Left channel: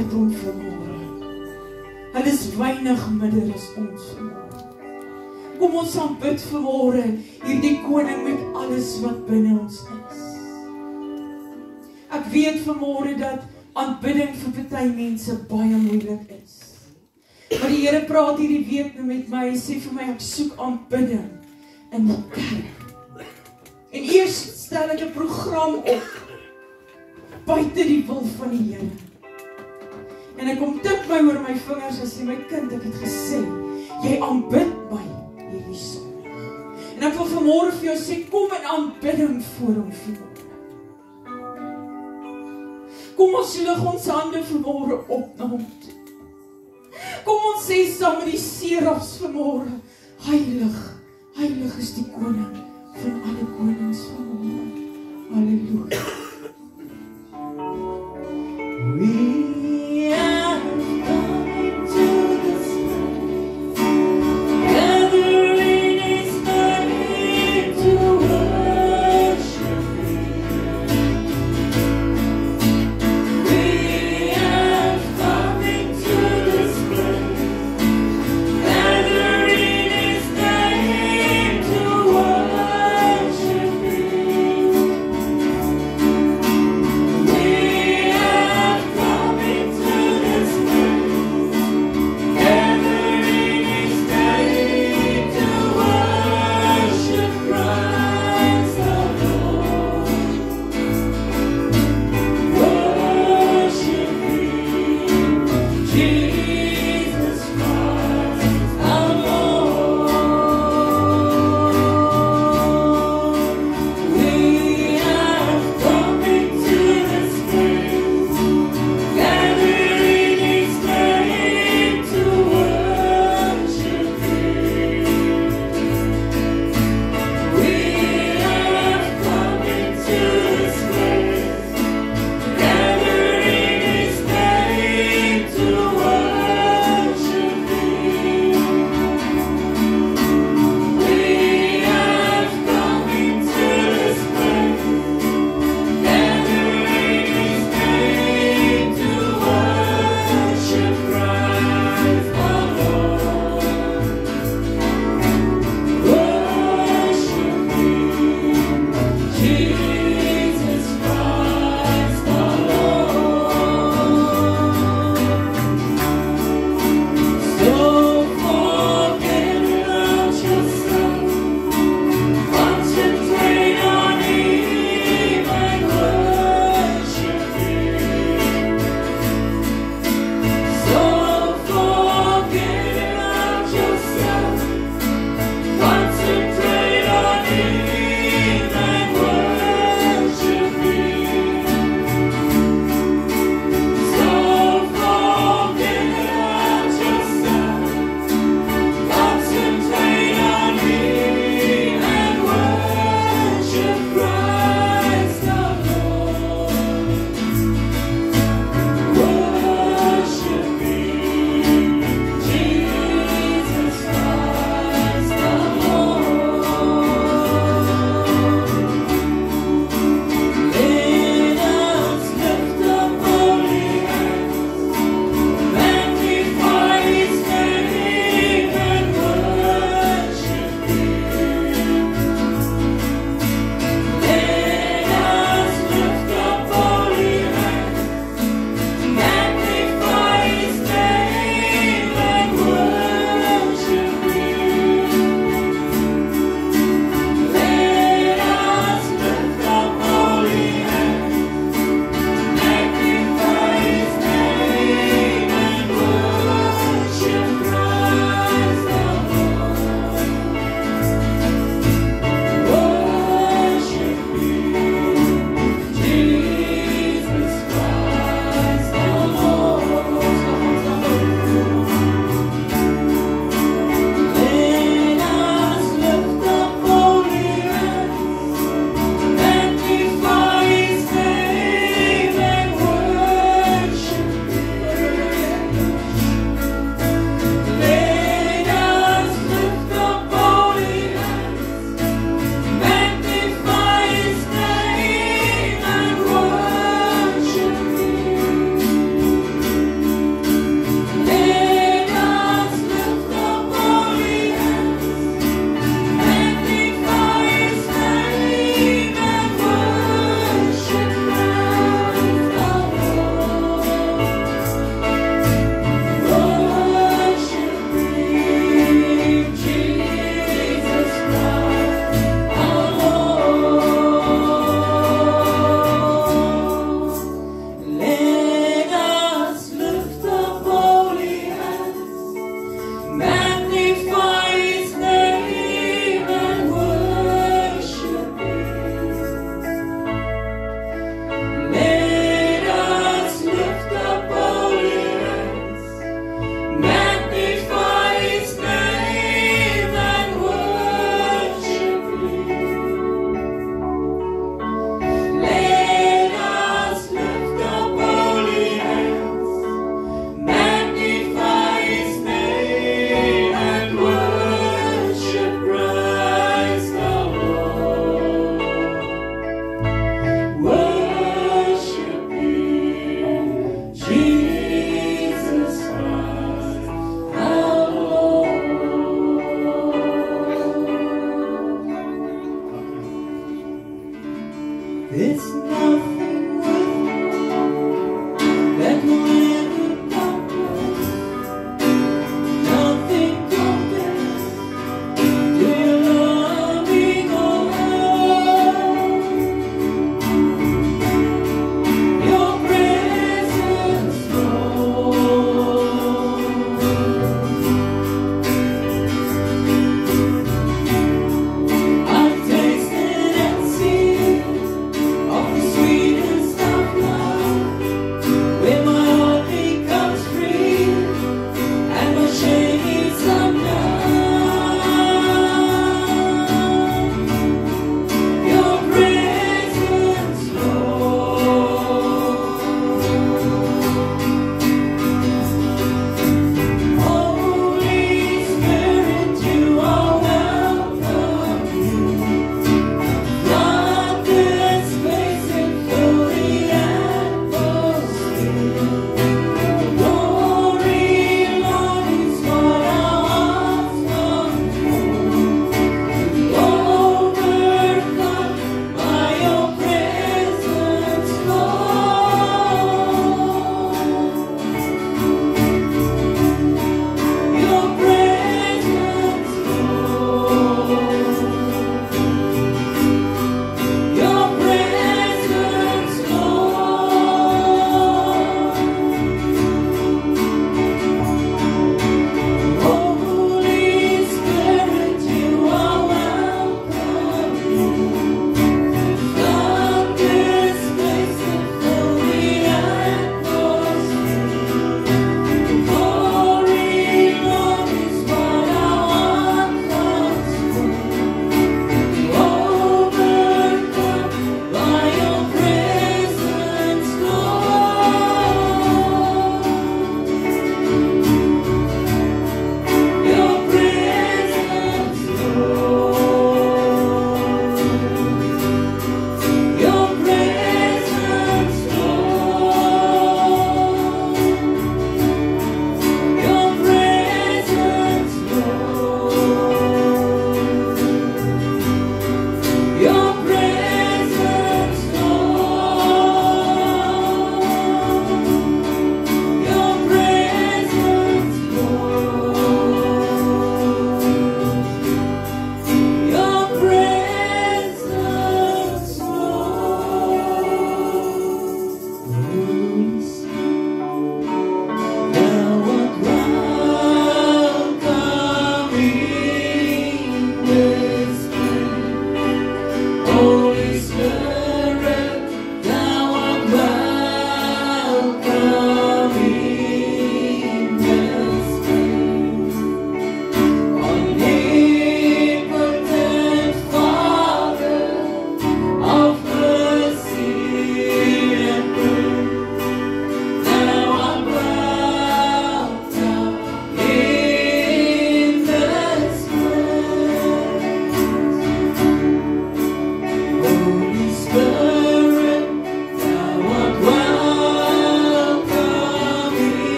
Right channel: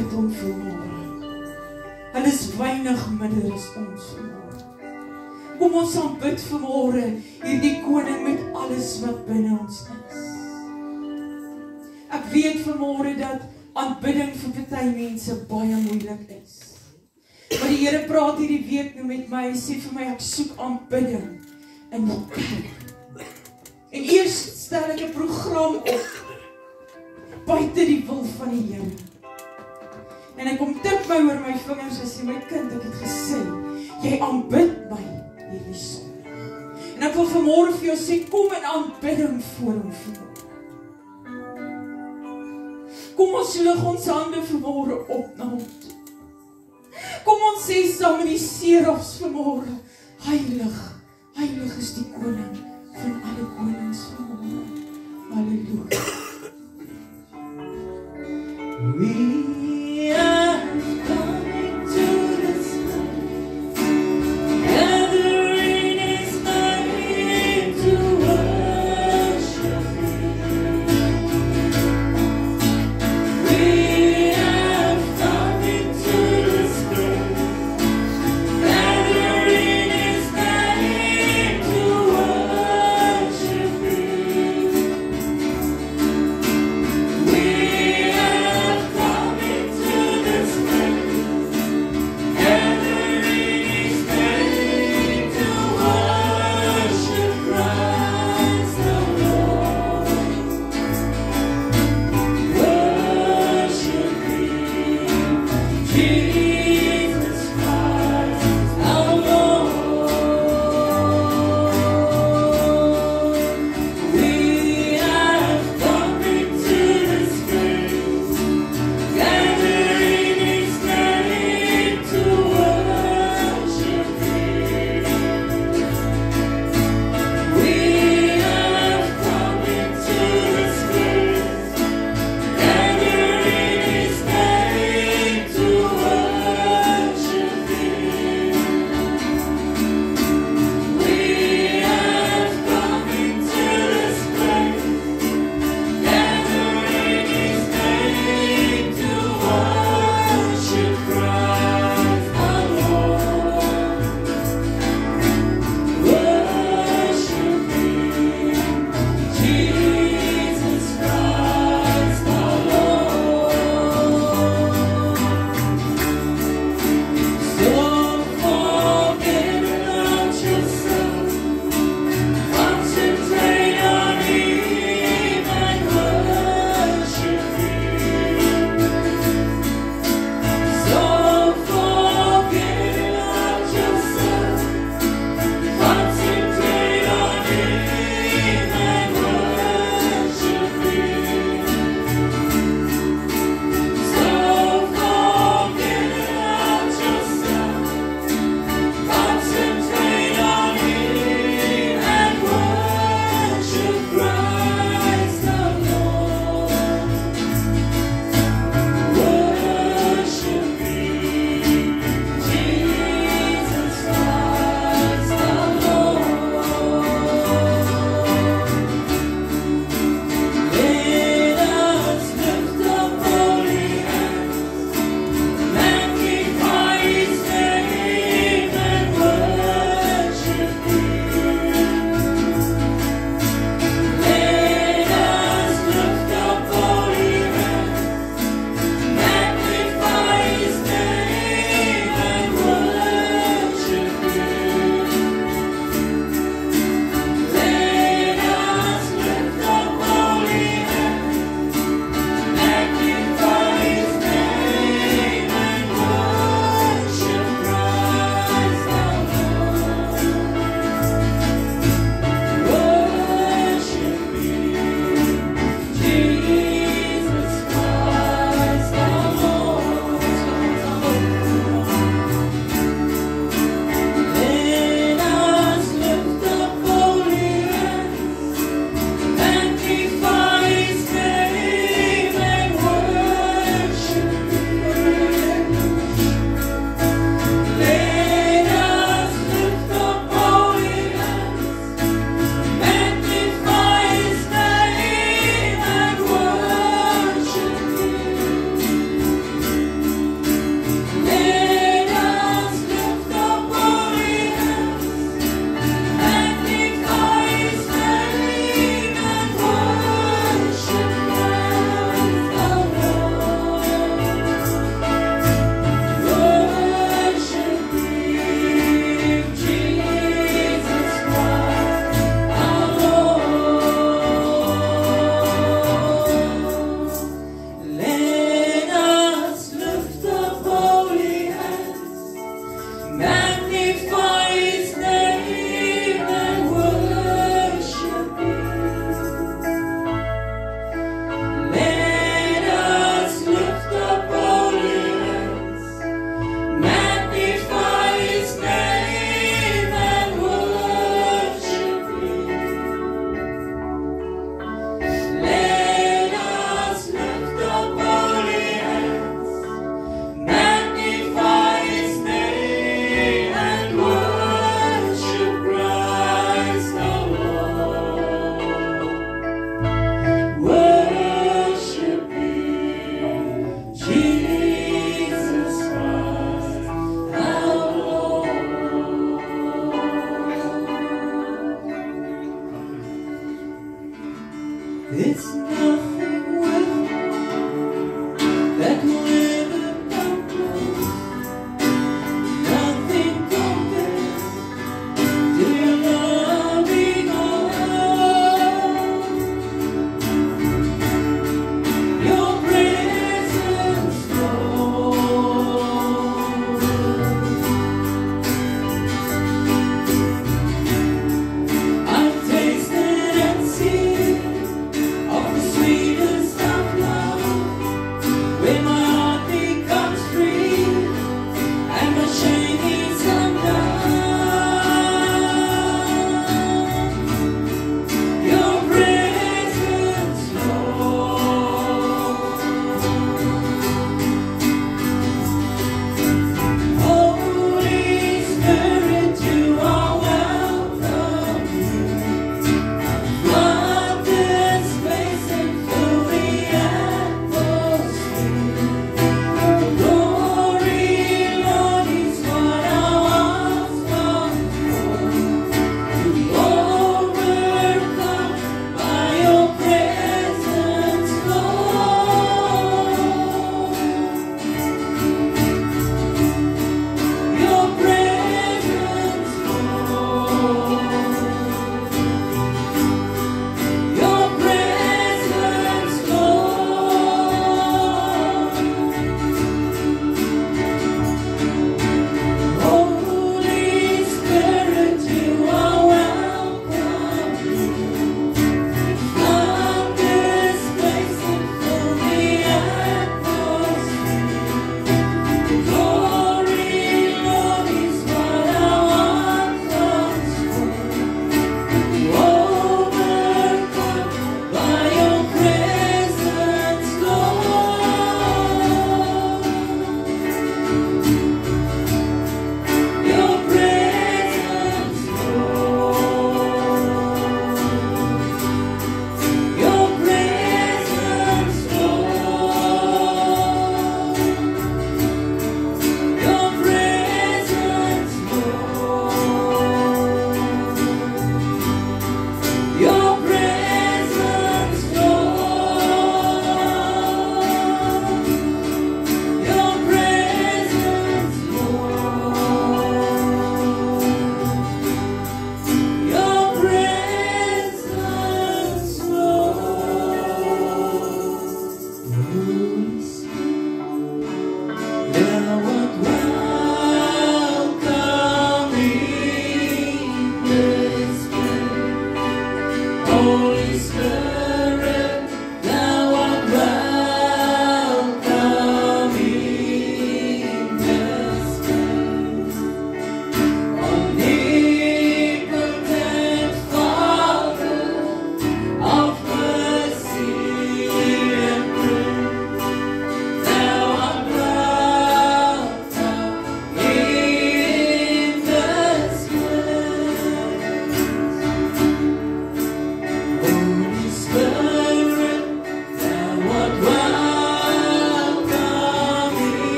bid hom vanmôre. Hulle is weinig minder as ons vanmôre. Kom ons aanbid vanmôre hierdie koning met alles wat binne ons is. Ek weet vanmôre dat aanbidding vir party mense baie moeilik is. Maar die Here praat hierdie week nou met my, hy sê vir my, ek soek aanbidding in die kerk. En eers stel ek 'n program op, buite die wil van die Here. En hy kom tik my oor my vingers en sê, my kind, ek het gesê, jy aanbid my hierdie Sondag. En ek wil vanmôre vir jou sê, kom in aanbidding voor hom vanmôre. Kom ons lig ons hande vanmôre op na hom toe. Kom ons sê saam met die serafs vanmôre, heilig, heilig is die koning van alle konings vanmôre. Halleluja. We are coming to this place, gathering his name to worship him. We are coming to this place, gathering his name to worship him.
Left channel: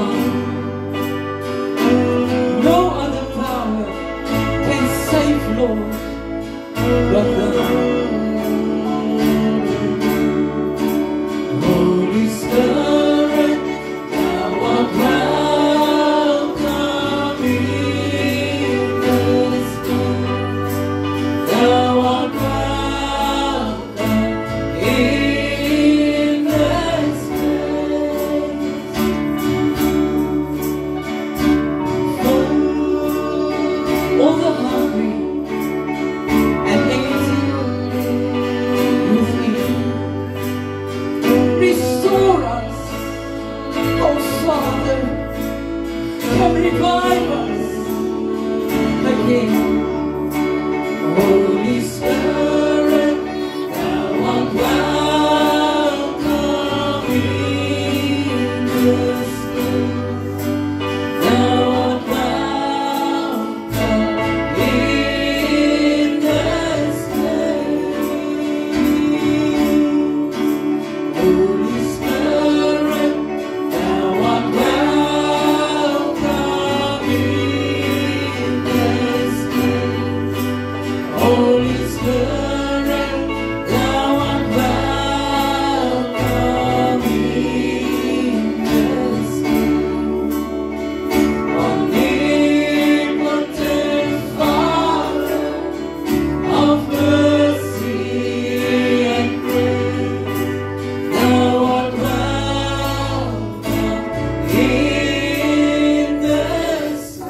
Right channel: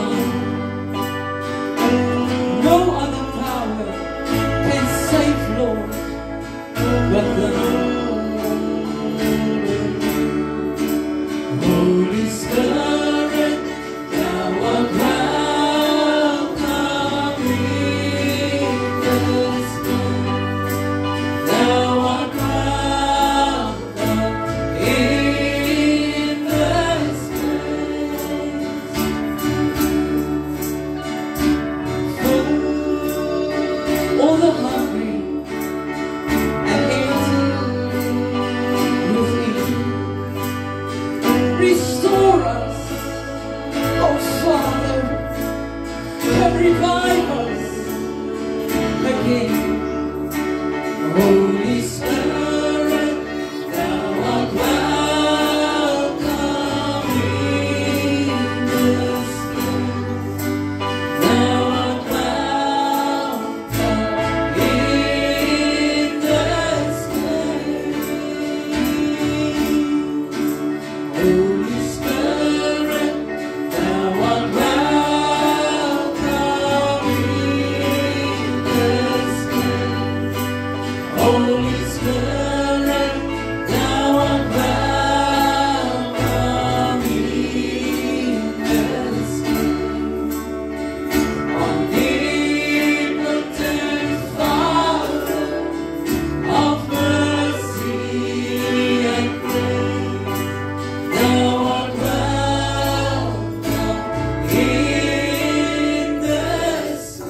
divine. No other power can save, Lord, but the Holy Spirit. Thou art welcome in this place. Thou art welcome in this place. For all the hungry and empty within, restore us, oh Father, come revive us again. Holy Spirit, thou art welcome in this place. Thou art welcome in this place. Holy Spirit, thou art welcome in this place. Holy Spirit, thou art welcome in this place. Omnipotent Father of mercy and grace, thou art welcome in this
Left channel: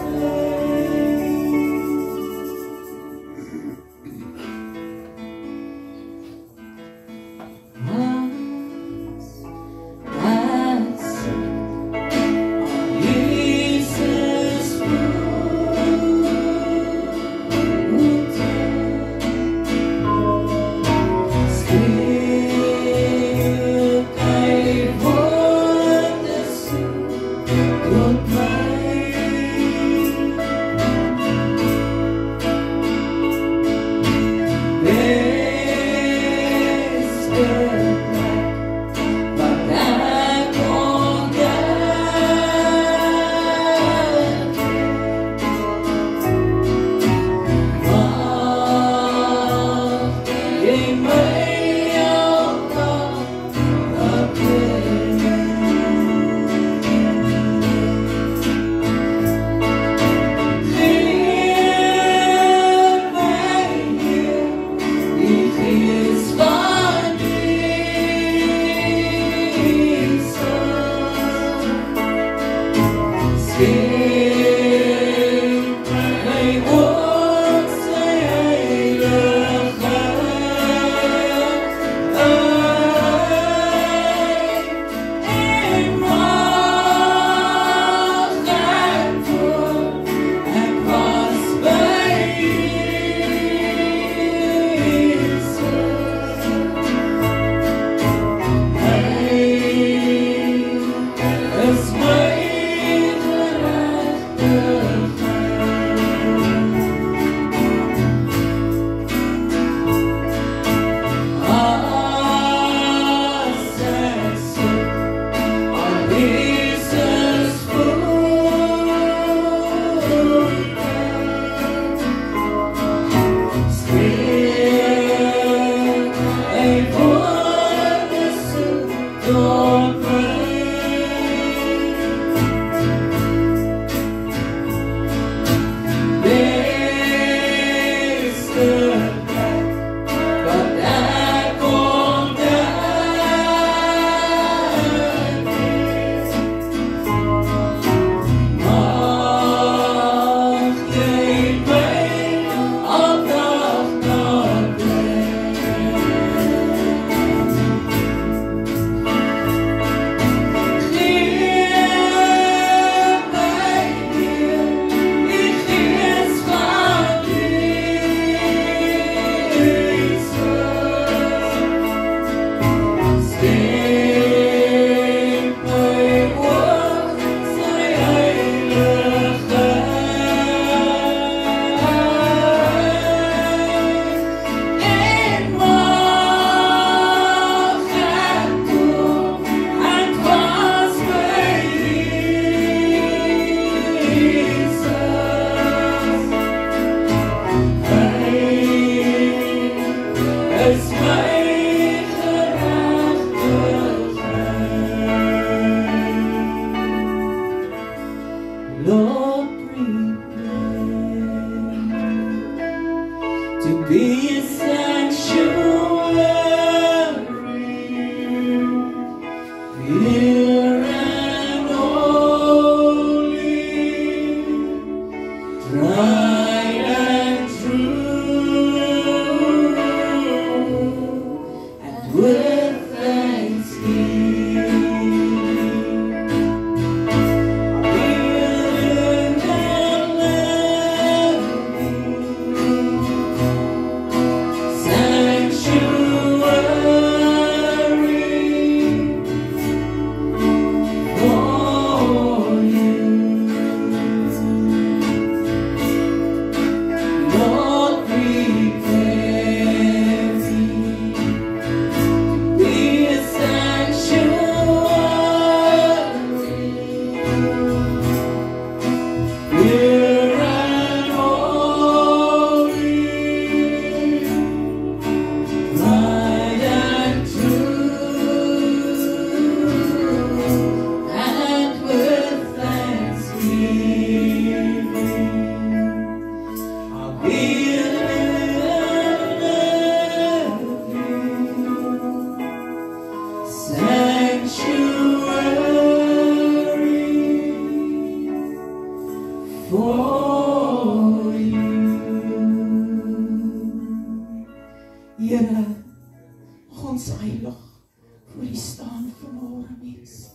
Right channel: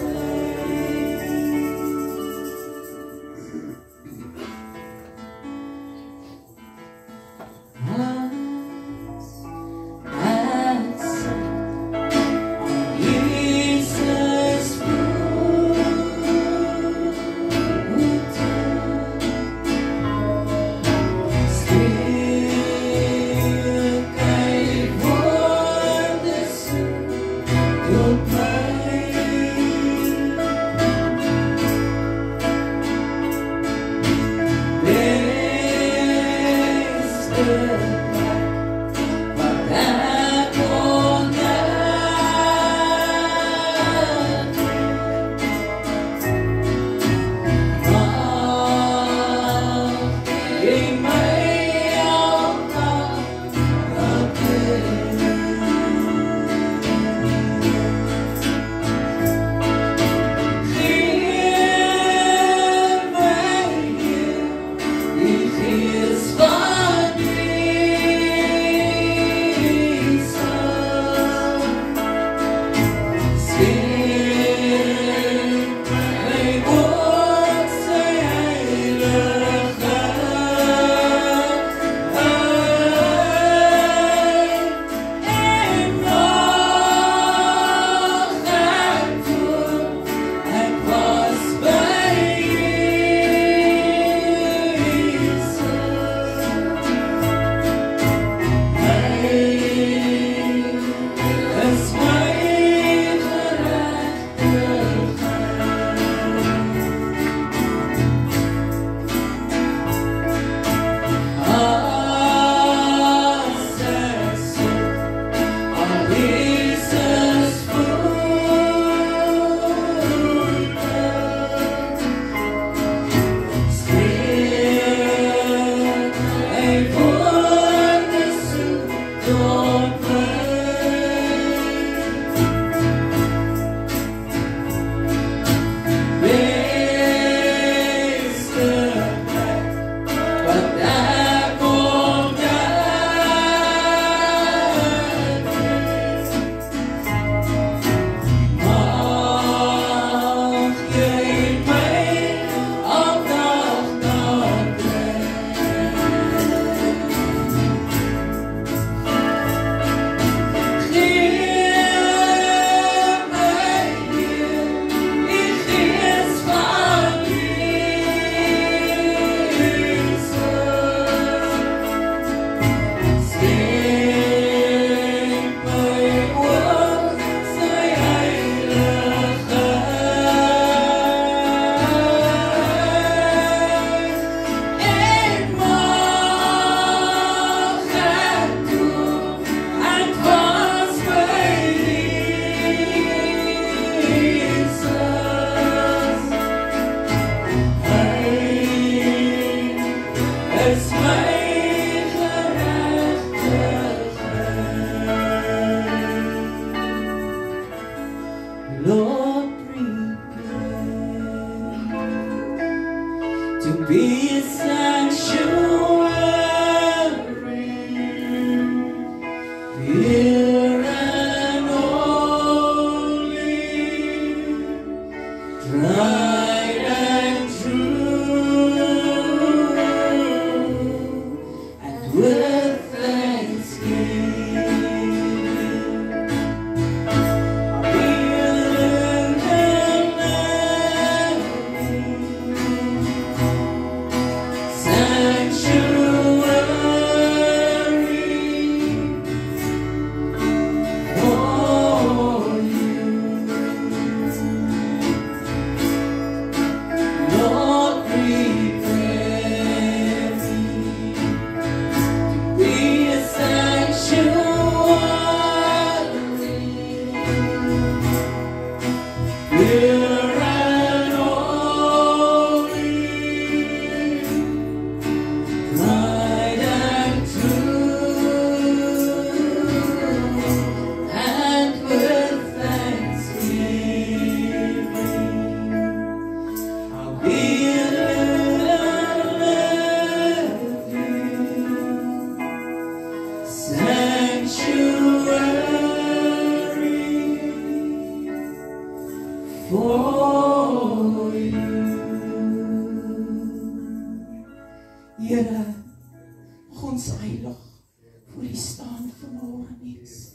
It's my Lord, prepare to be a sanctuary, pure and holy, tried and true, and with thanksgiving. Here, ons heilig voor die staan vanmorgen, mens.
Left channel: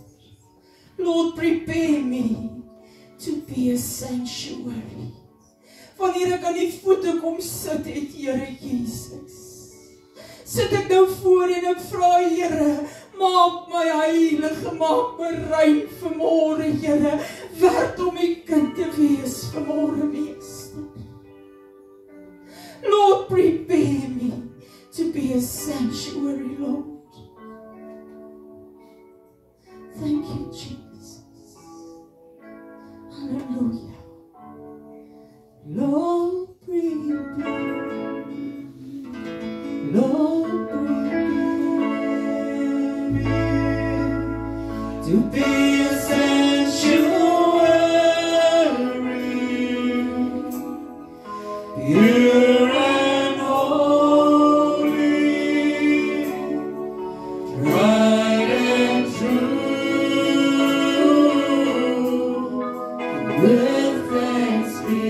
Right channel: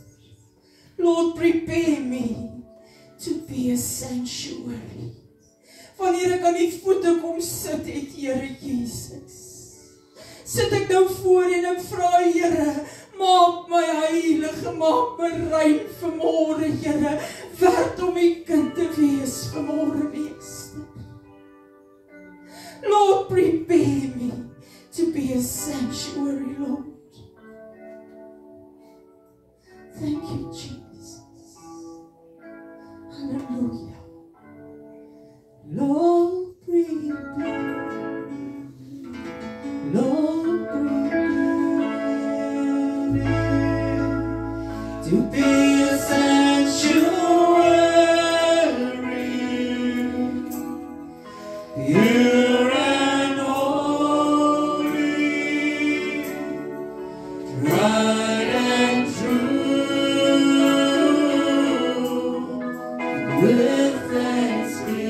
Lord, prepare me to be a sanctuary. Wanneer ek aan die voete kom sit het, Here Jesus, sit ek nou voor en ek vra, Here, maak my heilig, maak my rein vanmorgen, Here, werd om die kind te wees vanmorgen, meester. Lord, prepare me to be a sanctuary, Lord. Thank you, Jesus. Hallelujah. Lord, prepare. Lord, prepare me to be a sanctuary, pure and holy, tried and true, with thanksgiving.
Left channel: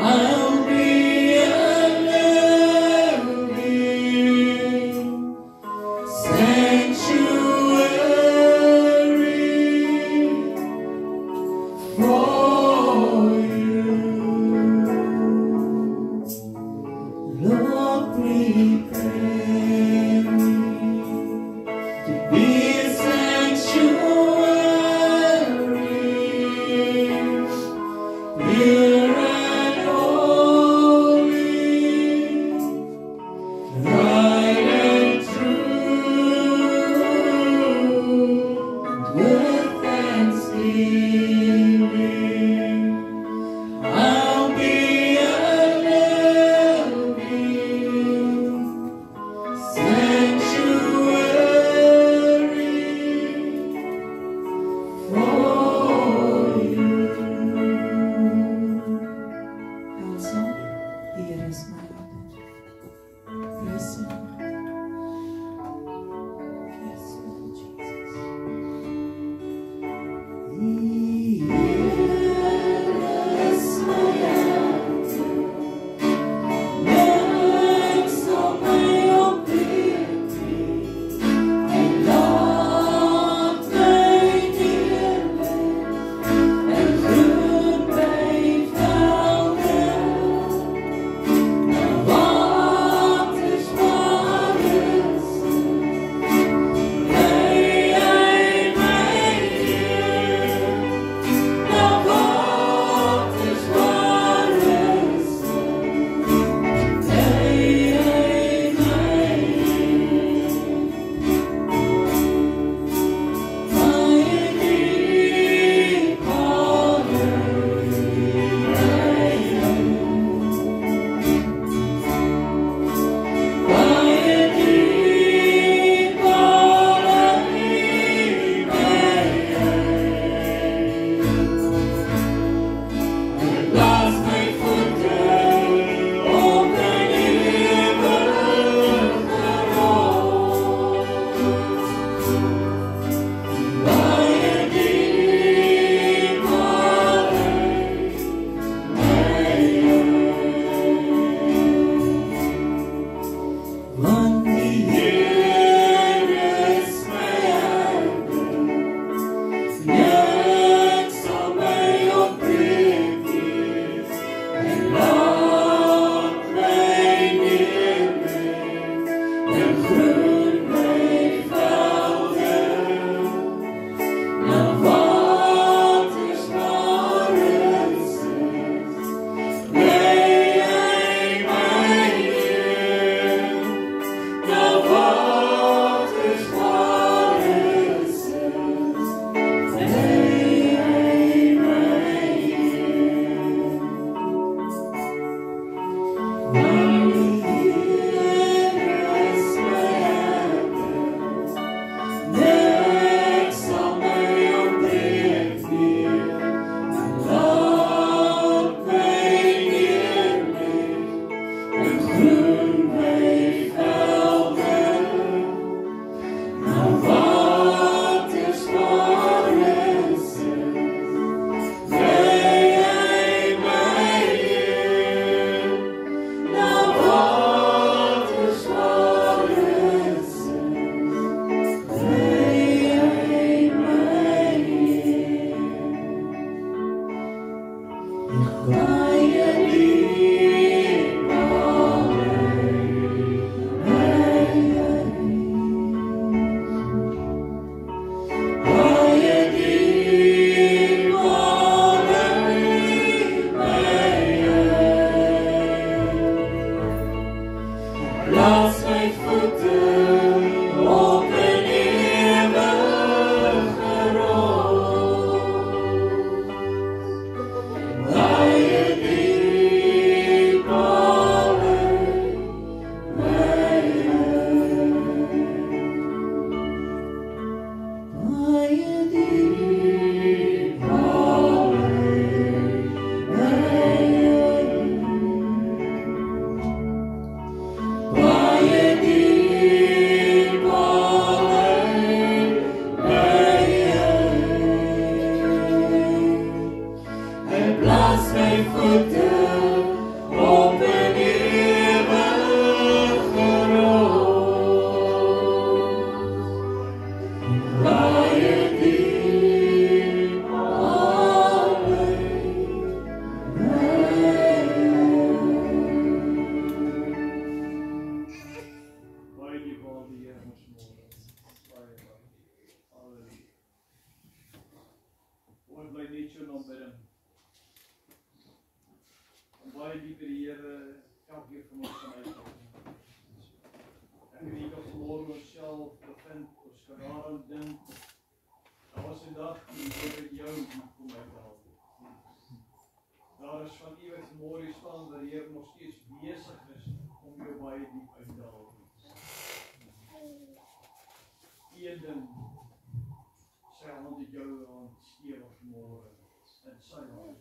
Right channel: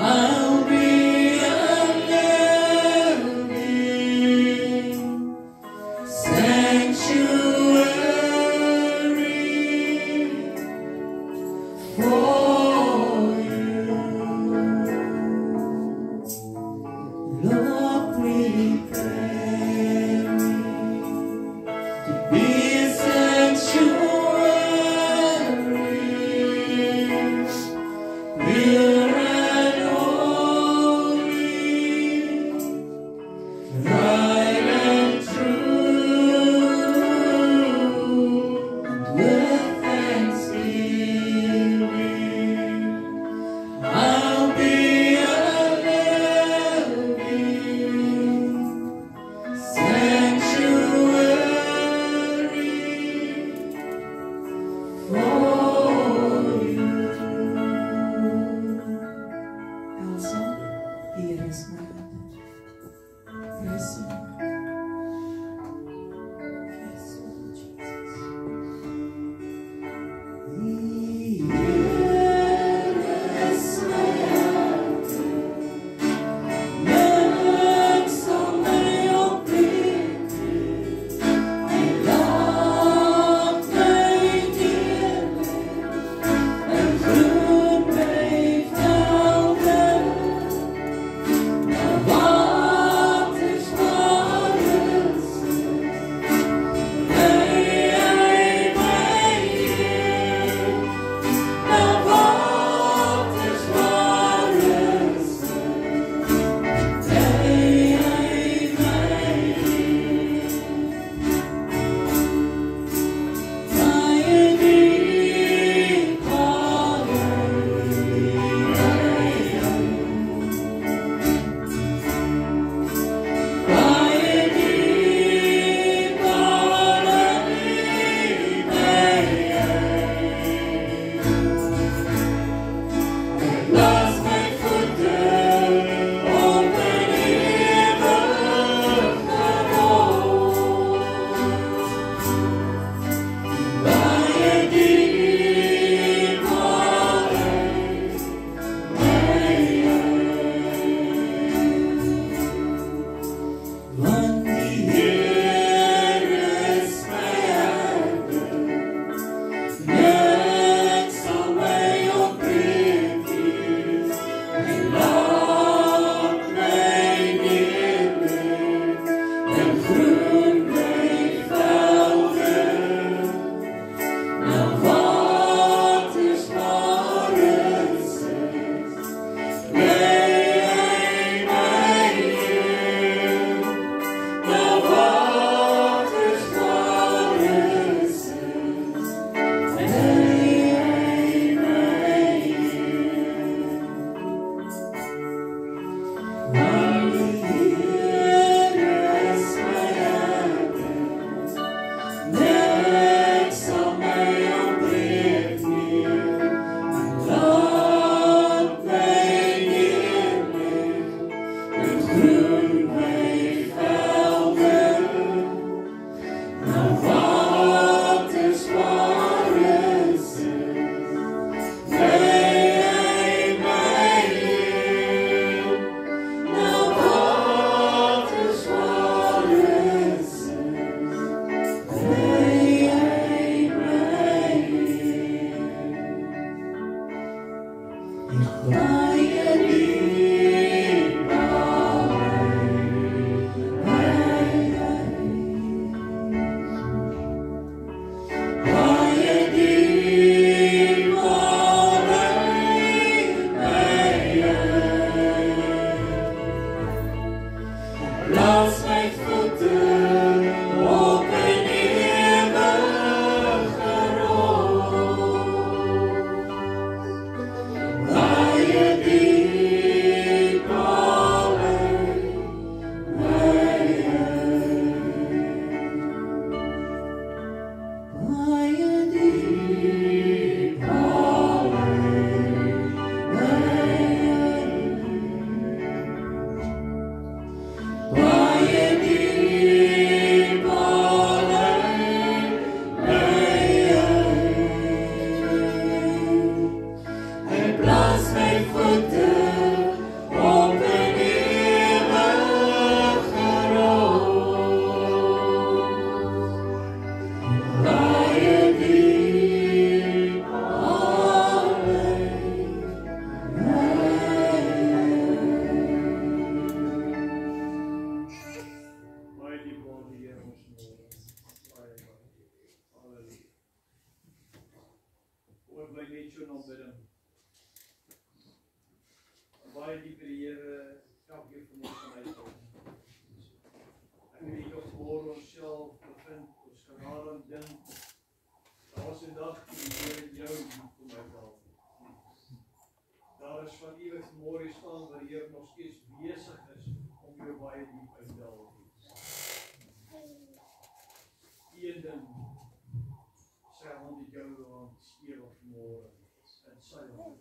I'll be a living sanctuary for you. Lord, prepare me to be a sanctuary, net so aanbidding. En baie diep die Here elkeen van ons kan uitkom. Ek weet nie of vanmôre onsself bevind, ons kan daaraan dink. Daar was 'n dag die Here jou kom uithaal. Daar is van u wat vanmôre staan waar die Here nog steeds besig is om jou baie diep uit te haal. Een ding, sy hand het jou aan stewig vanmôre in sy hand.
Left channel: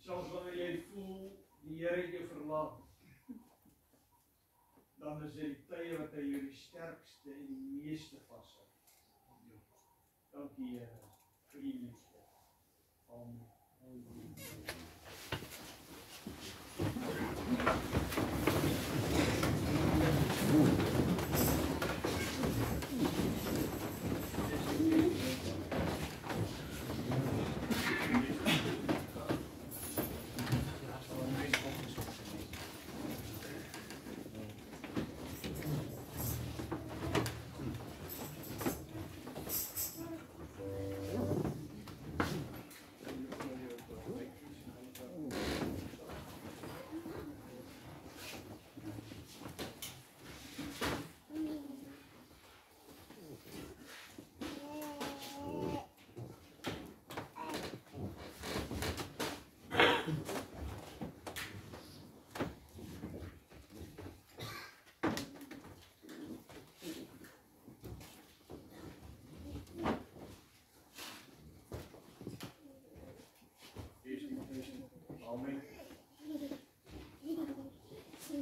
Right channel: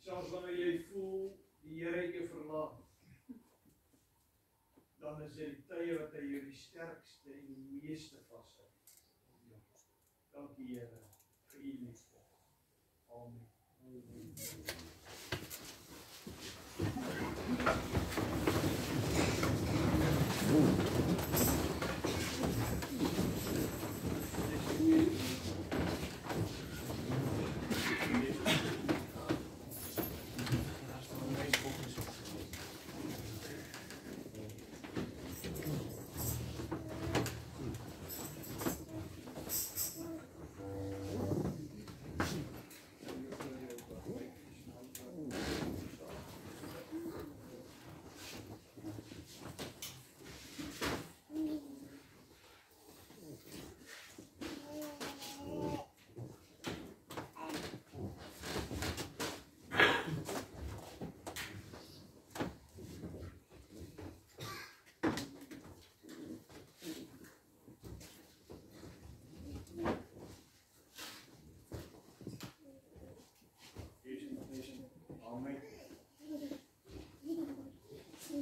Selfs wanneer jy voel die Here het jou verlaat, dan is dit die tye wat hy jou die sterkste en die meeste vashou. Dankie Here vir u liefde. Amen. Amen.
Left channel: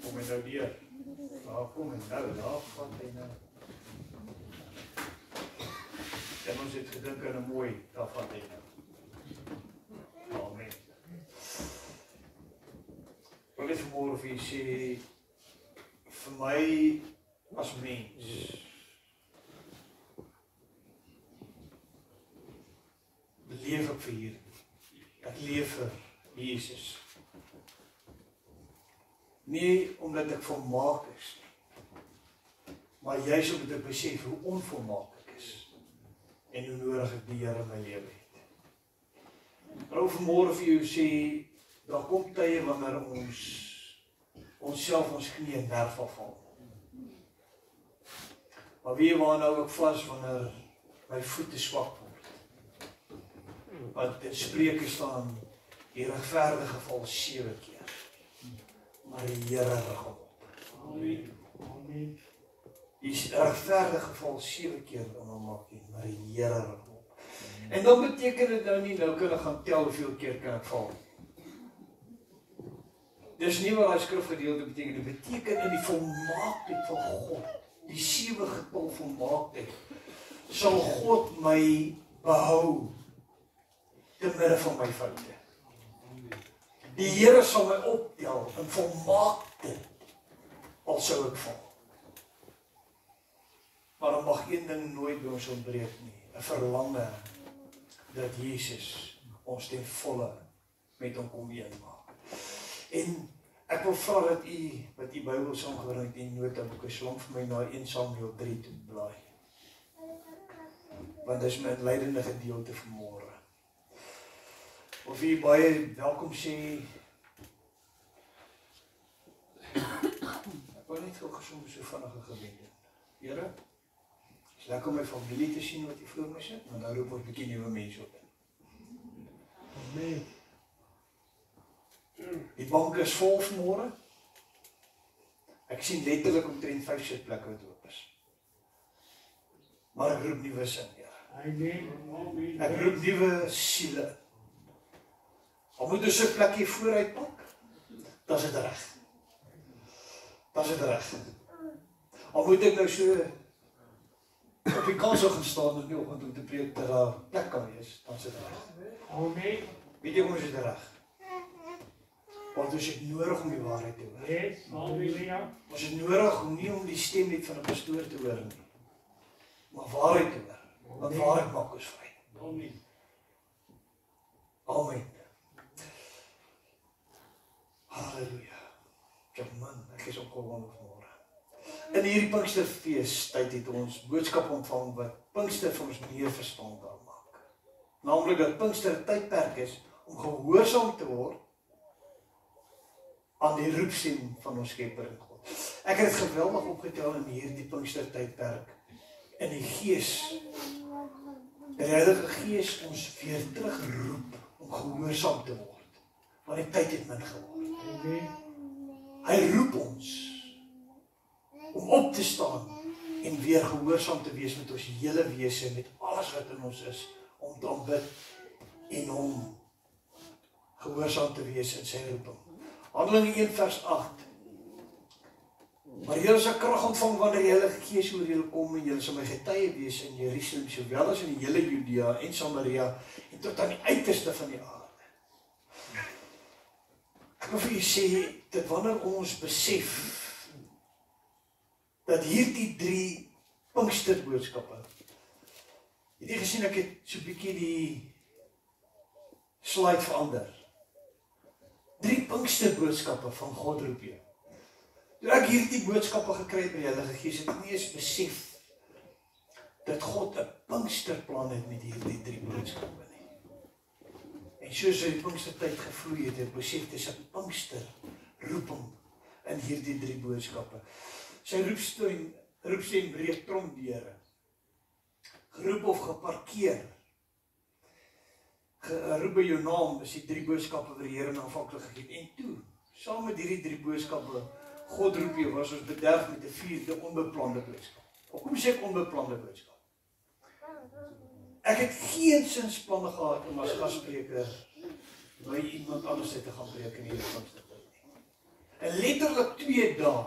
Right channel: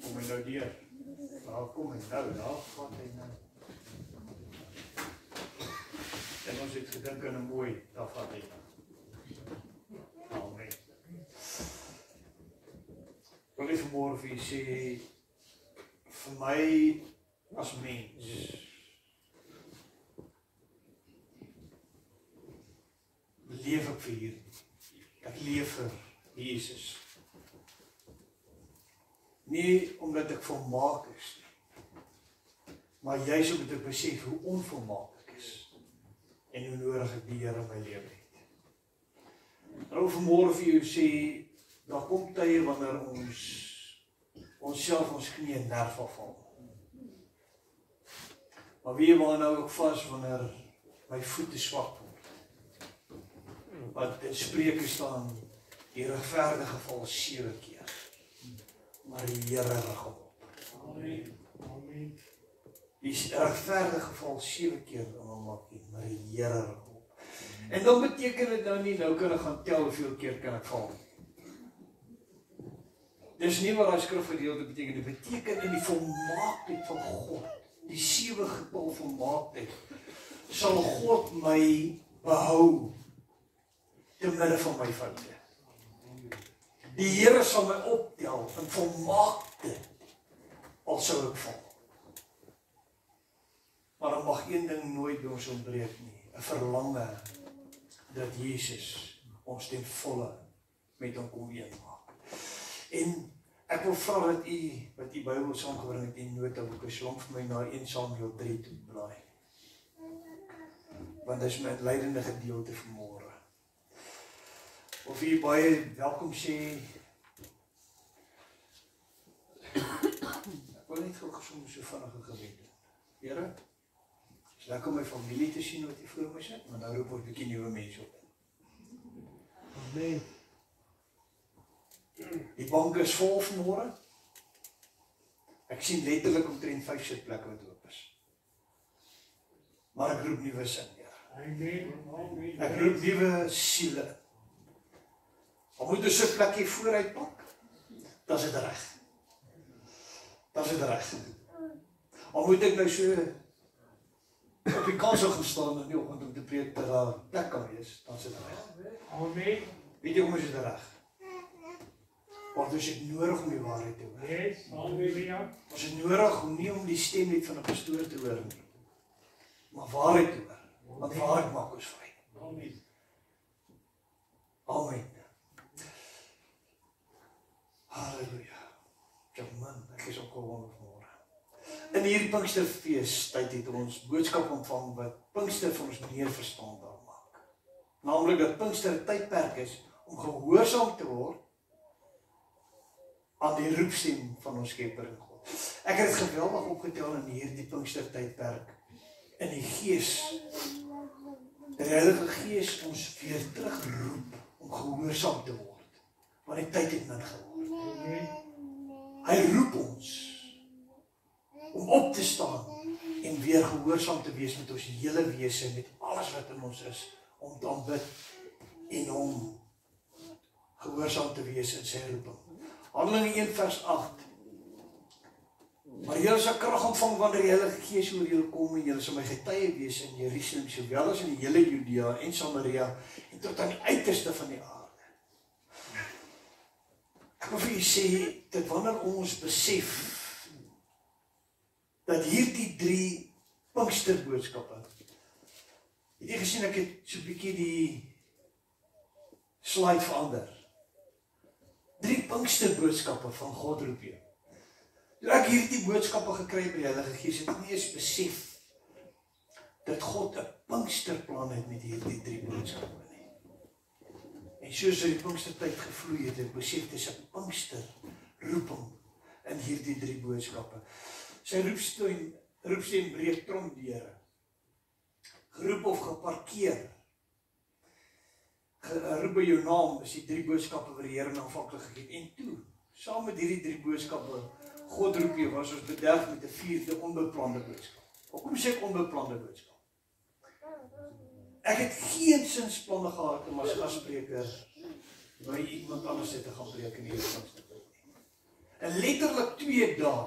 Kom en nou deur. Daar kom en nou, daar gaan hy nou. En ons het gedink aan 'n mooi, daar vat hy nou. Amen. Wil ek vanmôre vir u sê, vir my as mens, leef ek vir hierdie. Ek leef vir Jesus. Nie omdat ek volmaak is, maar juist omdat ek besef hoe onvolmaak ek is en hoe nodig ek die Here in my lewe het. Ek wil vanmôre vir jou sê, daar kom tye wanneer onsself ons knie nerf afval. Maar wie waar nou ek vas wanneer my voete swak word? Want in Spreuke staan, die regverdige val 7 keer, maar die Here rig hom op. Amen. Amen. Die regverdige val 7 keer om hom maak nie, maar die Here rig hom op. En dan beteken dit nou nie, nou kan ek gaan tel hoeveel keer kan ek val. Dis nie wat die skrifgedeelte beteken, dit beteken in die volmaaktheid van God, die 7 getal volmaaktheid, sal God my behou te midde van my foute. Die Here sal my optel in volmaakte, al sou ek val. Maar dan mag een ding nooit by ons ontbreek nie, 'n verlange dat Jesus ons ten volle met hom kom eenmaak. En ek wil vra dat u, wat u Bybel saamgebring het, die notaboek, slang vir my na 1 Samuel 3 toe blaai. Want dit is my leidende gedeelte vanmôre. Of u baie welkom sê. Ek wil net gou gesond so vinnige gebed doen. Here, is lekker om my familie te sien wat u voor my sit, maar nou roep ons 'n bietjie nuwe mense op. Amen. Die bank is vol vanmôre. Ek sien letterlik omtrent 5 sitplekke wat oop is. Maar ek roep nuwe sin, Here. Amen. Ek roep nuwe siele. Al moet ons 'n plekkie vooruit pak, dan is dit reg. Dan is dit reg. Al moet ek nou so op die kansel gaan staan in die oggend om te preek dat daar plek kan wees, dan is dit reg. Amen. Weet jy hoe is dit reg? Want ons het nodig om die waarheid te hoor. Yes, halleluja. Ons het nodig om nie om die stem net van 'n pastoor te hoor nie, maar waarheid te hoor. Want waarheid maak ons vry. Amen. Amen. Halleluja. Ja man, ek is opgewonde vanmôre. In hierdie Pinksterfees tyd het ons boodskap ontvang wat Pinkster vir ons meer verstaanbaar maak. naamlik dat Pinkster 'n tydperk is om gehoorsaam te word aan die roepstem van ons Skepper in God. Ek het dit geweldig opgetel in hierdie Pinkster tydperk, in die Gees, die Heilige Gees ons weer terugroep om gehoorsaam te word, want die tyd het min geword. Hy roep ons om op te staan en weer gehoorsaam te wees met ons hele wese, met alles wat in ons is, om te aanbid en om gehoorsaam te wees in sy roeping. Handelinge 1 vers 8. Maar julle sal krag ontvang wanneer die Heilige Gees oor julle kom en julle sal my getuie wees in Jerusalem, sowel as in die hele Judea en Samaria en tot aan die uiterste van die aarde. Ek wil vir julle sê dat wanneer ons besef dat hierdie 3 Pinksterboodskappe, het jy gesien ek het so 'n bietjie die slide verander. 3 Pinksterboodskappe van God roep jou. Toe ek hierdie boodskappe gekry het by die Heilige Gees, het ek nie eens besef dat God 'n Pinksterplan het met hierdie 3 boodskappe nie. En soos die Pinkstertyd gevloei het, ek besef dis 'n Pinkster roeping in hierdie 3 boodskappe. Sy roepstem breek tromdeure. Geroep of geparkeer. Geroep by jou naam is die 3 boodskappe wat die Here aanvanklik gegee het. En toe, saam met hierdie 3 boodskappe, God roep jou, was ons bederf met 'n 4de onbeplande boodskap. Hoekom sê ek onbeplande boodskap? Ek het geen sinsplanne gehad om as gasspreker by iemand anders te gaan preek in hierdie Pinkstertyd nie. En letterlik 2 dae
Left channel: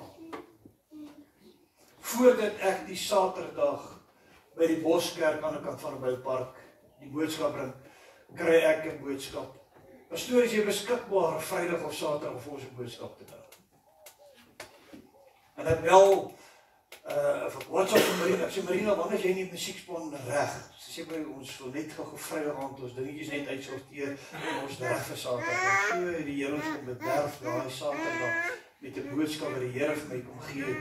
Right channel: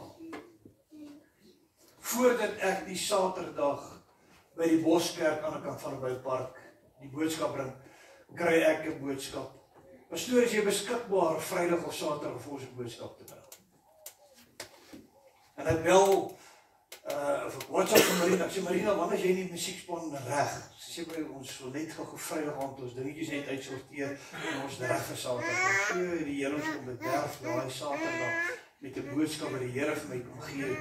voordat ek die Saterdag by die Boskerk aan die kant van die Boupark die boodskap bring, kry ek 'n boodskap. Pastoor, is jy beskikbaar Vrydag of Saterdag om ons 'n boodskap te bring? En ek bel WhatsApp van Marina. Ek sê, Marina, wanneer is jy nie musieksplan reg? Sy sê by ons wil net gou Vrydag aand ons dingetjies net uitsorteer en ons reg vir Saterdag. So die Here ons kom bederf daai Saterdag met 'n boodskap wat die Here vir my kom gee.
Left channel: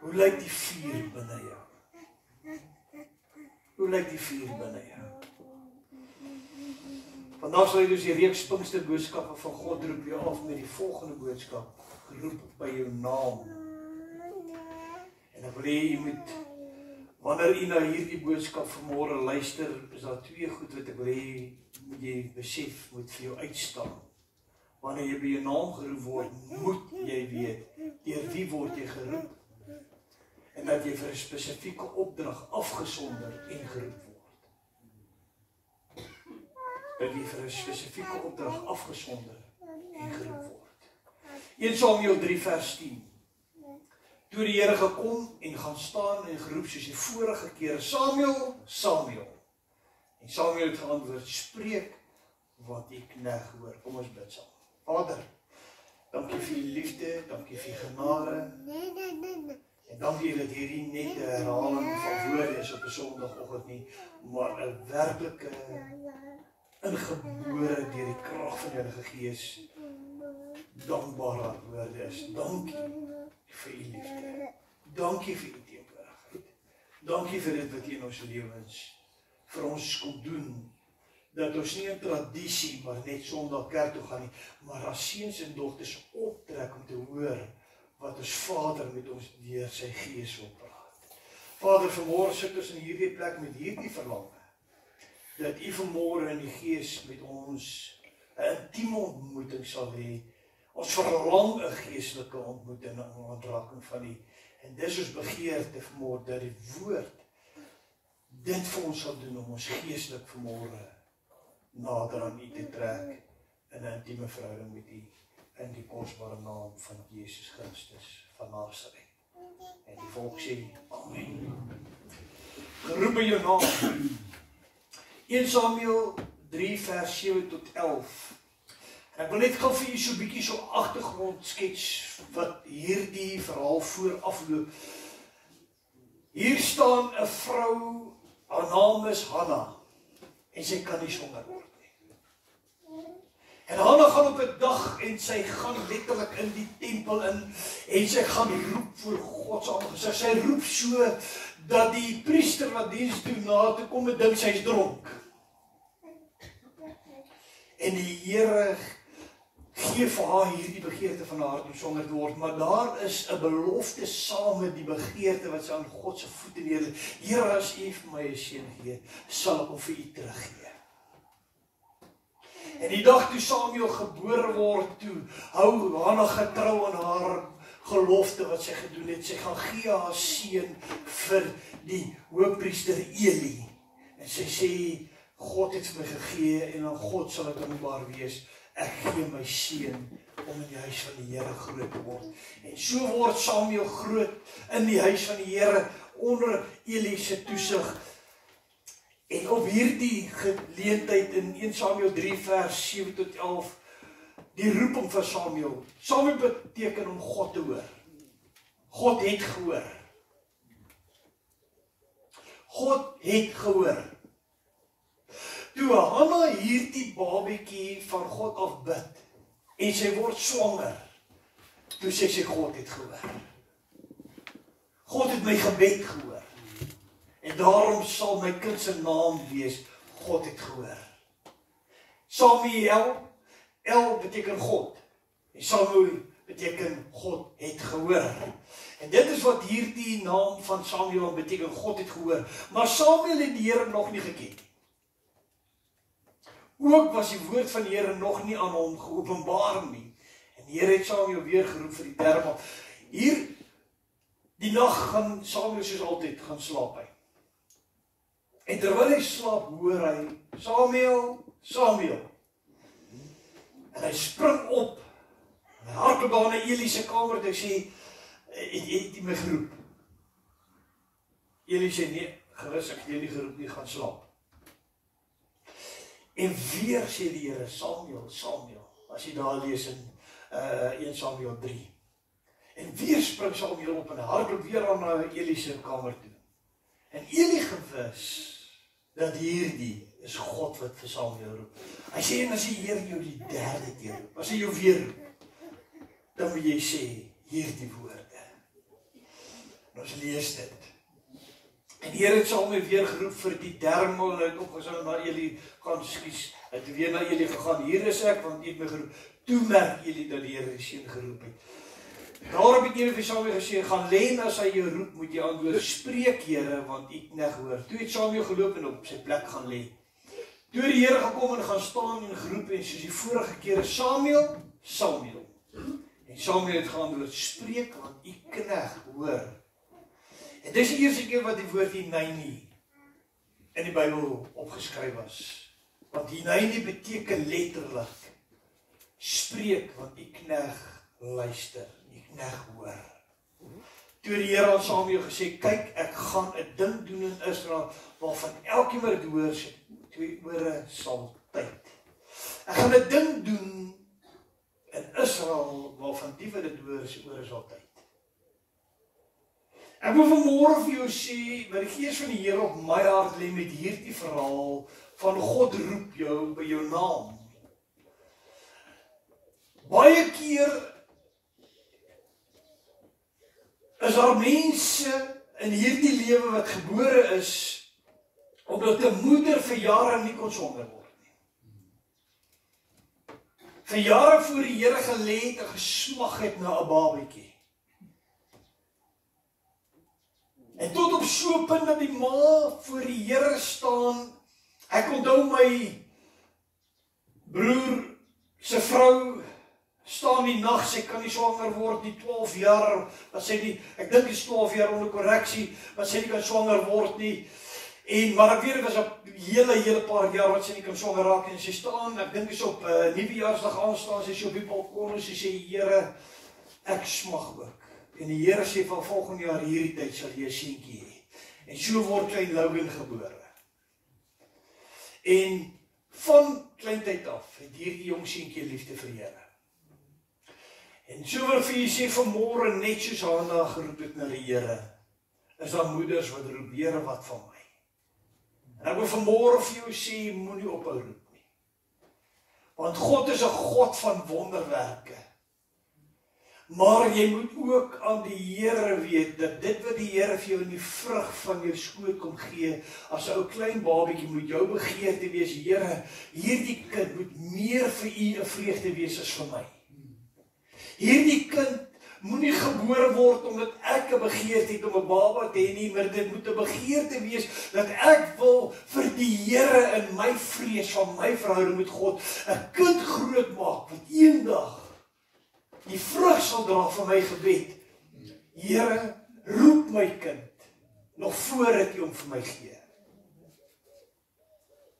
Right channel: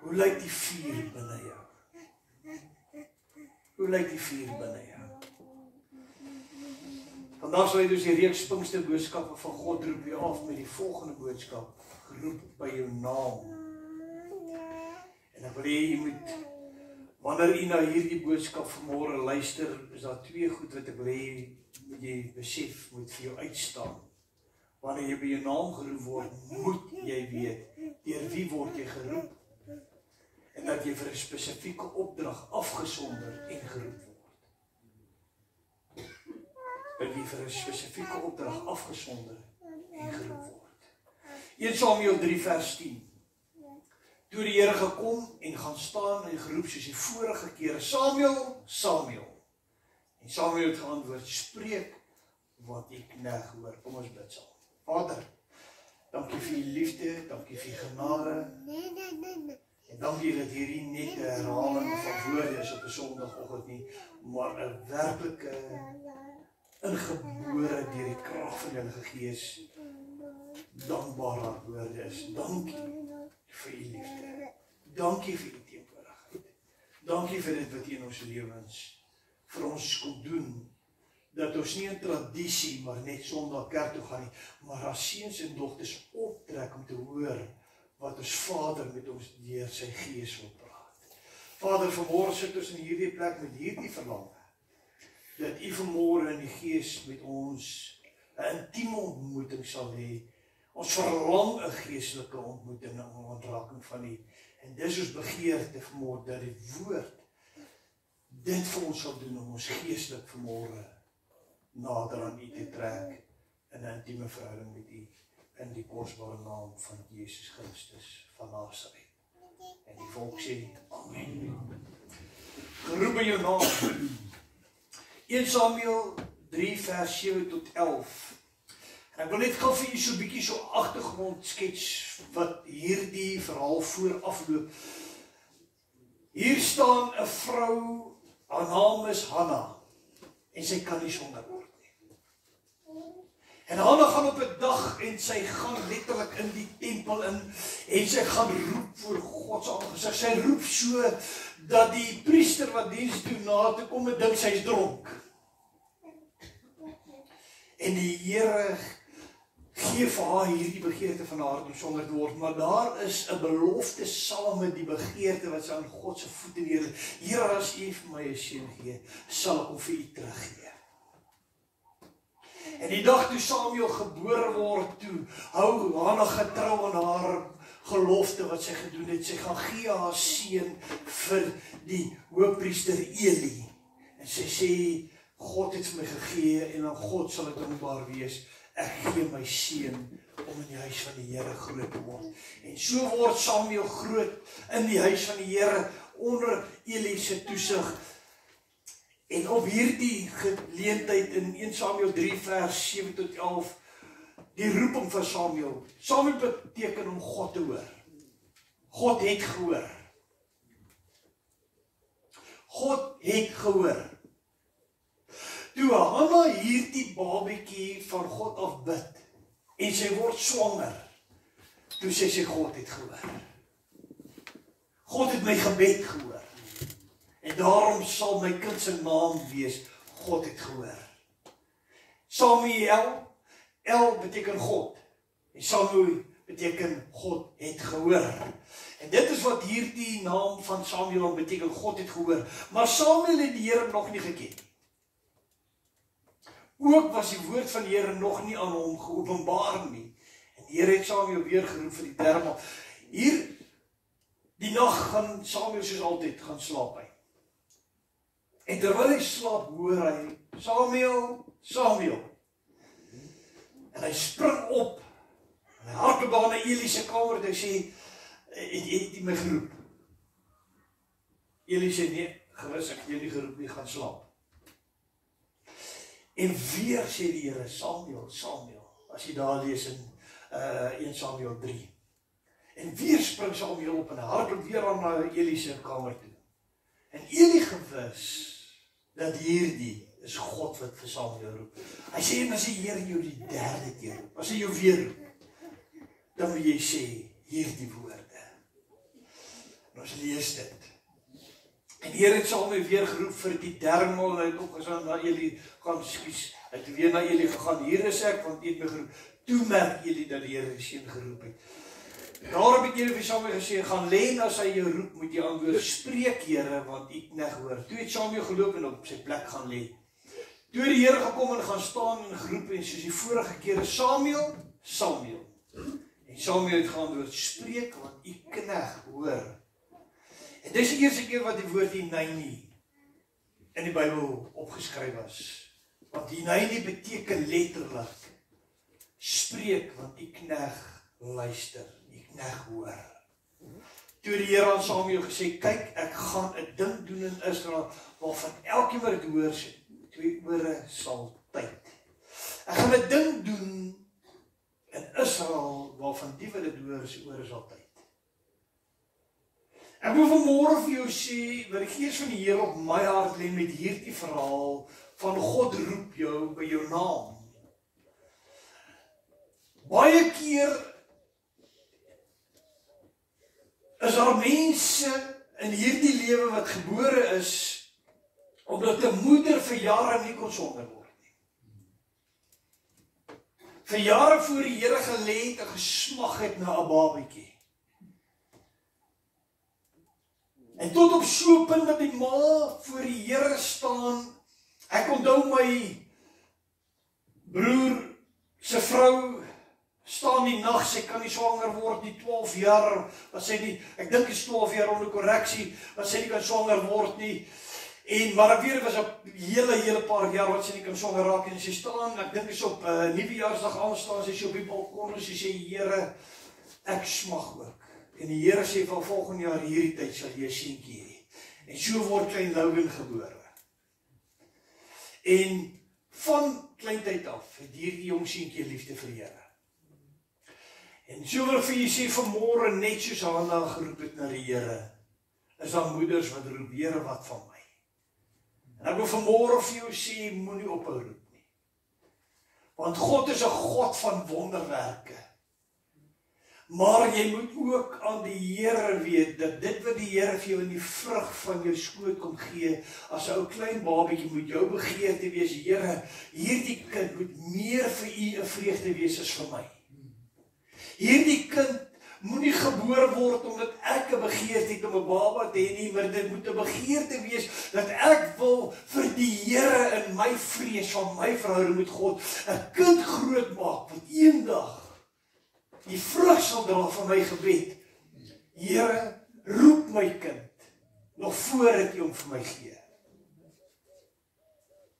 Hoe lyk die vuur binne jou? Hoe lyk die vuur binne jou? Vandag sal jy dus die reeks Pinksterboodskappe van God roep jou af met die volgende boodskap, geroep by jou naam. En ek wil hê jy moet, wanneer jy na hierdie boodskap vanmôre luister, is daar 2 goed wat ek wil hê, moet jy besef, moet vir jou uitstaan. Wanneer jy by jou naam geroep word, moet jy weet, deur wie word jy geroep, en dat jy vir 'n spesifieke opdrag afgesonder en geroep word. Dat jy vir 'n spesifieke opdrag afgesonder en geroep word. 1 Samuel 3 vers 10. Toe die Here gekom en gaan staan en geroep soos die vorige keer, Samuel, Samuel. En Samuel het geantwoord, spreek wat die knegg hoor. Kom ons bid saam. Vader, dankie vir u liefde, dankie vir u genade. En dankie dat hierdie net 'n herhaling van woorde is op 'n Sondagoggend nie, maar 'n werklike ingebore deur die krag van die Heilige Gees dankbare woorde is. Dankie vir u liefde. Dankie vir u teenwoordigheid. Dankie vir dit wat u in ons lewens vir ons kom doen. Dat ons nie 'n tradisie maar net Sondag kerk toe gaan nie, maar as seuns en dogters optrek om te hoor wat ons Vader met ons deur sy Gees wil praat. Vader, vanmôre sit ons in hierdie plek met hierdie verlange, dat u vanmôre in die Gees met ons 'n intieme ontmoeting sal hê. Ons verlang 'n geestelike ontmoeting en 'n ontraking van u. En dis ons begeerte vanmôre dat die woord dit vir ons sal doen om ons geestelik vanmôre nader aan u te trek in 'n intieme verhouding met u. In die kosbare naam van Jesus Christus van Nasaret. En die volk sê, amen. Geroep by jou naam. 1 Samuel 3 vers 7 tot 11. En ek wil net gou vir julle so 'n bietjie so agtergrond skets wat hierdie verhaal voorafloop. Hier staan 'n vrou, haar naam is Hanna, en sy kan nie swanger word. En Hanna gaan op 'n dag en sy gaan letterlik in die tempel in en sy gaan roep voor God se aangesig. Sy roep so dat die priester wat diens doen na toe kom en dink sy's dronk. En die Here gee vir haar hierdie begeerte van haar hart om swanger te word, maar daar is 'n belofte saam met die begeerte wat sy aan God se voete neerlê. Here, as U vir my 'n seun gee, sal ek hom vir U teruggee. En die dag toe Samuel gebore word, toe hou Hannah getrou aan haar gelofte wat sy gedoen het. Sy gaan gee haar seun vir die hoofpriester Eli. En sy sê, God het vir my gegee en aan God sal ek dankbaar wees. Ek gee my seun om in die huis van die Here groot te word. En so word Samuel groot in die huis van die Here onder Eli se toesig. En op hierdie geleentheid in 1 Samuel 3 vers 7 tot 11, die roeping van Samuel. Samuel beteken om God te hoor. God het gehoor. God het gehoor. Toe Hannah hierdie babietjie van God af bid, en sy word swanger, toe sê sy, God het gehoor. God het my gebed gehoor. En daarom sal my kind se naam wees, God het gehoor. Samuel, El beteken God. En Samuel beteken God het gehoor. En dit is wat hierdie naam van Samuel beteken, God het gehoor. Maar Samuel het die Here nog nie geken. Ook was die woord van die Here nog nie aan hom geopenbaar nie. En die Here het Samuel weer geroep vir die derde maal. Hier, die nag gaan Samuel soos altyd gaan slaap hy. En terwyl hy slaap, hoor hy, Samuel, Samuel. En hy spring op, en hy hardloop daar na Eli se kamer, en hy sê, het hy my geroep? Eli sê, nee, gerus, ek het jy nie geroep nie, gaan slaap. En weer sê die Here, Samuel, Samuel, as jy daar lees in 1 Samuel 3. En weer spring Samuel op, en hy hardloop weer aan na Eli se kamer toe. En Eli gewis, dat hierdie is God wat vir Samuel roep. Hy sê, en as die Here jou die derde keer roep, as hy jou weer roep, dan moet jy sê, hierdie woorde. En ons lees dit. En die Here het Samuel weer geroep vir die derde maal, en hy het opgestaan na Eli, gaan skies, hy het weer na Eli gegaan, hier is ek, want jy het my geroep. Toe merk Eli dat die Here die seun geroep het. Daarom het Here vir Samuel gesê, gaan lê, as hy jou roep, moet jy antwoord, spreek Here, want ek net hoor. Toe het Samuel geloop en op sy plek gaan lê. Toe die Here gekom en gaan staan en geroep, en soos die vorige kere, Samuel, Samuel. En Samuel het geantwoord, spreek, want ek knegt hoor. En dis die eerste keer wat die woord Hineni in die Bybel opgeskryf was. Want Hineni beteken letterlik, spreek, want die knegt luister, die knegt hoor. Toe die Here aan Samuel gesê, kyk, ek gaan 'n ding doen in Israel, waarvan elkeen wat dit hoor, sy 2 ore sal tyd. Ek gaan 'n ding doen in Israel, waarvan die wat dit hoor, sy ore sal tyd. Ek wil vanmôre vir jou sê, wat die Gees van die Here op my hart lê met hierdie verhaal, van God roep jou by jou naam. Baie keer is daar mense in hierdie lewe wat gebore is, omdat 'n moeder vir jare nie kon swanger word nie. Vir jare voor die Here gelê het en gesmag het na 'n babatjie. En tot op so 'n punt dat die ma voor die Here staan. Ek onthou my broer se vrou staan die nag, sy kan nie swanger word nie, 12 jaar, wat sy nie, ek dink is 12 jaar onder korreksie, wat sy nie kan swanger word nie. En maar ek weet dit was 'n hele paar jaar wat sy nie kan swanger raak en sy staan, ek dink is op Nuwejaarsdag aanstaan, sy op die balkon en sy sê, Here, ek smag ook. En die Here sê van volgende jaar hierdie tyd sal jy 'n seentjie hê. En so word klein Logan gebore. En van kleintyd af het hierdie jong seentjie liefde vir die Here. En so wil ek vir julle sê vanmôre, net soos Hannah geroep het na die Here, is daar moeders wat roep, Here, wat van my? En ek wil vanmôre vir jou sê, moenie ophou roep nie. Want God is 'n God van wonderwerke. Maar jy moet ook aan die Here weet, dat dit wat die Here vir jou in die vrug van jou skoot kom gee, as 'n ou klein babietjie moet jou begeerte wees, Here, hierdie kind moet meer vir U 'n vreugde wees as vir my. Hierdie kind moenie gebore word omdat ek 'n begeerte het om 'n baba te hê nie, maar dit moet 'n begeerte wees dat ek wil vir die Here in my vrees van my verhouding met God 'n kind grootmaak wat eendag die vrug sal dra van my gebed. Here, roep my kind nog voordat U hom vir my gee.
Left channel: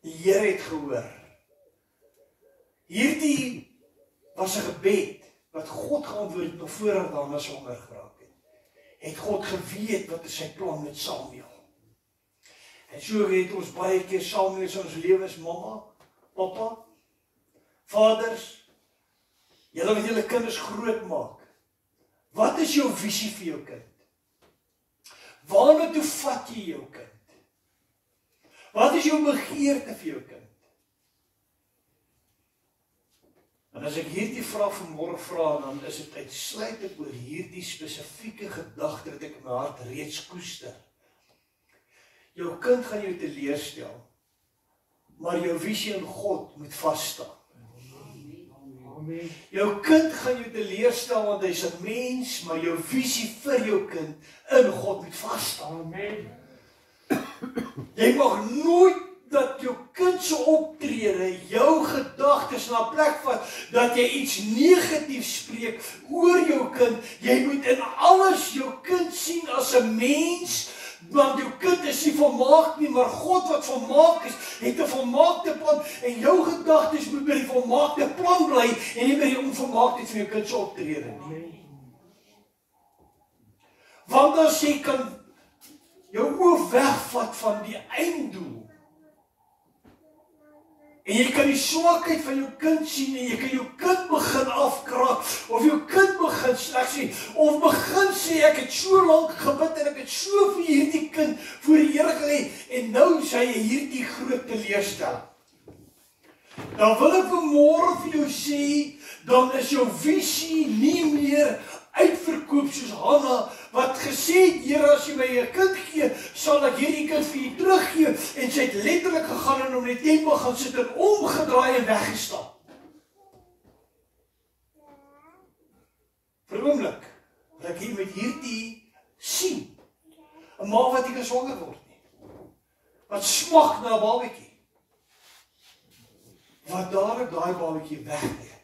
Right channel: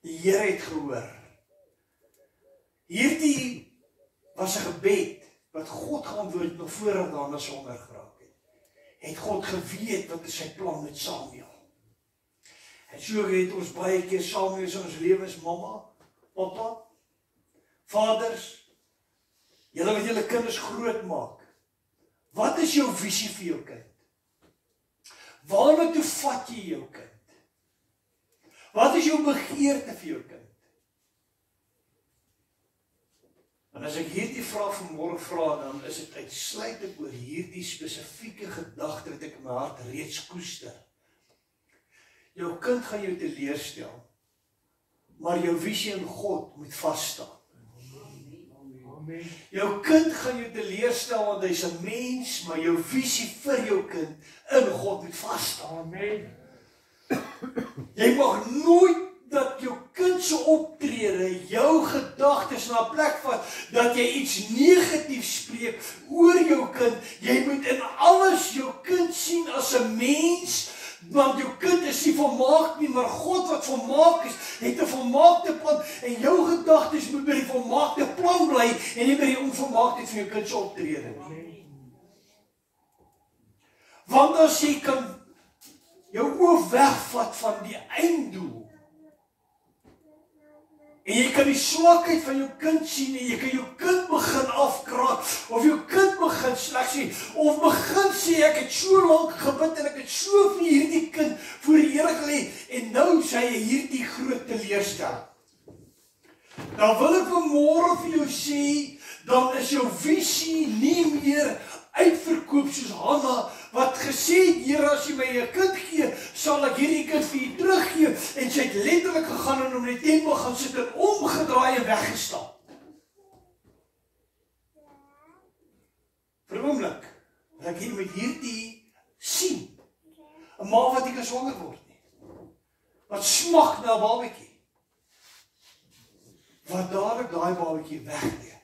Die Here het gehoor. Hierdie was 'n gebed wat God geantwoord nog voordat daarna swanger geraak het. Het God geweet wat is sy plan met Samuel. En so het ons baie keer Samuel in ons lewens, mamma, pappa, vaders, julle wat julle kinders groot maak. Wat is jou visie vir jou kind? Waarna toe vat jy jou kind? Wat is jou begeerte vir jou kind? En as ek hierdie vraag vanmôre vra, dan is dit uitsluitlik oor hierdie spesifieke gedagte wat ek in my hart reeds koester. Jou kind gaan jou teleurstel, maar jou visie in God moet vas staan. Jou kind gaan jou teleurstel want hy's 'n mens, maar jou visie vir jou kind in God moet vas staan. Jy mag nooit dat jou kind se optrede jou gedagtes na 'n plek vat dat jy iets negatiefs spreek oor jou kind. Jy moet in alles jou kind sien as 'n mens, want jou kind is nie volmaak nie, maar God wat volmaak is, het 'n volmaakte plan en jou gedagtes moet by die volmaakte plan bly en nie by die onvolmaaktheid van jou kind se optrede nie. Want as jy kan jou oog wegvat van die einddoel, en jy kan die swakheid van jou kind sien en jy kan jou kind begin afkraak of jou kind begin sleg sien of begin sê ek het so lank gebid en ek het so vir hierdie kind voor die Here gelê en nou sê hy hierdie groot teleurstelling. Dan wil ek vanmôre vir jou sê, dan is jou visie nie meer uitverkoop soos Hanna wat gesê het, Here, as jy my 'n kind gee, sal ek hierdie kind vir U teruggee. En sy het letterlik gegaan en om die tempel gaan sit en omgedraai en weggestap. Vir 'n oomblik, wat ek hier met hierdie sien, 'n ma wat nie kan swanger word nie, wat smag na 'n babatjie, wat dadelik daai babatjie wegneem.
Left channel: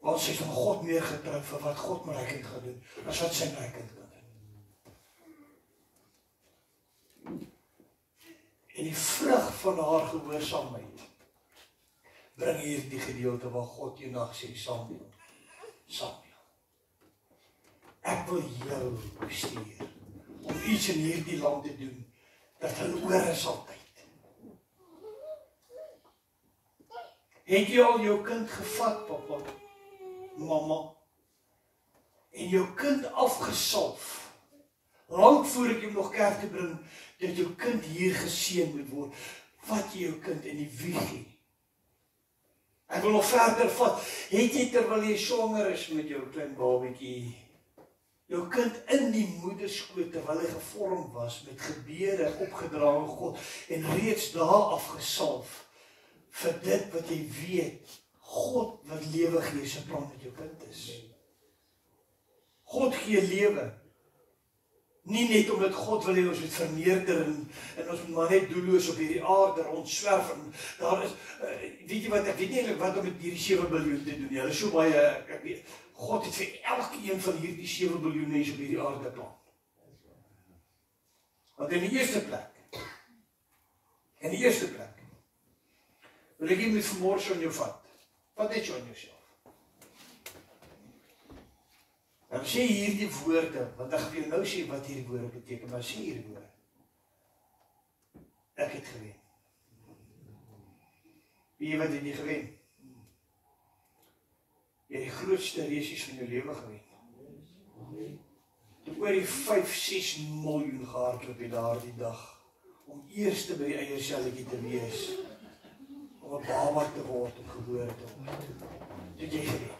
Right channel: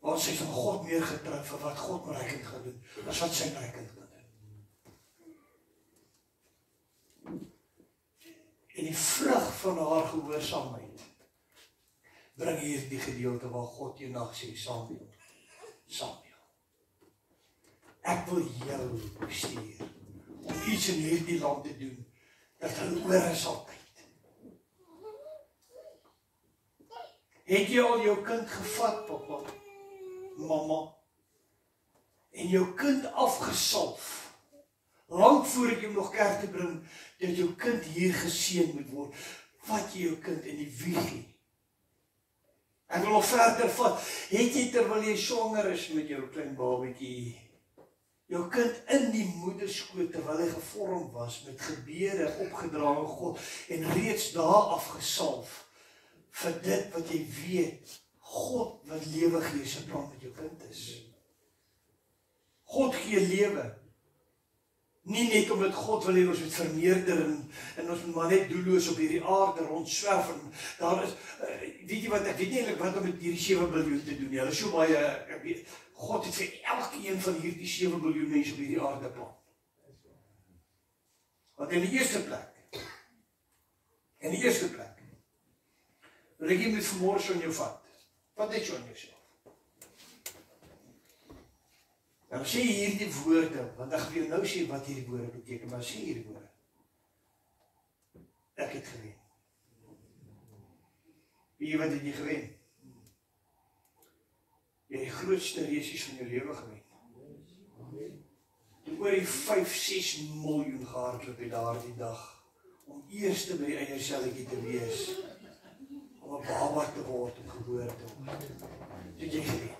Want sy is van God meer getrou vir wat God met hy kind gaan doen, as wat sy met hy kind kan doen. En die vrug van haar gehoorsaamheid bring hier die gedeelte waar God eendag sê, Samuel, ek wil jou stuur om iets in hierdie land te doen, dat hulle oor is altyd. Het jy al jou kind gevat, papa? Mamma, en jou kind afgesalf, lang voor ek jou nog kerk te bring, dat jou kind hier geseën moet word, vat jy jou kind in die wieg. Ek wil nog verder vat, het jy terwyl jy swanger is met jou klein babatjie, jou kind in die moederskoot, terwyl hy gevorm was, met gebede opgedra aan God, en reeds daar afgesalf, vir dit wat jy weet, God wat lewe gee, sy plan met jou kind is. God gee lewe. Nie net omdat God wil hê ons moet vermeerder en ons moet maar net doelloos op hierdie aarde rondswerf en daar is, weet jy wat, ek weet nie eintlik wat om met hierdie 7 biljoen te doen nie. Hulle is so baie, ek weet, God het vir elkeen van hierdie 7 biljoen mense op hierdie aarde plan. Want in die eerste plek, wil ek jy met vanmôre so in jou vat. Wat het jy aan jouself? Dan sê hierdie woorde, want ek gaan vir jou nou sê wat hierdie woorde beteken, maar sê hierdie woorde. Ek het gewen. Wie wat het jy gewen? Jy het die grootste resies van jou lewe gewen. Jy het oor die 5-6 miljoen gehardloop die daardie dag, om eerste by die eierselletjie te wees, om 'n baba te word, om geboorte te word. het jy gewen.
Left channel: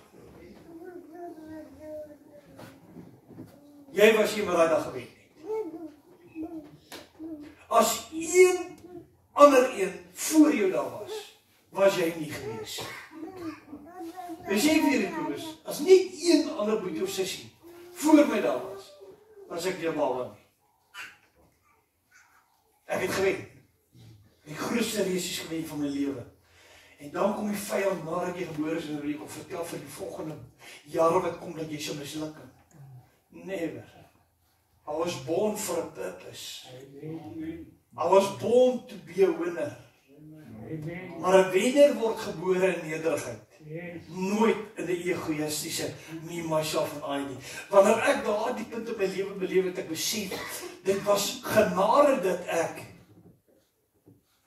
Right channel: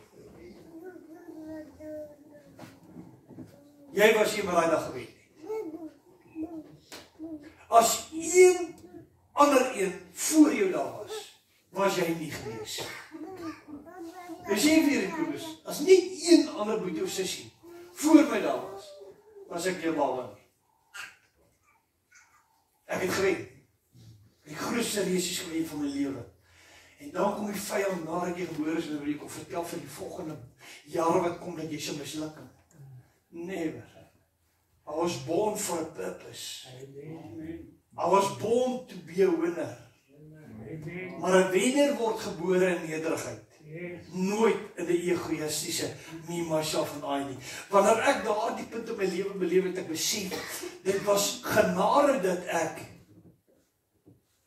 Jy was nie maar daai dag gewen nie. As een ander een voor jou daar was jy nie gewees. Dis jy weer die koers. As nie een ander boet jou sussie voor my daar was ek jou bal in. Ek het gewen. Die grootste reisies gewen van my lewe. En dan kom die vyand nadat jy gebore is en wil jy kom vertel vir die volgende jare wat kom dat jy sal misluk. Never. I was born for a purpose. I was born to be a winner. Maar 'n wenner word gebore in nederigheid. Nooit in die egoïstiese me, myself en I nie. Wanneer ek daardie punt in my lewe beleef het, ek besef, dit was genade dat ek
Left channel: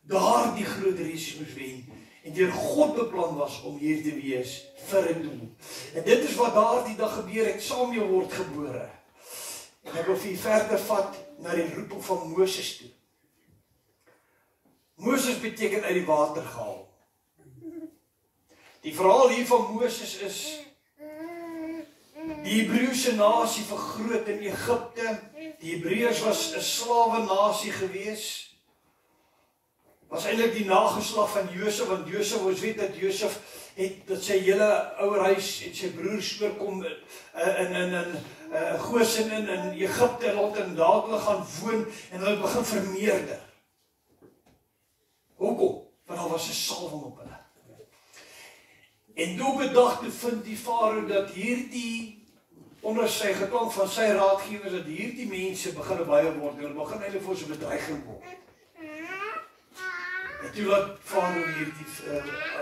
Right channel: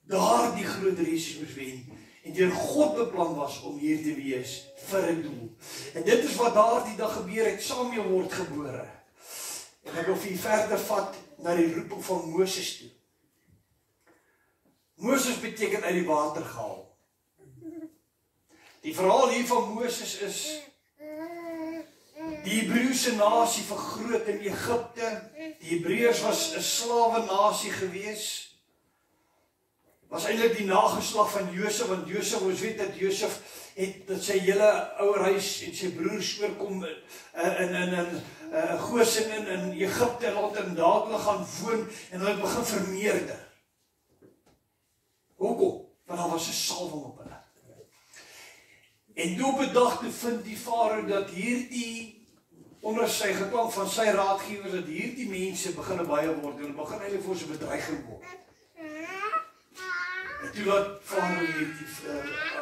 daardie groot reisies moes wen en deur God beplan was om hier te wees vir 'n doel. En dit is wat daardie dag gebeur het, Samuel word gebore. En ek wil vir verder vat na die roeping van Moses toe. Moses beteken uit die water gehaal. Die verhaal hier van Moses is die Hebreëse nasie vergroot in Egipte. Die Hebreërs was 'n slawe nasie gewees. Was eintlik die nageslag van Josef, want Josef, ons weet dat Josef het dat sy hele ouerhuis en sy broers oorkom in Goshen in Egipte en laat in daar hulle gaan woon en hulle begin vermeerder. Hoekom? Want daar was 'n salwing op hulle. En toe op 'n dag te vind die farao dat hierdie onder sy geklank van sy raadgewers dat hierdie mense begin baie word en begin eintlik vir sy bedreiging word. En toe wat farao hierdie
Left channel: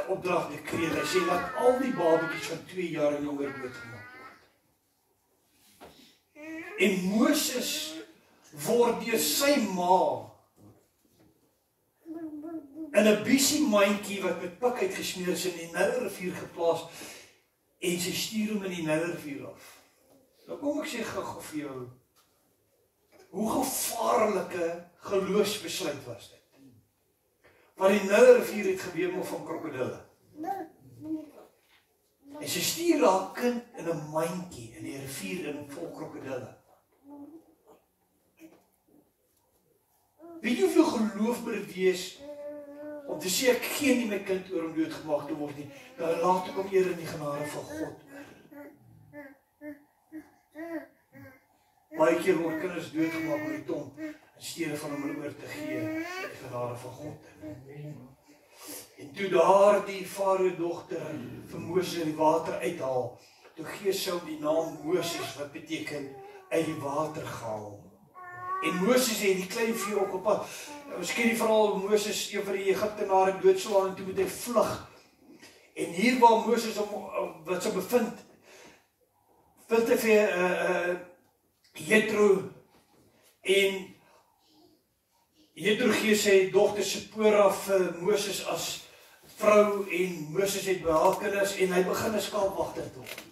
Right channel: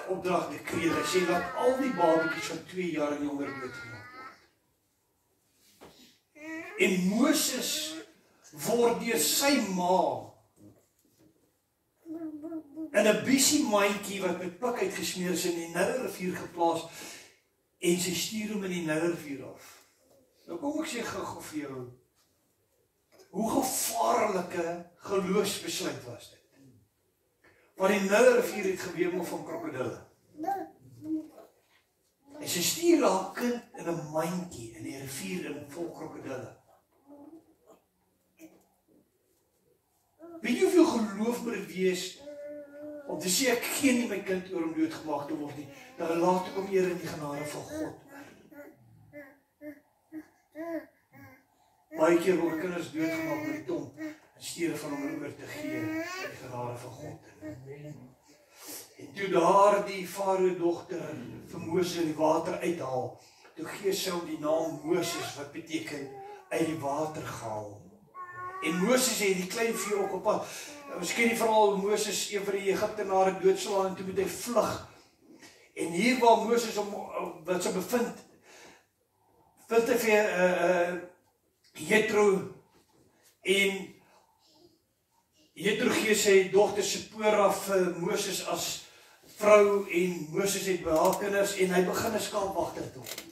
opdrag gekry, hy sê dat al die babatjies van 2 jaar en jonger doodgemaak word. En Moses word deur sy ma in 'n busy mandjie wat met pik uitgesmeer is in die Nylrivier geplaas en sy stuur hom in die Nylrivier af. Nou kom ek sê gou vir jou, hoe gevaarlike geloofsbesluit was dit? Want die Nylrivier het gewemel van krokodille. En sy stuur haar kind in 'n mandjie in die rivier in vol krokodille. Weet jy hoeveel geloof moet dit wees om te sê ek gee nie my kind oor om doodgemaak te word nie, dan laat ek hom eer in die genade van God. Baie keer word kinders doodgemaak met die tong in steede van hom oor te gee in die genade van God. En toe daardie farao dogter vir Moses in die water uithaal, toe gee sy hom die naam Moses wat beteken uit die water gehaal. En Moses het die klein vee ook op pad. Miskien die verhaal Moses een van die Egiptenare doodslaan en toe moet hy vlug. En hier waar Moses wat sy bevind, vind hy vir Jethro en Jethro gee sy dogter Sipora vir Moses as vrou en Moses het by haar kinders en hy begin 'n skaapwagter te word.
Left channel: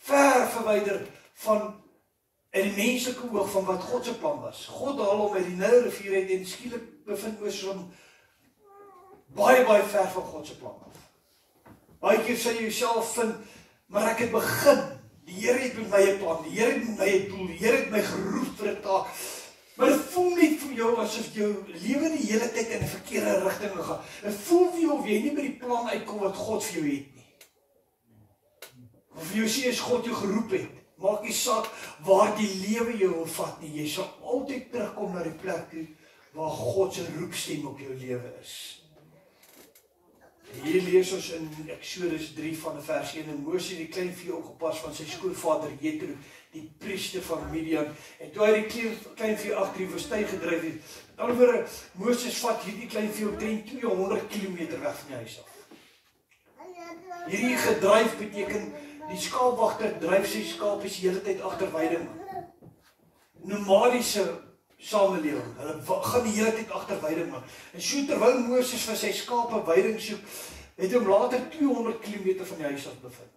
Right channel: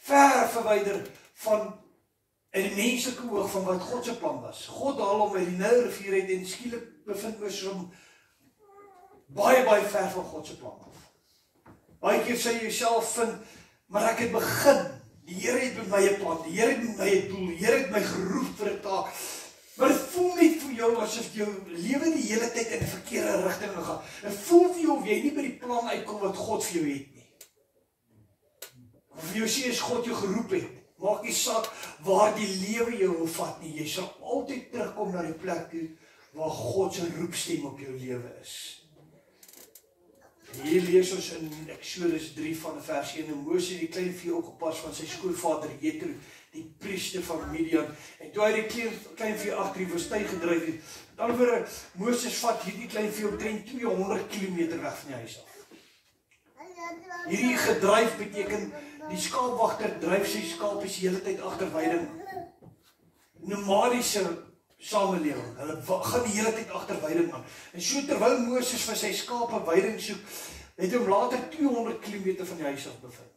Ver verwyder van in die menslike oog van wat God se plan was. God haal hom uit die Nylrivier uit en skielik bevind Moses hom baie ver van God se plan af. Baie keer sê jy jouself vind, maar ek het begin. Die Here het met my 'n plan, die Here het met my 'n doel, die Here het my geroep vir 'n taak. Maar dit voel net vir jou asof jou lewe die hele tyd in 'n verkeerde rigting gaan. Dit voel vir jou of jy nie by die plan uitkom wat God vir jou het nie. Of jy sê as God jou geroep het, maak nie saak waar die lewe jou wil vat nie. Jy sal altyd terugkom na die plek toe waar God se roepstem op jou lewe is. Hier lees ons in Exodus 3 van vers 1 en Moses die klein vee opgepas van sy skoonvader Jethro, die priester van Midian. En toe hy die klein vee agter die woestyn gedryf het, met ander woorde, Moses vat hierdie klein vee omtrent 200 km weg van die huis af. Hierdie gedryf beteken die skaapwagter dryf sy skaapies die hele tyd agter weiding. Nomadiese samelewing, hulle gaan die hele tyd agter weiding aan. En so terwyl Moses vir sy skape weiding soek, het hom later 200 km van die huis af bevind.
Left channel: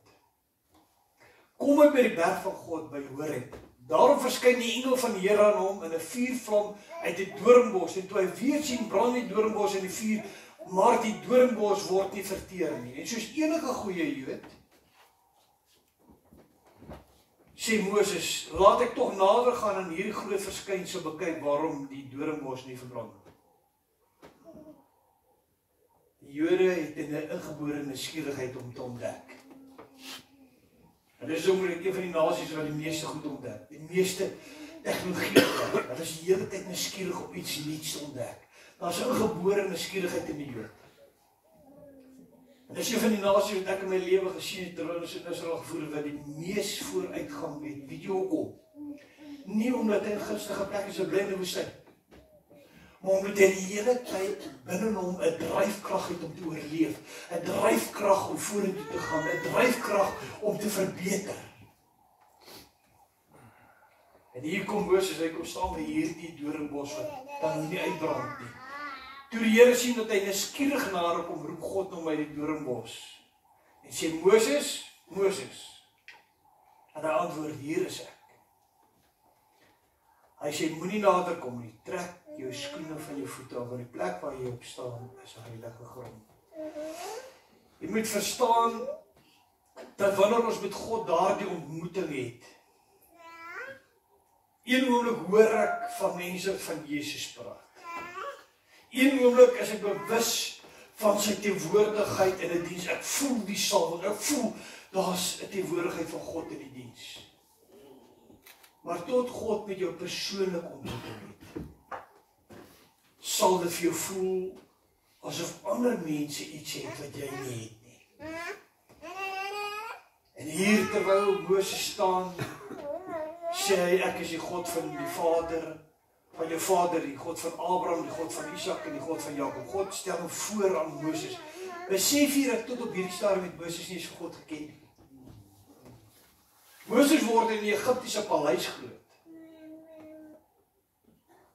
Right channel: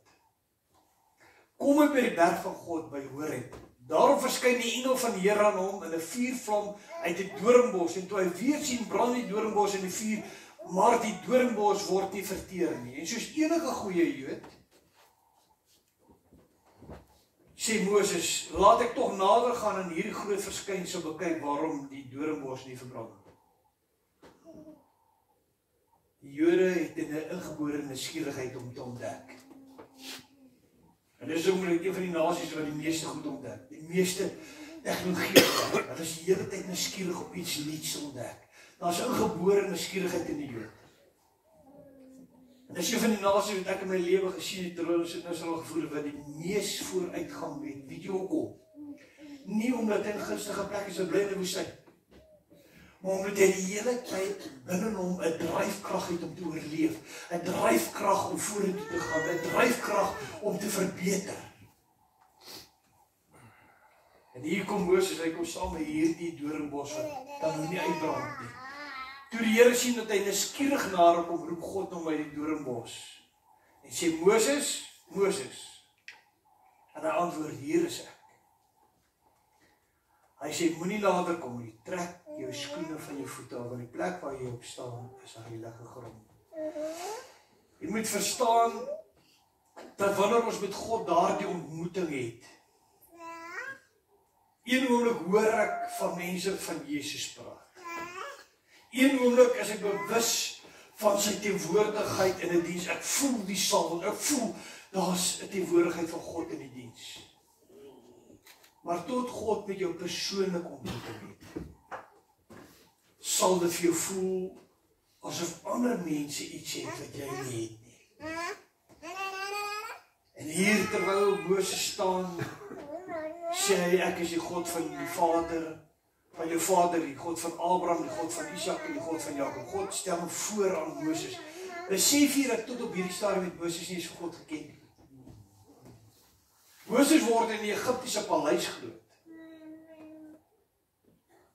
Kom hy by die berg van God by Horeb. Daarom verskyn die engel van die Here aan hom in 'n vuurvlam uit 'n doornbos. En toe hy weer sien brand die doornbos en die vuur maar die doringbos word nie verteer nie. En soos enige goeie Jood, sê Moses, laat ek tog nader gaan en hierdie groot verskynsel bekyk waarom die doringbos nie verbrand word. Die Jode het 'n ingebore nuuskierigheid om te ontdek. En dis ook een van die nasies wat die meeste goed ontdek. Die meeste tegnologie ontdek. Hulle is die hele tyd nuuskierig om iets nuuts te ontdek. Daar's 'n ingebore nuuskierigheid in die Jood. En dis een van die nasies wat ek in my lewe gesien het, terwyl ons in Israel gevoel wat die mees vooruitgang het. Weet jy hoekom? Nie omdat hy in gunstige plekke so bly in die woestyn, maar omdat hy die hele tyd binne hom 'n dryfkrag het om te oorleef, 'n dryfkrag om vorentoe te gaan, 'n dryfkrag om te verbeter. En hier kom Moses, hy kom staan by hierdie doringbos wat dan nou nie uitbrand nie. Toe die Here sien dat hy nuuskierig na hom kom, roep God hom by die doringbos en sê, Moses, Moses. En hy antwoord, hier is ek. Hy sê, moenie nader kom nie, trek jou skoene van jou voete af, want die plek waar jy op staan is heilige grond. Jy moet verstaan dat wanneer ons met God daardie ontmoeting het, een oomblik hoor ek van mense van Jesus praat. Een oomblik is ek bewus van sy teenwoordigheid in 'n diens. Ek voel die salwing, ek voel daar's 'n teenwoordigheid van God in die diens. Maar tot God met jou persoonlik ontmoeting het, sal dit vir jou voel asof ander mense iets het wat jy nie het nie. En hier terwyl Moses staan, sê hy, ek is die God van die Vader, van jou vader, die God van Abraham, die God van Isak en die God van Jakob. God stel hom voor aan Moses. Besef hier dat tot op hierdie stadium met Moses nie eens vir God geken nie. Moses word in die Egiptiese paleis groot.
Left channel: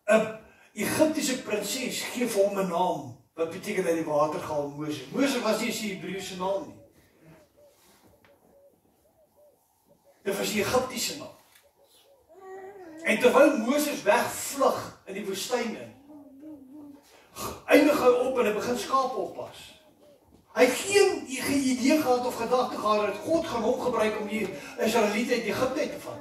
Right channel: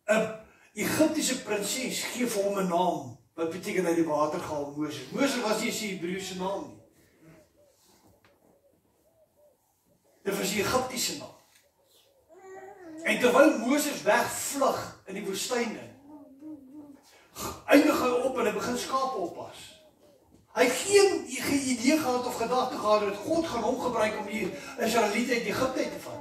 'n Egiptiese prinses gee vir hom 'n naam, wat beteken uit die water gehaal Moses. Moses was nie sy Hebreëse naam nie. Dit was die Egiptiese naam. En terwyl Moses wegvlug in die woestyn in, eindig hy op en hy begin skape oppas. Hy het geen idee gehad of gedagte gehad dat God gaan hom gebruik om die Israeliete uit Egipte uit te vat.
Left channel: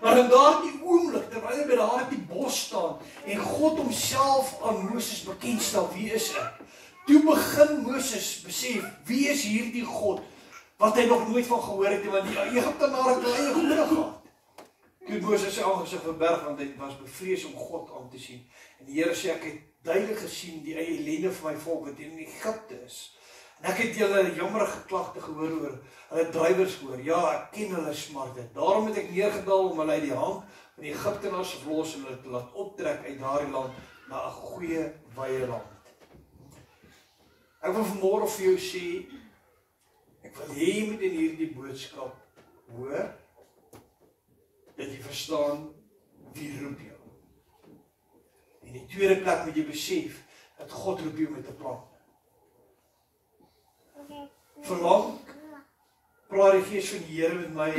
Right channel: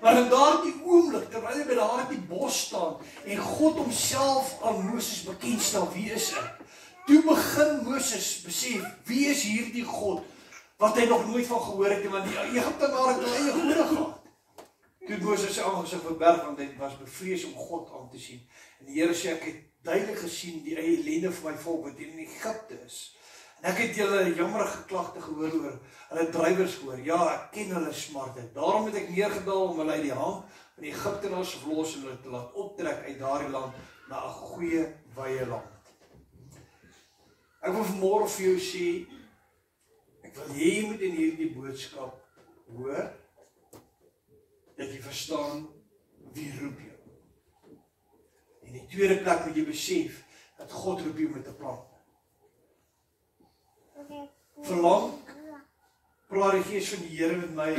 Maar in daardie oomblik, terwyl hy by daardie bos staan en God homself aan Moses bekendstel, wie is ek? Toe begin Moses besef, wie is hierdie God wat hy nog nooit van gehoor het, want die Egiptenare het hulle eie gode gehad. Toe Moses sy aangesig verberg, want hy was bevrees om God aan te sien. En die Here sê, ek het duidelik gesien die eie ellende van my volk wat in Egipte is. En ek het julle jammerige klagte gehoor oor hulle drywers gehoor. Ja, ek ken hulle smarte. Daarom het ek neergedaal om hulle uit die hand van die Egiptenaars verlos en hulle te laat optrek uit daardie land na 'n goeie wye land. Ek wil vanmôre vir jou sê, ek wil hê jy moet in hierdie boodskap hoor, dat jy verstaan wie roep jou. En in die tweede plek moet jy besef dat God roep jou met 'n plan. Verlang praat die Gees van die Here met my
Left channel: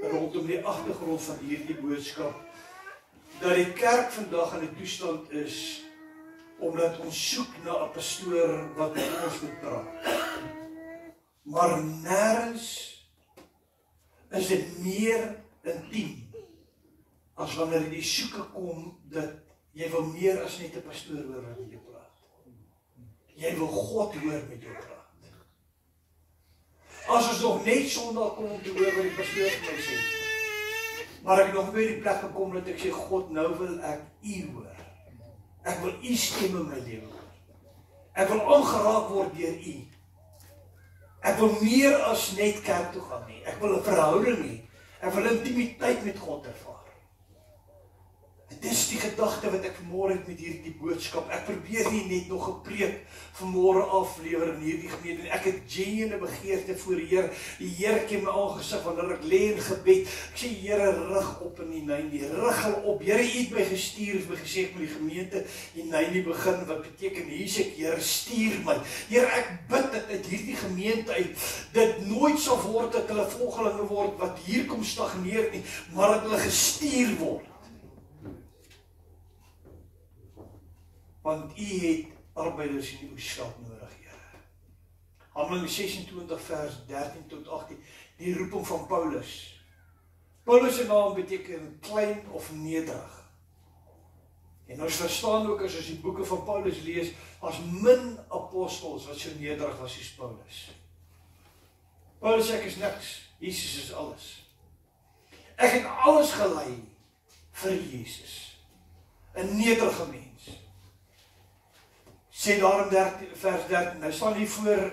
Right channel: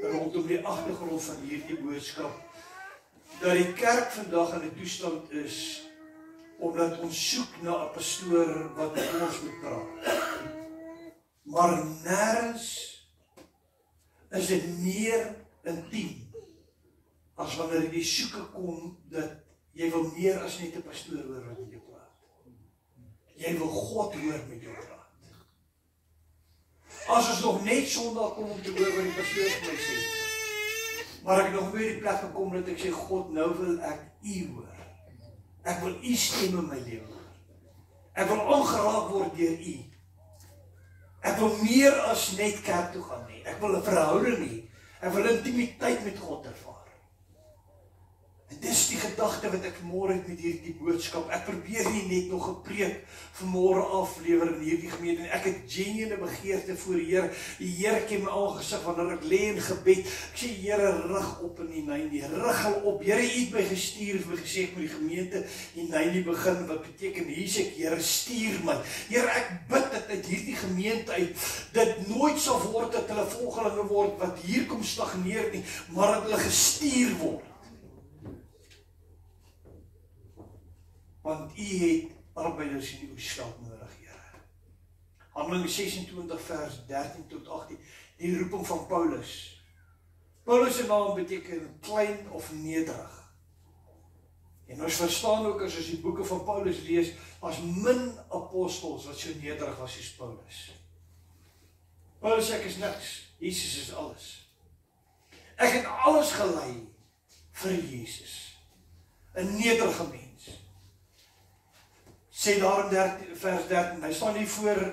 rondom die agtergrond van hierdie boodskap, dat die kerk vandag in 'n toestand is omdat ons soek na 'n pastoor wat met ons moet praat. Maar nêrens is dit meer intiem as wanneer die soeke kom dat jy wil meer as net 'n pastoor hoor wat met jou praat. Jy wil God hoor met jou praat. As ons nog net Sondag kom om te hoor wat die pastoor vir my sê, maar ek nog weer die plek gekom dat ek sê, God, nou wil ek U hoor. Ek wil U stem in my lewe hoor. Ek wil aangeraak word deur U. Ek wil meer as net kerk toe gaan nie. Ek wil 'n verhouding hê. Ek wil intimiteit met God ervaar. En dis die gedagte wat ek vanmôre het met hierdie boodskap. Ek probeer nie net nog 'n preek vanmôre aflewer in hierdie gemeente. Ek het genuine begeerte voor die Here. Die Here ken my aangesig wanneer ek lê in gebed. Ek sê, Here, rig op in Hineini. Rig hulle op. Here, U het my gestuur, het my gesê ek moet die gemeente Hineini begin. Wat beteken hier's ek, Here, stuur my. Here, ek bid dat uit hierdie gemeente uit dit nooit sal word dat hulle volgelinge word wat hier kom stagneer nie, maar dat hulle gestuur word. Want U het arbeiders in die oesveld nodig, Here. Handelinge 26 vers 13 tot 18, die roeping van Paulus. Paulus se naam beteken klein of nederig. En ons verstaan ook as ons die boeke van Paulus lees, as min apostels wat so nederig was soos Paulus. Paulus sê ek is niks, Jesus is alles. Ek het alles gelei vir Jesus. 'n nederige mens. Sê daarom vers 13, hy staan hier voor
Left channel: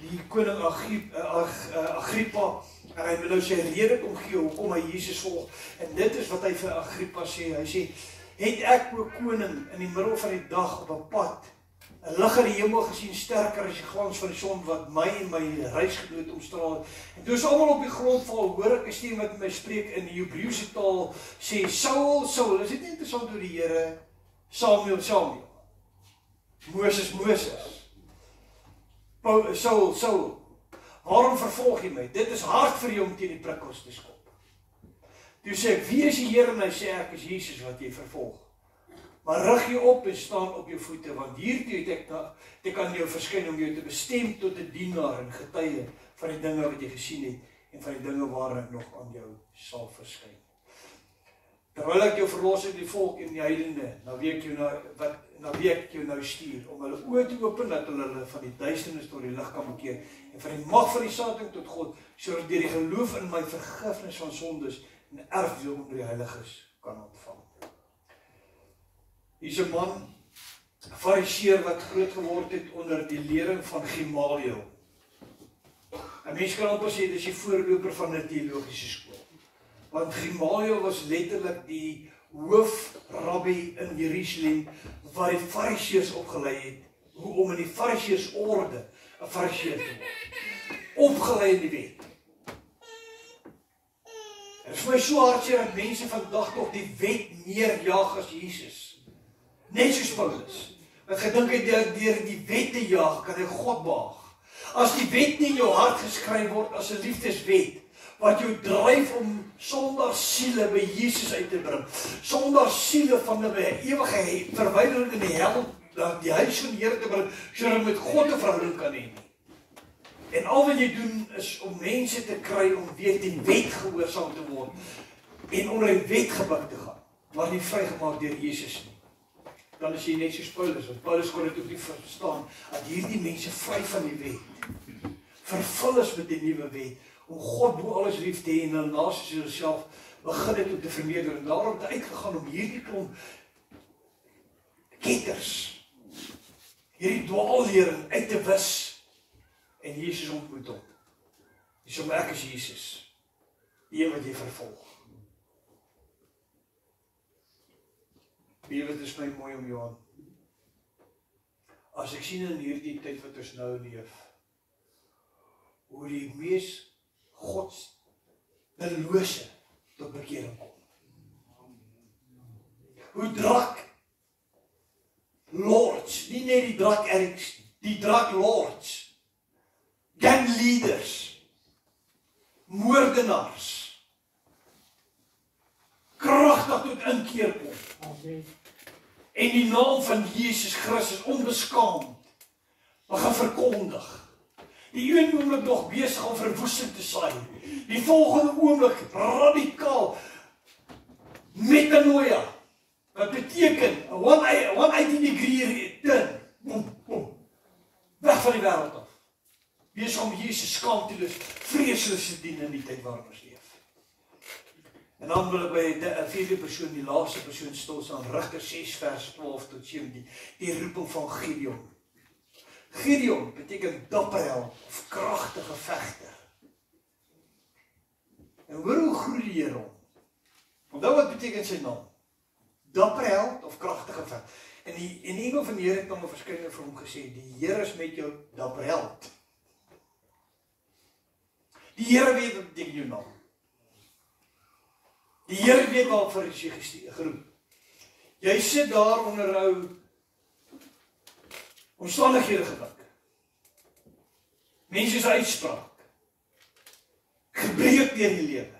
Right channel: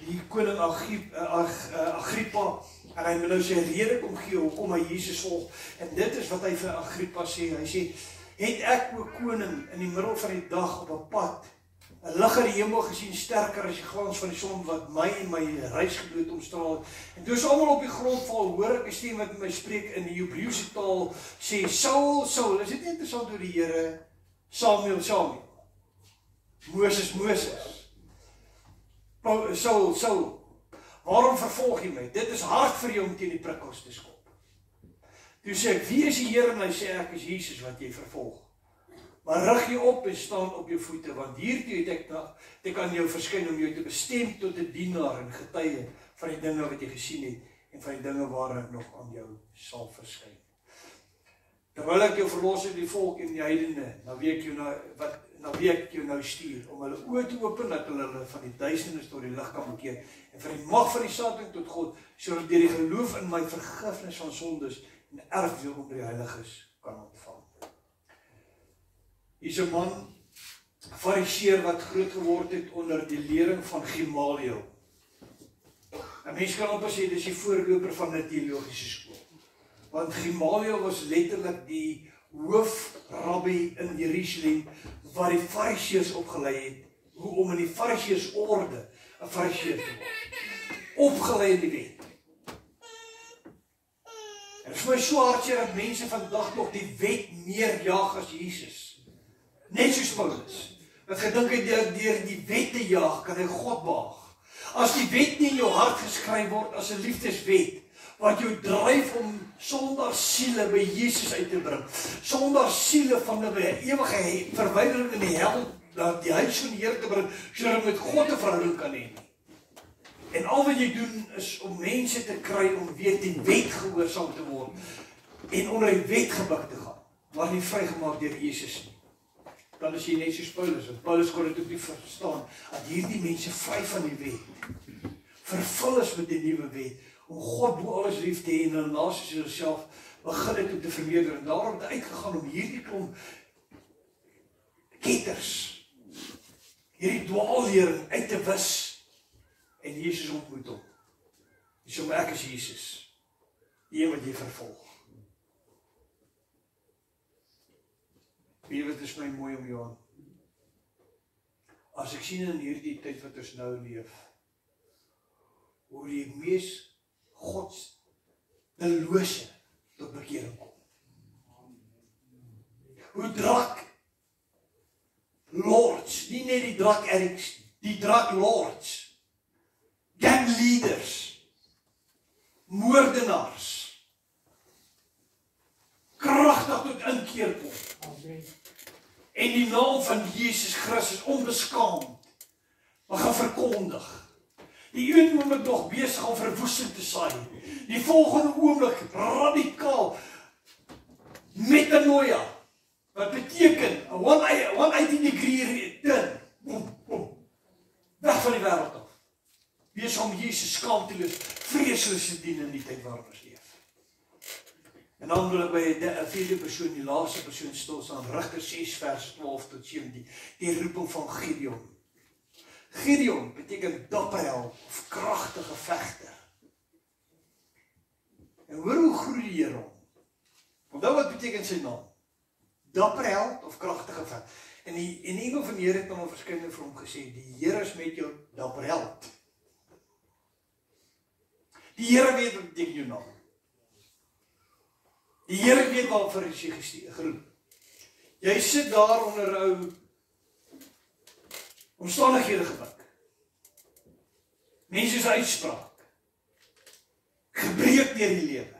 die koning Agrippa, en hy wil nou sy rede kom gee, hoekom hy Jesus volg, en dit is wat hy vir Agrippa sê, hy sê, het ek o koning in die middel van die dag op 'n pad, 'n lig in die hemel gesien, sterker as die glans van die son, wat my en my reisgenoot omstraal, en toe is almal op die grond val, hoor ek 'n stem wat met my spreek in die Hebreëse taal, sê, Saul, Saul, is dit nie interessant hoe die Here, Samuel, Samuel, Moses, Moses, Saul, Saul, waarom vervolg jy my? Dit is hard vir jou om teen die prikkels te skop. Toe sê ek, wie is die Here? En hy sê, ek is Jesus wat jy vervolg. Maar rig jy op en staan op jou voete, want hiertoe het ek aan jou verskyn om jou te bestem tot 'n dienaar en getuie van die dinge wat jy gesien het en van die dinge waar ek nog aan jou sal verskyn. Terwyl ek jou verlos uit die volk en die heidene, na wie ek jou nou stuur, om hulle oë te open, dat hulle van die duisternis tot die lig kan bekeer, en van die mag van die Satan tot God, sodat deur die geloof in my vergifnis van sondes en erfdeel onder die heiliges kan ontvang. Hier is 'n man, 'n fariseer wat groot geword het onder die lering van Gamaliel. 'n Mens kan amper sê, dis die voorloper van 'n teologiese skool. Want Gamaliel was letterlik die hoofrabbi in Jerusalem, wat die fariseërs opgelei het, hoe om in die fariseërsorde 'n fariseer te word. Opgelei in die wet. En dit is my so hartseer dat mense vandag nog die wet meer jaag as Jesus. Net soos Paulus, wat gedink het deur die wet te jaag, kan hy God behaag. As die wet nie in jou hart geskryf word as 'n liefdeswet, wat jou dryf om sonder siele by Jesus uit te bring, sonder siele van 'n ewige verwydering in die hel, na die huis van die Here te bring, sodat jy met God 'n verhouding kan hê. En al wat jy doen is om mense te kry om weer die wet gehoorsaam te word en onder die wet gebuk te gaan, maar nie vrygemaak deur Jesus nie. Dan is jy net soos Paulus, want Paulus kon dit ook nie verstaan, dat hierdie mense vry van die wet, vervul is met die nuwe wet, om God bo alles lief te hê en dan naas jouself begin dit om te vermeerder, en daarom het uitgegaan om hierdie klomp ketters, hierdie dwaallering uit te wis, en Jesus ontmoet hom. Dis om ek is Jesus, die een wat jy vervolg. Weet, is my mooi om jou aan. As ek sien in hierdie tyd wat ons nou leef, hoe die mees goddelose tot bekering kom. Hoe drak lords, nie net die drak addicts, die drak lords, gang leaders, moordenaars, kragtig tot inkeer kom. En die naam van Jesus Christus onbeskaamd begin verkondig. Die een oomblik nog besig om verwoesting te saai, die volgende oomblik radikaal metanoia, wat beteken 180 degree turn, boom, boom, weg van die wêreld af. Wees om Jesus skaamteloos, vreesloos te dien in die tyd waarin ons leef. En dan wil ek by 'n vierde persoon, die laaste persoon stil staan, Rigter 6 vers 12 tot 17, die roeping van Gideon. Gideon beteken dapper held of kragtige vegter. En hoor hoe groei die Here hom. Onthou wat beteken sy naam? Dapper held of kragtige vegter. En die engel van die Here het hom verskynend vir hom gesê, die Here is met jou, dapper held. Die Here weet wat beteken jou naam. Die Here weet waarvoor is jy geroep. Jy sit daar onder 'n ou omstandighede gebuk. Mense se uitspraak. Gebreek deur die lewe.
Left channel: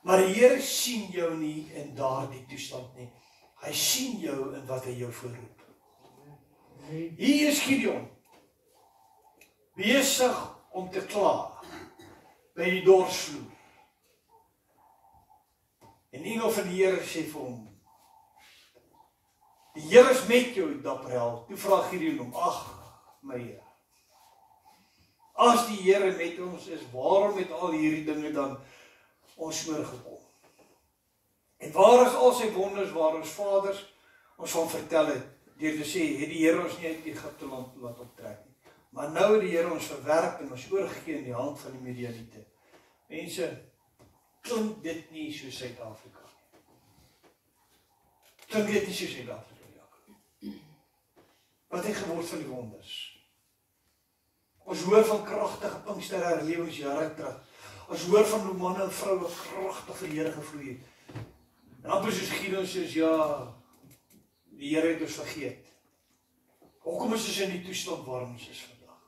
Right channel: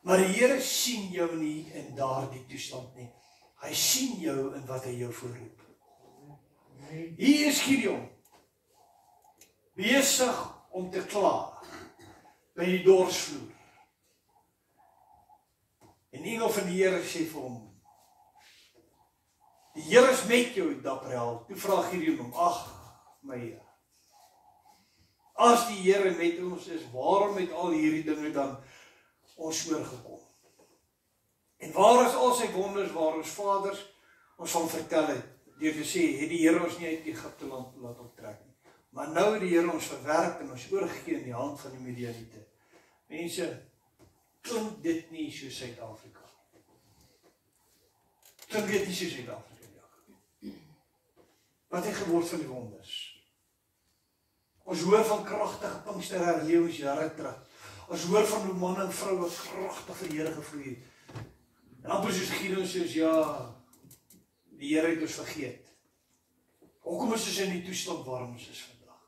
Maar die Here sien jou nie in daardie toestand nie. Hy sien jou in wat hy jou voorroep. Hier is Gideon, besig om te kla by die dorsvloer. En engel van die Here sê vir hom, die Here is met jou, dapper held. Toe vra Gideon hom, ag, my Here, as die Here met ons is, waarom het al hierdie dinge dan ons oorgekom? En waar is al sy wonders, waar ons vaders ons van vertel het, deur te sê, het die Here ons nie uit Egipte land laat optrek nie. Maar nou het die Here ons verwerp en ons oorgegee in die hand van die Midianiete. Mense, klink dit nie so Suid-Afrika nie? Klink dit nie so Suid-Afrika nie? Wat het geword van die wonders? Ons hoor van kragtige Pinksterherlewingsjare terug. Ons hoor van hoe manne en vroue kragtig vir die Here gevloei het. En amper soos Gideon sê, ja, die Here het ons vergeet. Hoekom is ons in die toestand waarom ons is vandag?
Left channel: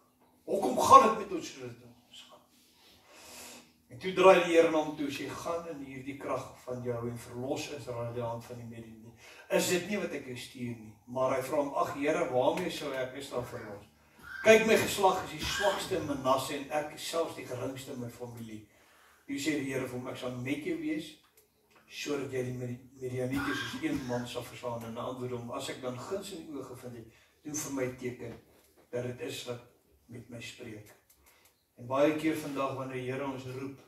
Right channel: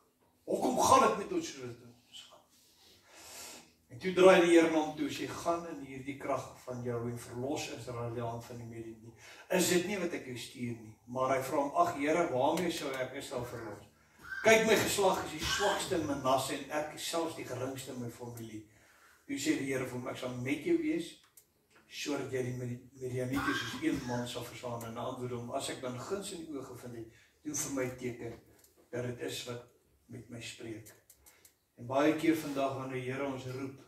Hoekom gaan dit met ons soos dit ons gaan? En toe draai die Here na hom toe, sê, gaan in hierdie krag van jou en verlos Israel die hand van die Midianiete. Is dit nie wat ek jou stuur nie? Maar hy vra hom, ag Here, waarmee sou ek Israel verlos? Kyk, my geslag is die swakste in Manasse en ek is selfs die geringste in my familie. Toe sê die Here vir hom, ek sal met jou wees, sodat jy die Midianiete soos een man sal verslaan. En antwoord hom, as ek dan guns in die oë gevind het, doen vir my teken, dat dit is wat met my spreek. En baie keer vandag, wanneer die Here ons roep,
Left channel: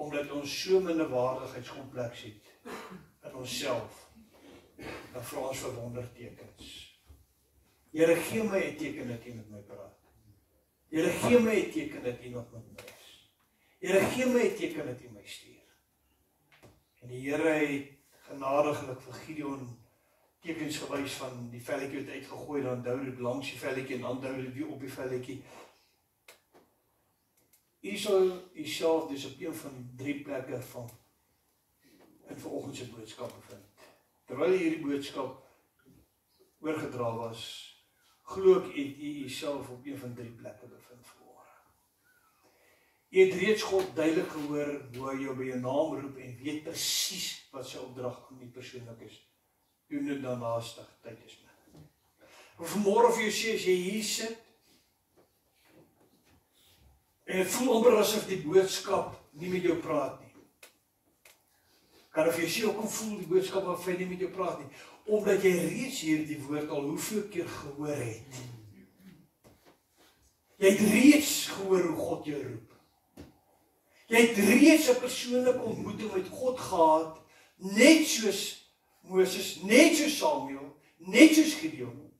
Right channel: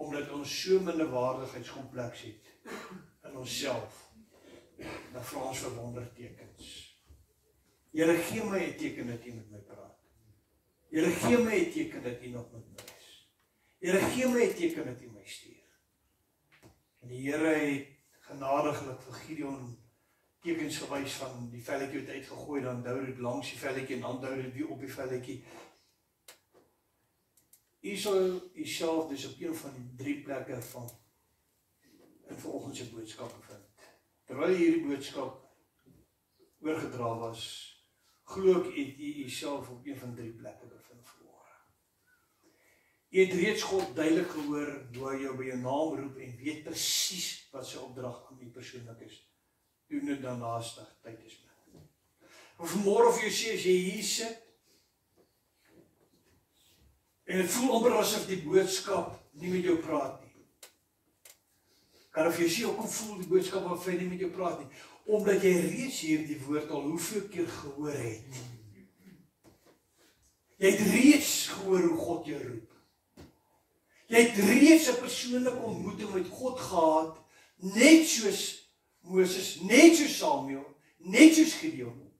omdat ons so minderwaardigheidskompleks het, in onsself, dan vra ons vir wondertekens. Here, gee my 'n teken dat U met my praat. Here, gee my 'n teken dat U nog met my is. Here, gee my 'n teken dat U my stuur. En die Here het genadiglik vir Gideon tekens gewys van die velletjie wat uitgegooi, dan dou dit langs die velletjie en dan dou dit weer op die velletjie. U sal Uself dus op een van die 3 plekke van in vanoggend se boodskap bevind. Terwyl hierdie boodskap oorgedra was, glo ek het U Uself op een van 3 plekke bevind vanmôre. U het reeds God duidelik gehoor hoe hy jou by jou naam roep en weet presies wat sy opdrag aan die persoonlik is. Doen dit dan haastig, tyd is min. Maar vanmôre vir jou sê, as jy hier sit, en het voel amper asof die boodskap nie met jou praat nie. Kan of jy sê, hoekom voel die boodskap of hy nie met jou praat nie? Omdat jy reeds hierdie woord al hoeveel keer gehoor het. Jy het reeds gehoor hoe God jou roep. Jy het reeds 'n persoonlike ontmoeting met God gehad, net soos Moses, net soos Samuel, net soos Gideon.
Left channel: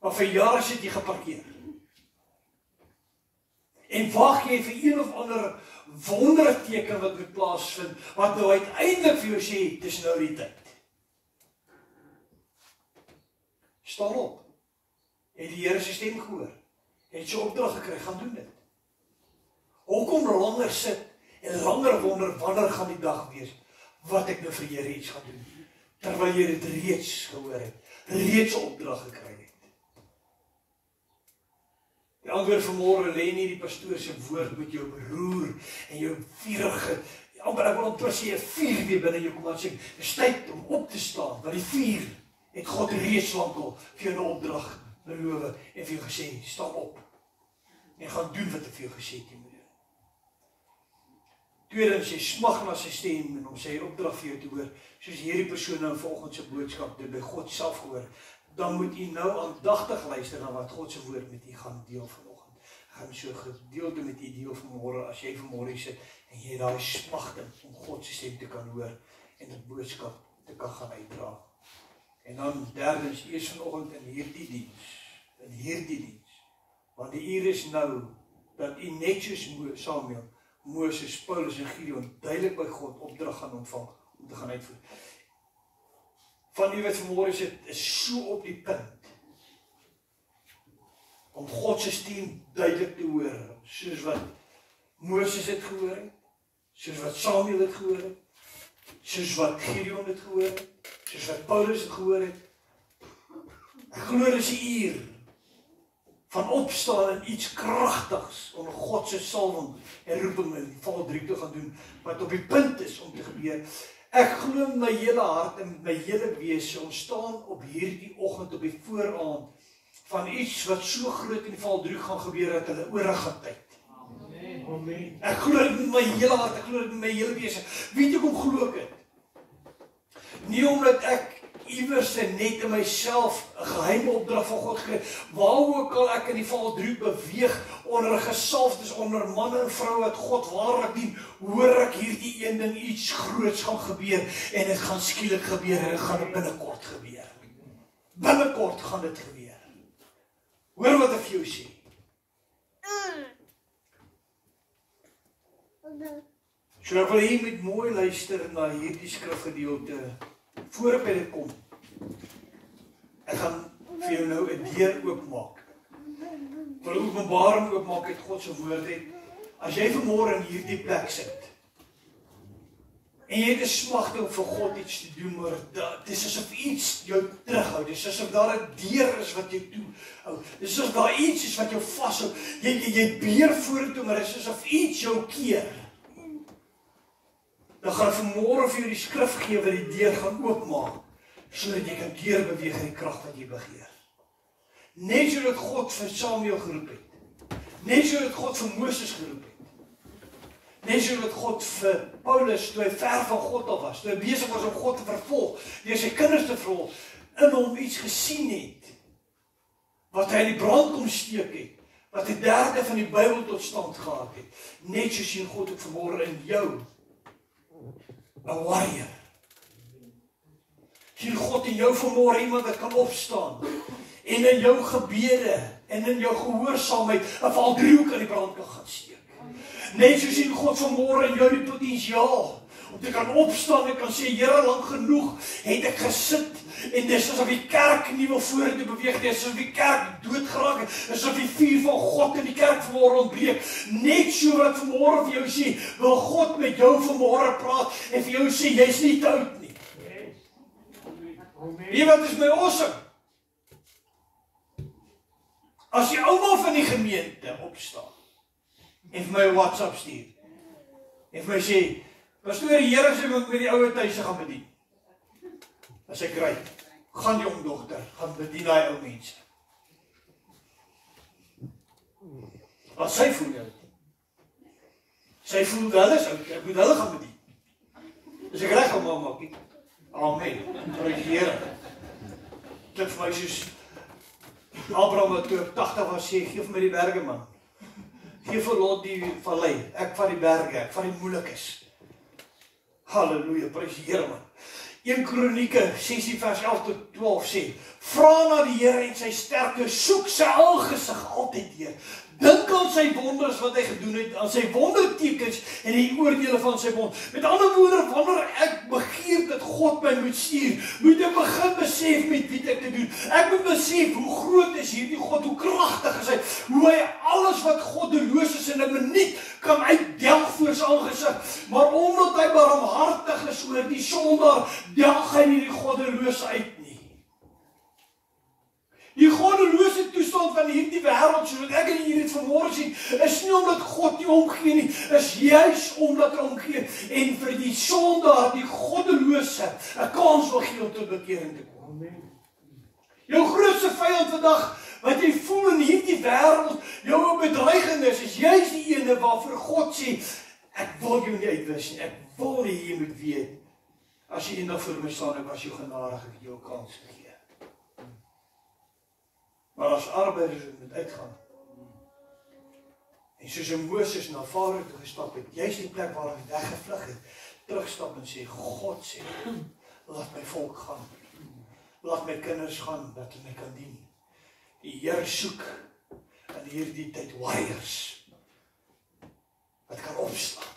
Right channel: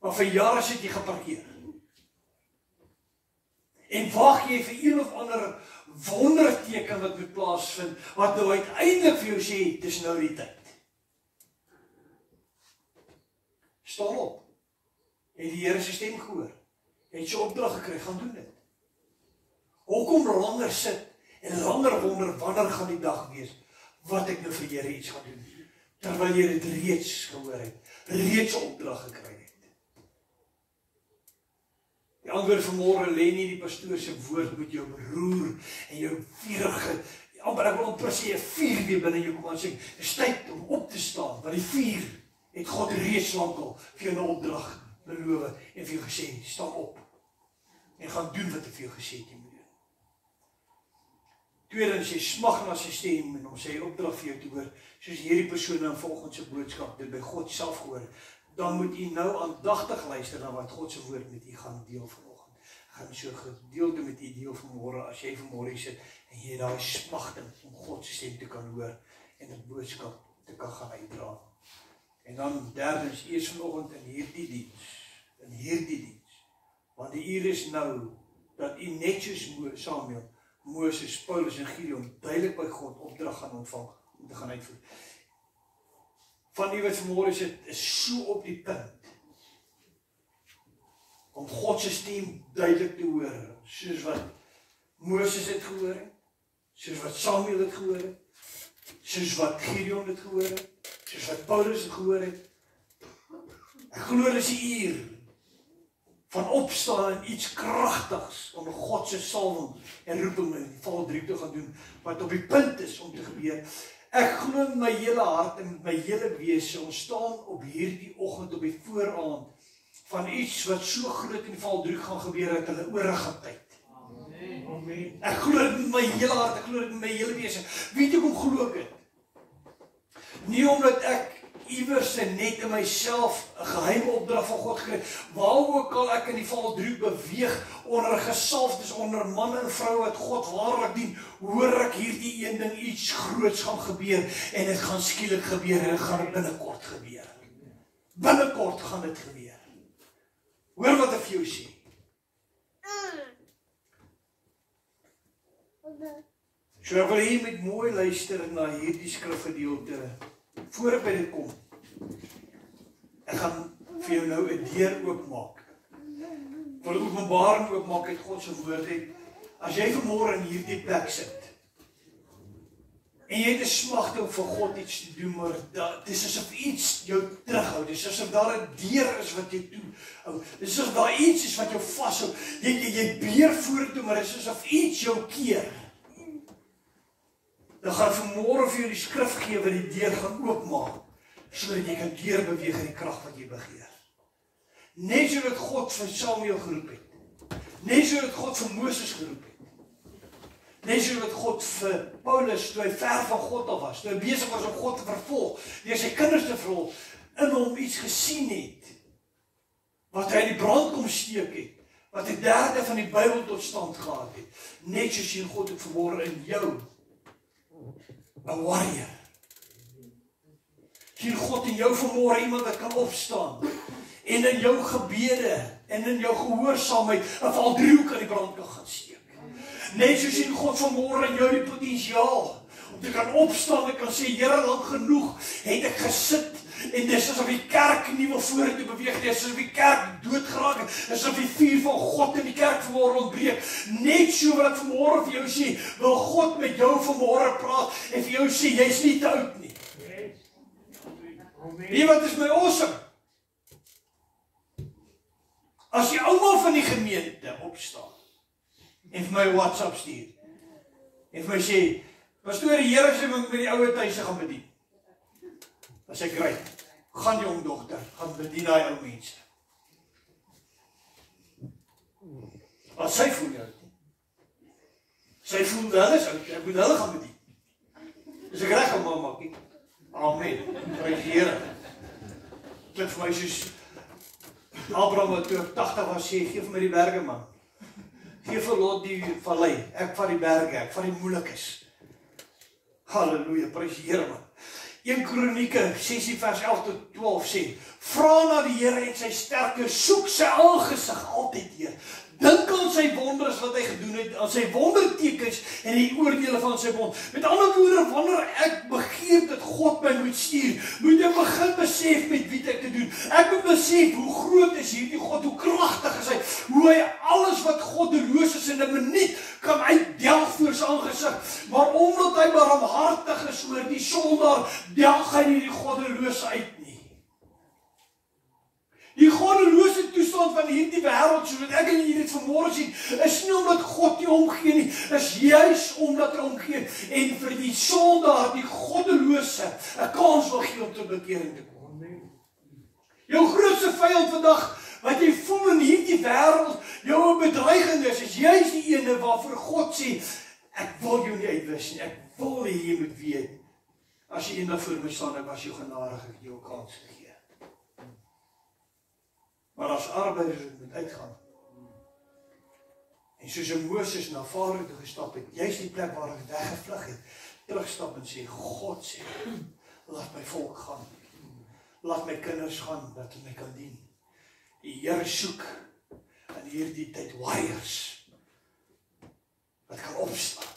Maar vir jare sit jy geparkeer. En wag jy vir een of ander wonderteken wat moet plaasvind, wat nou uiteindelik vir jou sê, dis nou die tyd. Staan op. Het die Here se stem gehoor. Het sy opdrag gekry, gaan doen dit. Hoekom langer sit en langer wonder, wanneer gaan die dag wees, wat ek nou vir Here iets gaan doen, terwyl jy dit reeds gehoor het, reeds 'n opdrag gekry het. Die antwoord vanmôre lê nie die pastoor se woord met jou beroer en jou vurige, amper ek wil amper sê 'n vuur weer binne jou kom aan sê, dis tyd om op te staan, want die vuur het God reeds lankal vir jou 'n opdrag beloof en vir jou gesê, staan op en gaan doen wat hy vir jou gesê het jy moet doen. Tweedens, jy smag na sy stem en om sy opdrag vir jou te hoor, soos hierdie persoon in vanoggend se boodskap dit by God self gehoor, dan moet u nou aandagtig luister na wat God se woord met u gaan deel vanoggend. Gaan so gedeelte met u deel vanmôre, as jy vanmôre sit en jy daai smagting om God se stem te kan hoor en 'n boodskap te kan gaan uitdra. En dan derdens, eers vanoggend in hierdie diens, want die uur is nou dat u net soos Samuel, Moses, Paulus en Gideon duidelik by God opdrag gaan ontvang om te gaan uitvoer. Van die wat vanmôre sit, is so op die punt om God se stem duidelik te hoor, soos wat Moses het gehoor het, soos wat Samuel het gehoor het, soos wat Gideon het gehoor het, soos wat Paulus het gehoor het. Ek glo dis 'n uur van opstaan en iets kragtigs onder God se salwing en roeping in val 3 te gaan doen, wat op die punt is om te gebeur. Ek glo in my hele hart en my hele wese, ons staan op hierdie oggend op die vooraand van iets wat so groot in die Valdriehoek gaan gebeur dat hulle oorrig gaan tyd. Amen. Ek glo dit met my hele hart, ek glo dit met my hele wese. Weet jy hoe glo ek dit? Nie omdat ek iewers net in myself 'n geheime opdrag van God gekry, waar ook al ek in die Valdriehoek beweeg, onder 'n gesalfdes, onder manne en vroue wat God waarlik dien, hoor ek hierdie een ding, iets groots gaan gebeur, en dit gaan skielik gebeur, en dit gaan binnekort gebeur. Binnekort gaan dit gebeur. Hoor wat ek vir jou sê. So ek wil hier met mooi luister na hierdie skrifgedeelte. Voor ek by dit kom, ek gaan vir jou nou 'n deur oopmaak. Vir 'n openbaring oopmaak uit God se woord het. As jy vanmôre in hierdie plek sit, en jy het 'n smagte om vir God iets te doen, maar dit is asof iets jou terughou. Dit is asof daar 'n deur is wat jou toehou. Dit is asof daar iets is wat jou vashou. Jy beer vorentoe, maar dit is asof iets jou keer. Dan gaan vanmôre vir jou die skrif gee wat die deur gaan oopmaak, sodat jy kan deurbeweeg in die krag wat jy begeer. Net sodat God vir Samuel geroep het. Net sodat God vir Moses geroep het. Net sodat God vir Paulus, toe hy ver van God af was, toe hy besig was om God te vervolg, deur sy kinders te vervolg, in hom iets gesien het, wat hy in die brand kom steek het, wat die derde van die Bybel tot stand gehad het. Net soos sien God het vanmôre in jou 'n warrior. Sien God in jou vanmôre iemand wat kan opstaan en in jou gebede en in jou gehoorsaamheid 'n Valdriehoek aan die brand kan gaan steek. Net so sien God vanmôre in jou die potensiaal om te kan opstaan en kan sê, Here, lank genoeg het ek gesit en dis asof die kerk nie wil vorentoe beweeg nie, asof die kerk doodgeraak het, asof die vuur van God in die kerk vanmôre ontbreek. Net so wat ek vanmôre vir jou sê, wil God met jou vanmôre praat en vir jou sê, jy's nie te oud nie. Wie wat is my awesome? As die ouma van die gemeente opstaan en vir my 'n WhatsApp stuur en vir my sê, pastoor, die Here sê moet met die ouer huise gaan bedien. As ek ry, gaan jong dogter, gaan bedien daai ou mense. As sy voel jou. Sy voel hulle is oud, ek moet hulle gaan bedien. Dis ek reg om mamma kyk. Amen. Prys die Here. Klink vir my soos Abraham wat toe 80 was sê, gee vir my die berge man. Gee vir Lot die vallei, ek vat die berge, ek vat die moeilikes. Halleluja, prys die Here man. 1 Kronieke 16 vers 11 tot 12 sê, vra na die Here en sy sterkte, soek sy aangesig altyd weer. Dink aan sy wonders wat hy gedoen het, aan sy wondertekens en die oordele van sy bond. Met ander woorde, wanneer ek begeer dat God my moet stuur, moet ek begin besef met wie ek te doen. Ek moet besef hoe groot is hierdie God, hoe kragtig is hy, hoe hy alles wat goddeloos is in 'n minuut kan uitdelg voor sy aangesig. Maar omdat hy barmhartig is oor die sondaar, delg hy nie die goddelose uit nie. Die goddelose toestand van hierdie wêreld, soos ek en hier dit vanmôre sien, is nie omdat God nie omgee nie, is juis omdat hy omgee en vir die sondaar, die goddelose, 'n kans wil gee om tot bekering te kom. Amen. Jou grootste vyand vandag, wat jy voel in hierdie wêreld, jou bedreiging is juis die ene waarvoor God sê, ek wil jou nie uitwis nie, ek wil nie jy moet weet, as jy eendag voor my staan, ek was jou genadig, ek jou 'n kans gegee. Maar as arbeiders moet uitgaan. En soos Moses na Farao toe gestap het, juist die plek waar hy weggevlug het, terugstap en sê, God sê, laat my volk gaan. Laat my kinders gaan, dat hulle my kan dien. Die Here soek in hierdie tyd warriors wat kan opstaan.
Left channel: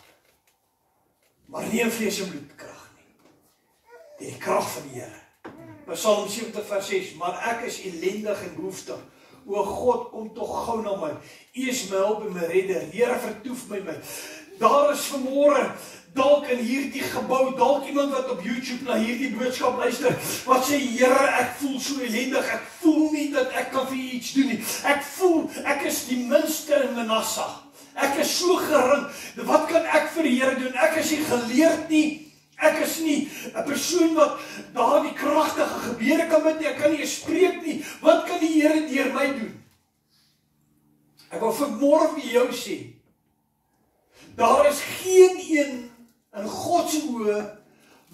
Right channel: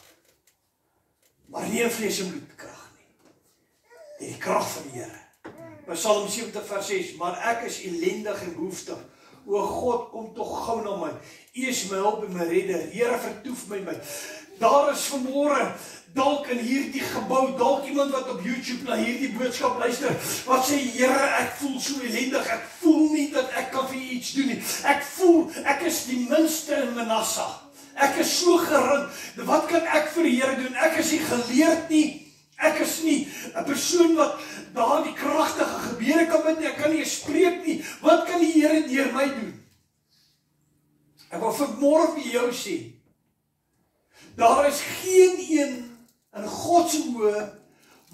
Maar nie in vlees en bloed krag nie. Die krag van die Here. Psalm 70 vers 6, maar ek is ellendig en behoeftig. O God, kom tog gou na my. U is my hulp en my redder. Here, vertoef my. Daar is vanmôre dalk in hierdie gebou, dalk iemand wat op YouTube na hierdie boodskap luister, wat sê, Here, ek voel so ellendig, ek voel nie dat ek kan vir u iets doen nie. Ek voel, ek is die minste in Manasseh. Ek is so gering. Wat kan ek vir die Here doen? Ek is nie geleerd nie. Ek is nie sien wat daar die kragtige gebeure kan met nie. Ek kan nie spreek nie. Wat kan die Here deur my doen? Ek wil vanmôre vir jou sê, daar is geen een in God se oë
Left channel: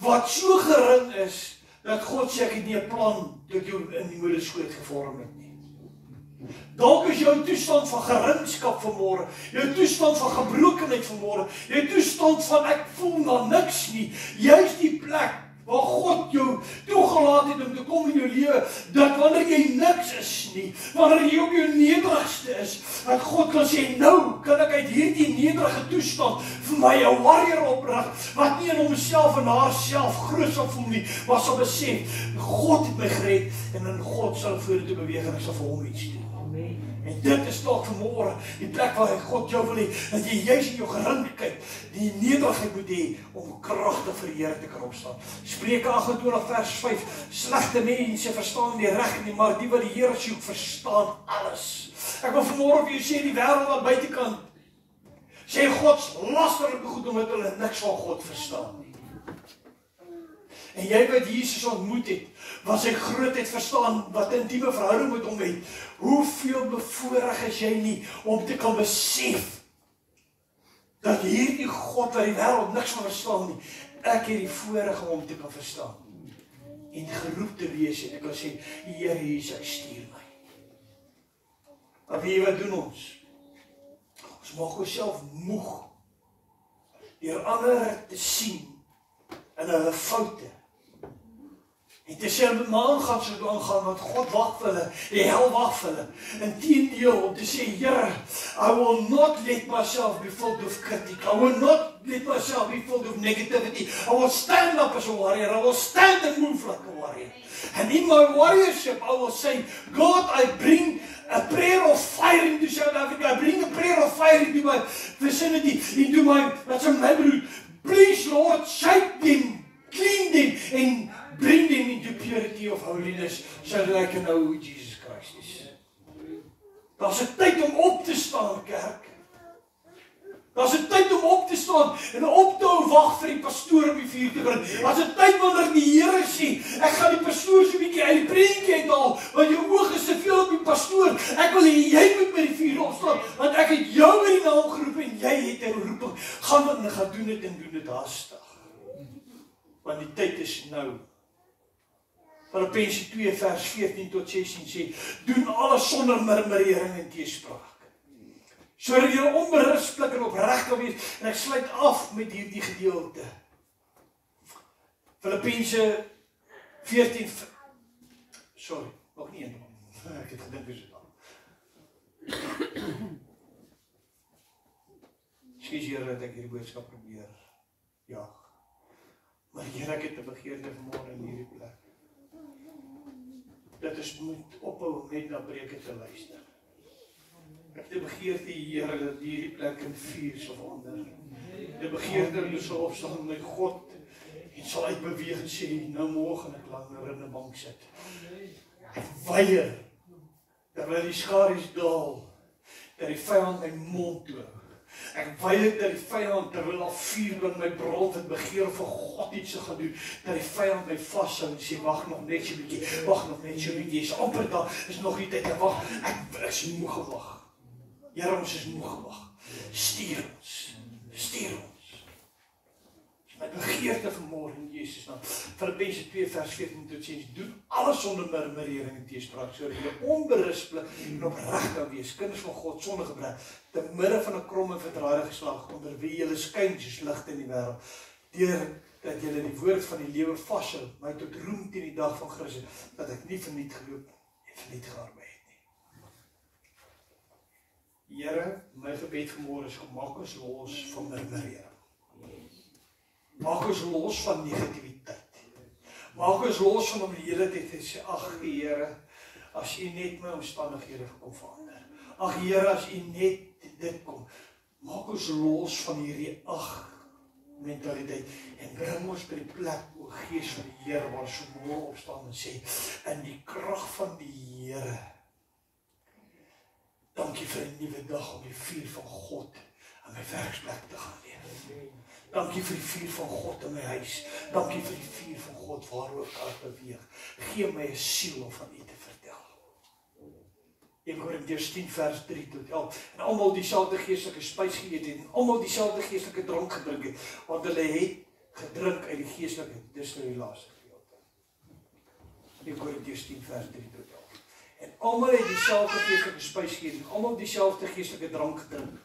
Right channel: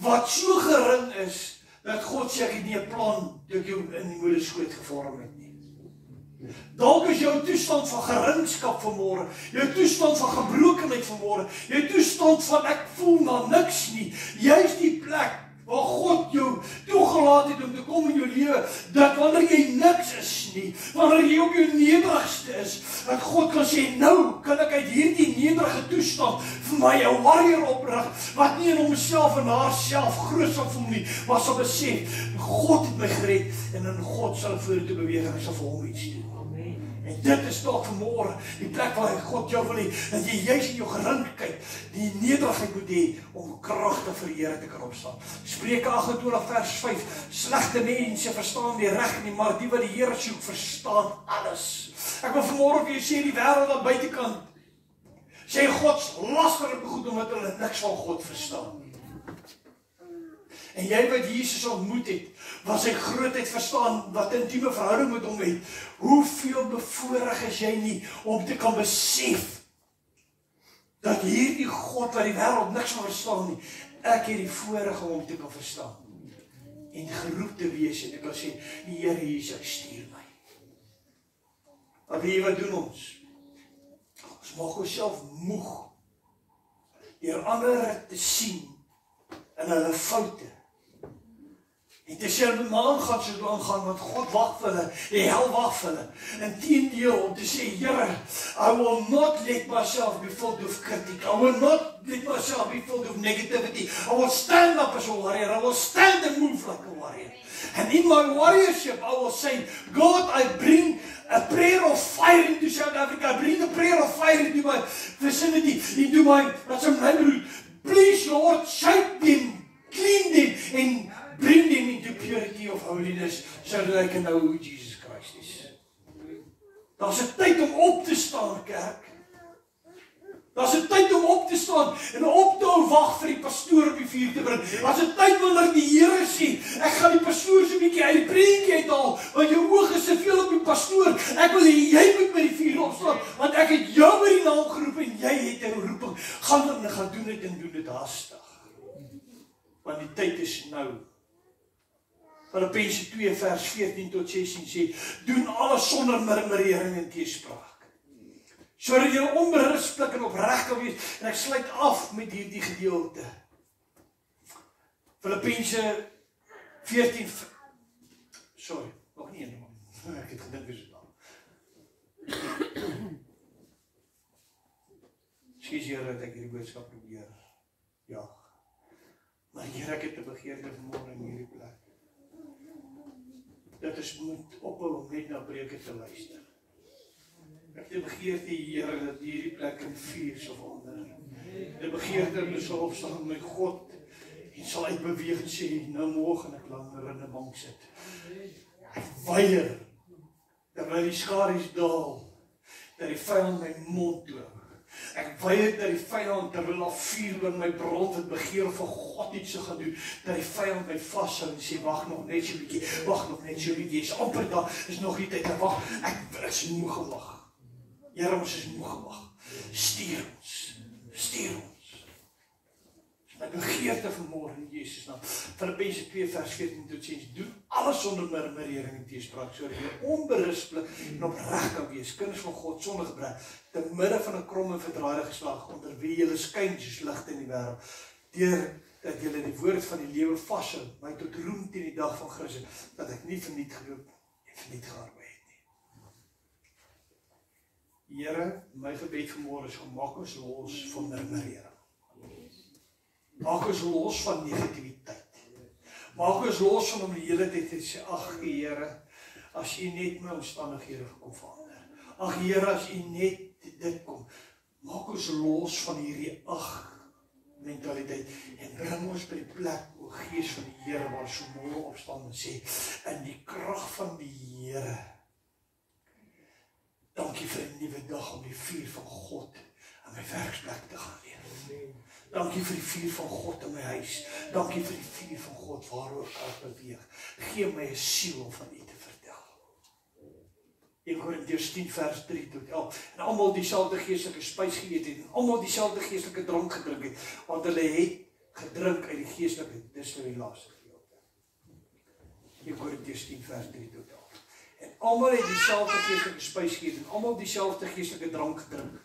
wat so gering is, dat God sê ek het nie 'n plan toe ek jou in die moederskoot gevorm het nie. Dalk is jou toestand van geringskap vanmôre, jou toestand van gebrokenheid vanmôre, jou toestand van ek voel na niks nie, juist die plek waar God jou toegelaat het om te kom in jou lewe, dat wanneer jy niks is nie, wanneer jy op jou nederigste is, dat God kan sê, nou kan ek uit hierdie nederige toestand vir my 'n warrior oprig, wat nie in homself en haarself groot sal voel nie, maar sal besef, God het my gered, en in God sal vorentoe beweeg en ek sal vir hom iets doen. En dit is dalk vanmôre die plek waar God jou wil hê, dat jy juis in jou gerinkheid die nederigheid moet hê om kragtig vir die Here te kan opstaan. Spreuke 28 vers 5, slegte mense verstaan nie reg nie, maar die wat die Here soek verstaan alles. Ek wil vanmôre vir jou sê, die wêreld aan buitekant sê Gods lasterlike goed omdat hulle niks van God verstaan nie. En jy wat Jesus ontmoet het, wat sy grootheid verstaan, wat intieme verhouding met hom het, hoeveel bevoorreg is jy nie om te kan besef dat hierdie God wat die wêreld niks van verstaan nie, ek het die voorreg om hom te kan verstaan en geroep te wees en te kan sê, Here Jesus, stuur my. Maar weet jy wat doen ons? Ons maak onsself moeg deur ander te sien in hulle foute. En te sê, maar gaan so aangaan, want God wag vir hulle, die hel wag vir hulle. Inteendeel, om te sê, Here, I will not let myself be filled with critic. I will not let myself be filled with negativity. I will stand up as a warrior. I will stand and move like a warrior. And in my warriorship, I will say, God, I bring a prayer of fire into South Africa. I bring a prayer of fire into my vicinity, into my, that's a neighborhood. Please, Lord, shape them, clean them, and bring them into purity of holiness, so that I can know who Jesus Christ is. Daar's 'n tyd om op te staan, kerk. Daar's 'n tyd om op te staan en op te hou wag vir die pastoor om die vuur te bring. Daar's 'n tyd wanneer die Here sê, ek gaan die pastoor so 'n bietjie uit die prentjie uithaal, want jou oog is soveel op die pastoor. Ek wil hê jy moet by die vuur opstaan, want ek het jou by die naam geroep en jy het 'n roeping. Gaan doen dit en doen dit haastig. Want die tyd is nou. Filippense 2 vers 14 tot 16 sê, doen alles sonder murmurering en teespraak, sodat jy onberispelik en opreg kan wees. En ek sluit af met hierdie gedeelte. Filippense 14, sorry, nog nie een man. Ek het gedink is dit al. Skus Here dat ek hierdie boodskap probeer jaag. Maar Here, ek het 'n begeerte vanmôre in hierdie plek. Dat ons moet ophou om net na preke te luister. Ek het 'n begeerte, Here, dat hierdie plek in vuur sal verander. 'n Begeerte om so opstaan met God en sal uitbeweeg en sê, nou môre gaan ek langer in 'n bank sit. Ek weier terwyl die skadu's daal, dat die vyand my mond toe. Ek weier dat die vyand terwyl daar vuur binne my brand het begeer vir God iets te gaan doen, dat die vyand my vashou en sê, wag nog net so 'n bietjie, wag nog net so 'n bietjie, is amper daar, is nog nie tyd, wag, ek is moeg gewag. Here, ons is moeg gewag. Stuur ons, stuur ons. My begeerte vanmôre in Jesus naam. Filippense 2 vers 14 tot 16, doen alles sonder murmurering en teespraak, sodat jy onberispelik en opreg kan wees, kinders van God sonder gebrek, te midde van 'n krom en verdraaide geslag, onder wie julle skyn soos ligte in die wêreld, deur dat julle die woord van die lewe vashou, my tot roem teen die dag van Christus, dat ek nie verniet geloop en verniet gearbei het nie. Here, my gebed vanmôre is, maak ons los van murmurering. Maak ons los van negativiteit. Maak ons los van om die hele tyd te sê, ag Here, as U net my omstandighede kom verander. Ag Here, as U net dit kom. Maak ons los van hierdie mentaliteit en bring ons by die plek, o Gees van die Here, waar so môre opstaan en sê, in die krag van die Here, dankie vir 'n nuwe dag om die vuur van God aan my werksplek te gaan leef. Dankie vir die vuur van God in my huis. Dankie vir die vuur van God waaroor ek kan beweeg. Gee my 'n siel om van U te vertel. 1 Korintiërs 10 vers 3 tot 11. En almal dieselfde geestelike spys geëet het en almal dieselfde geestelike drank gedrink het, want hulle het gedrink uit die geestelike, dis nou die laaste gedeelte. 1 Korintiërs 10 vers 3 tot 11. En almal het dieselfde geestelike spys geëet en almal dieselfde geestelike drank gedrink.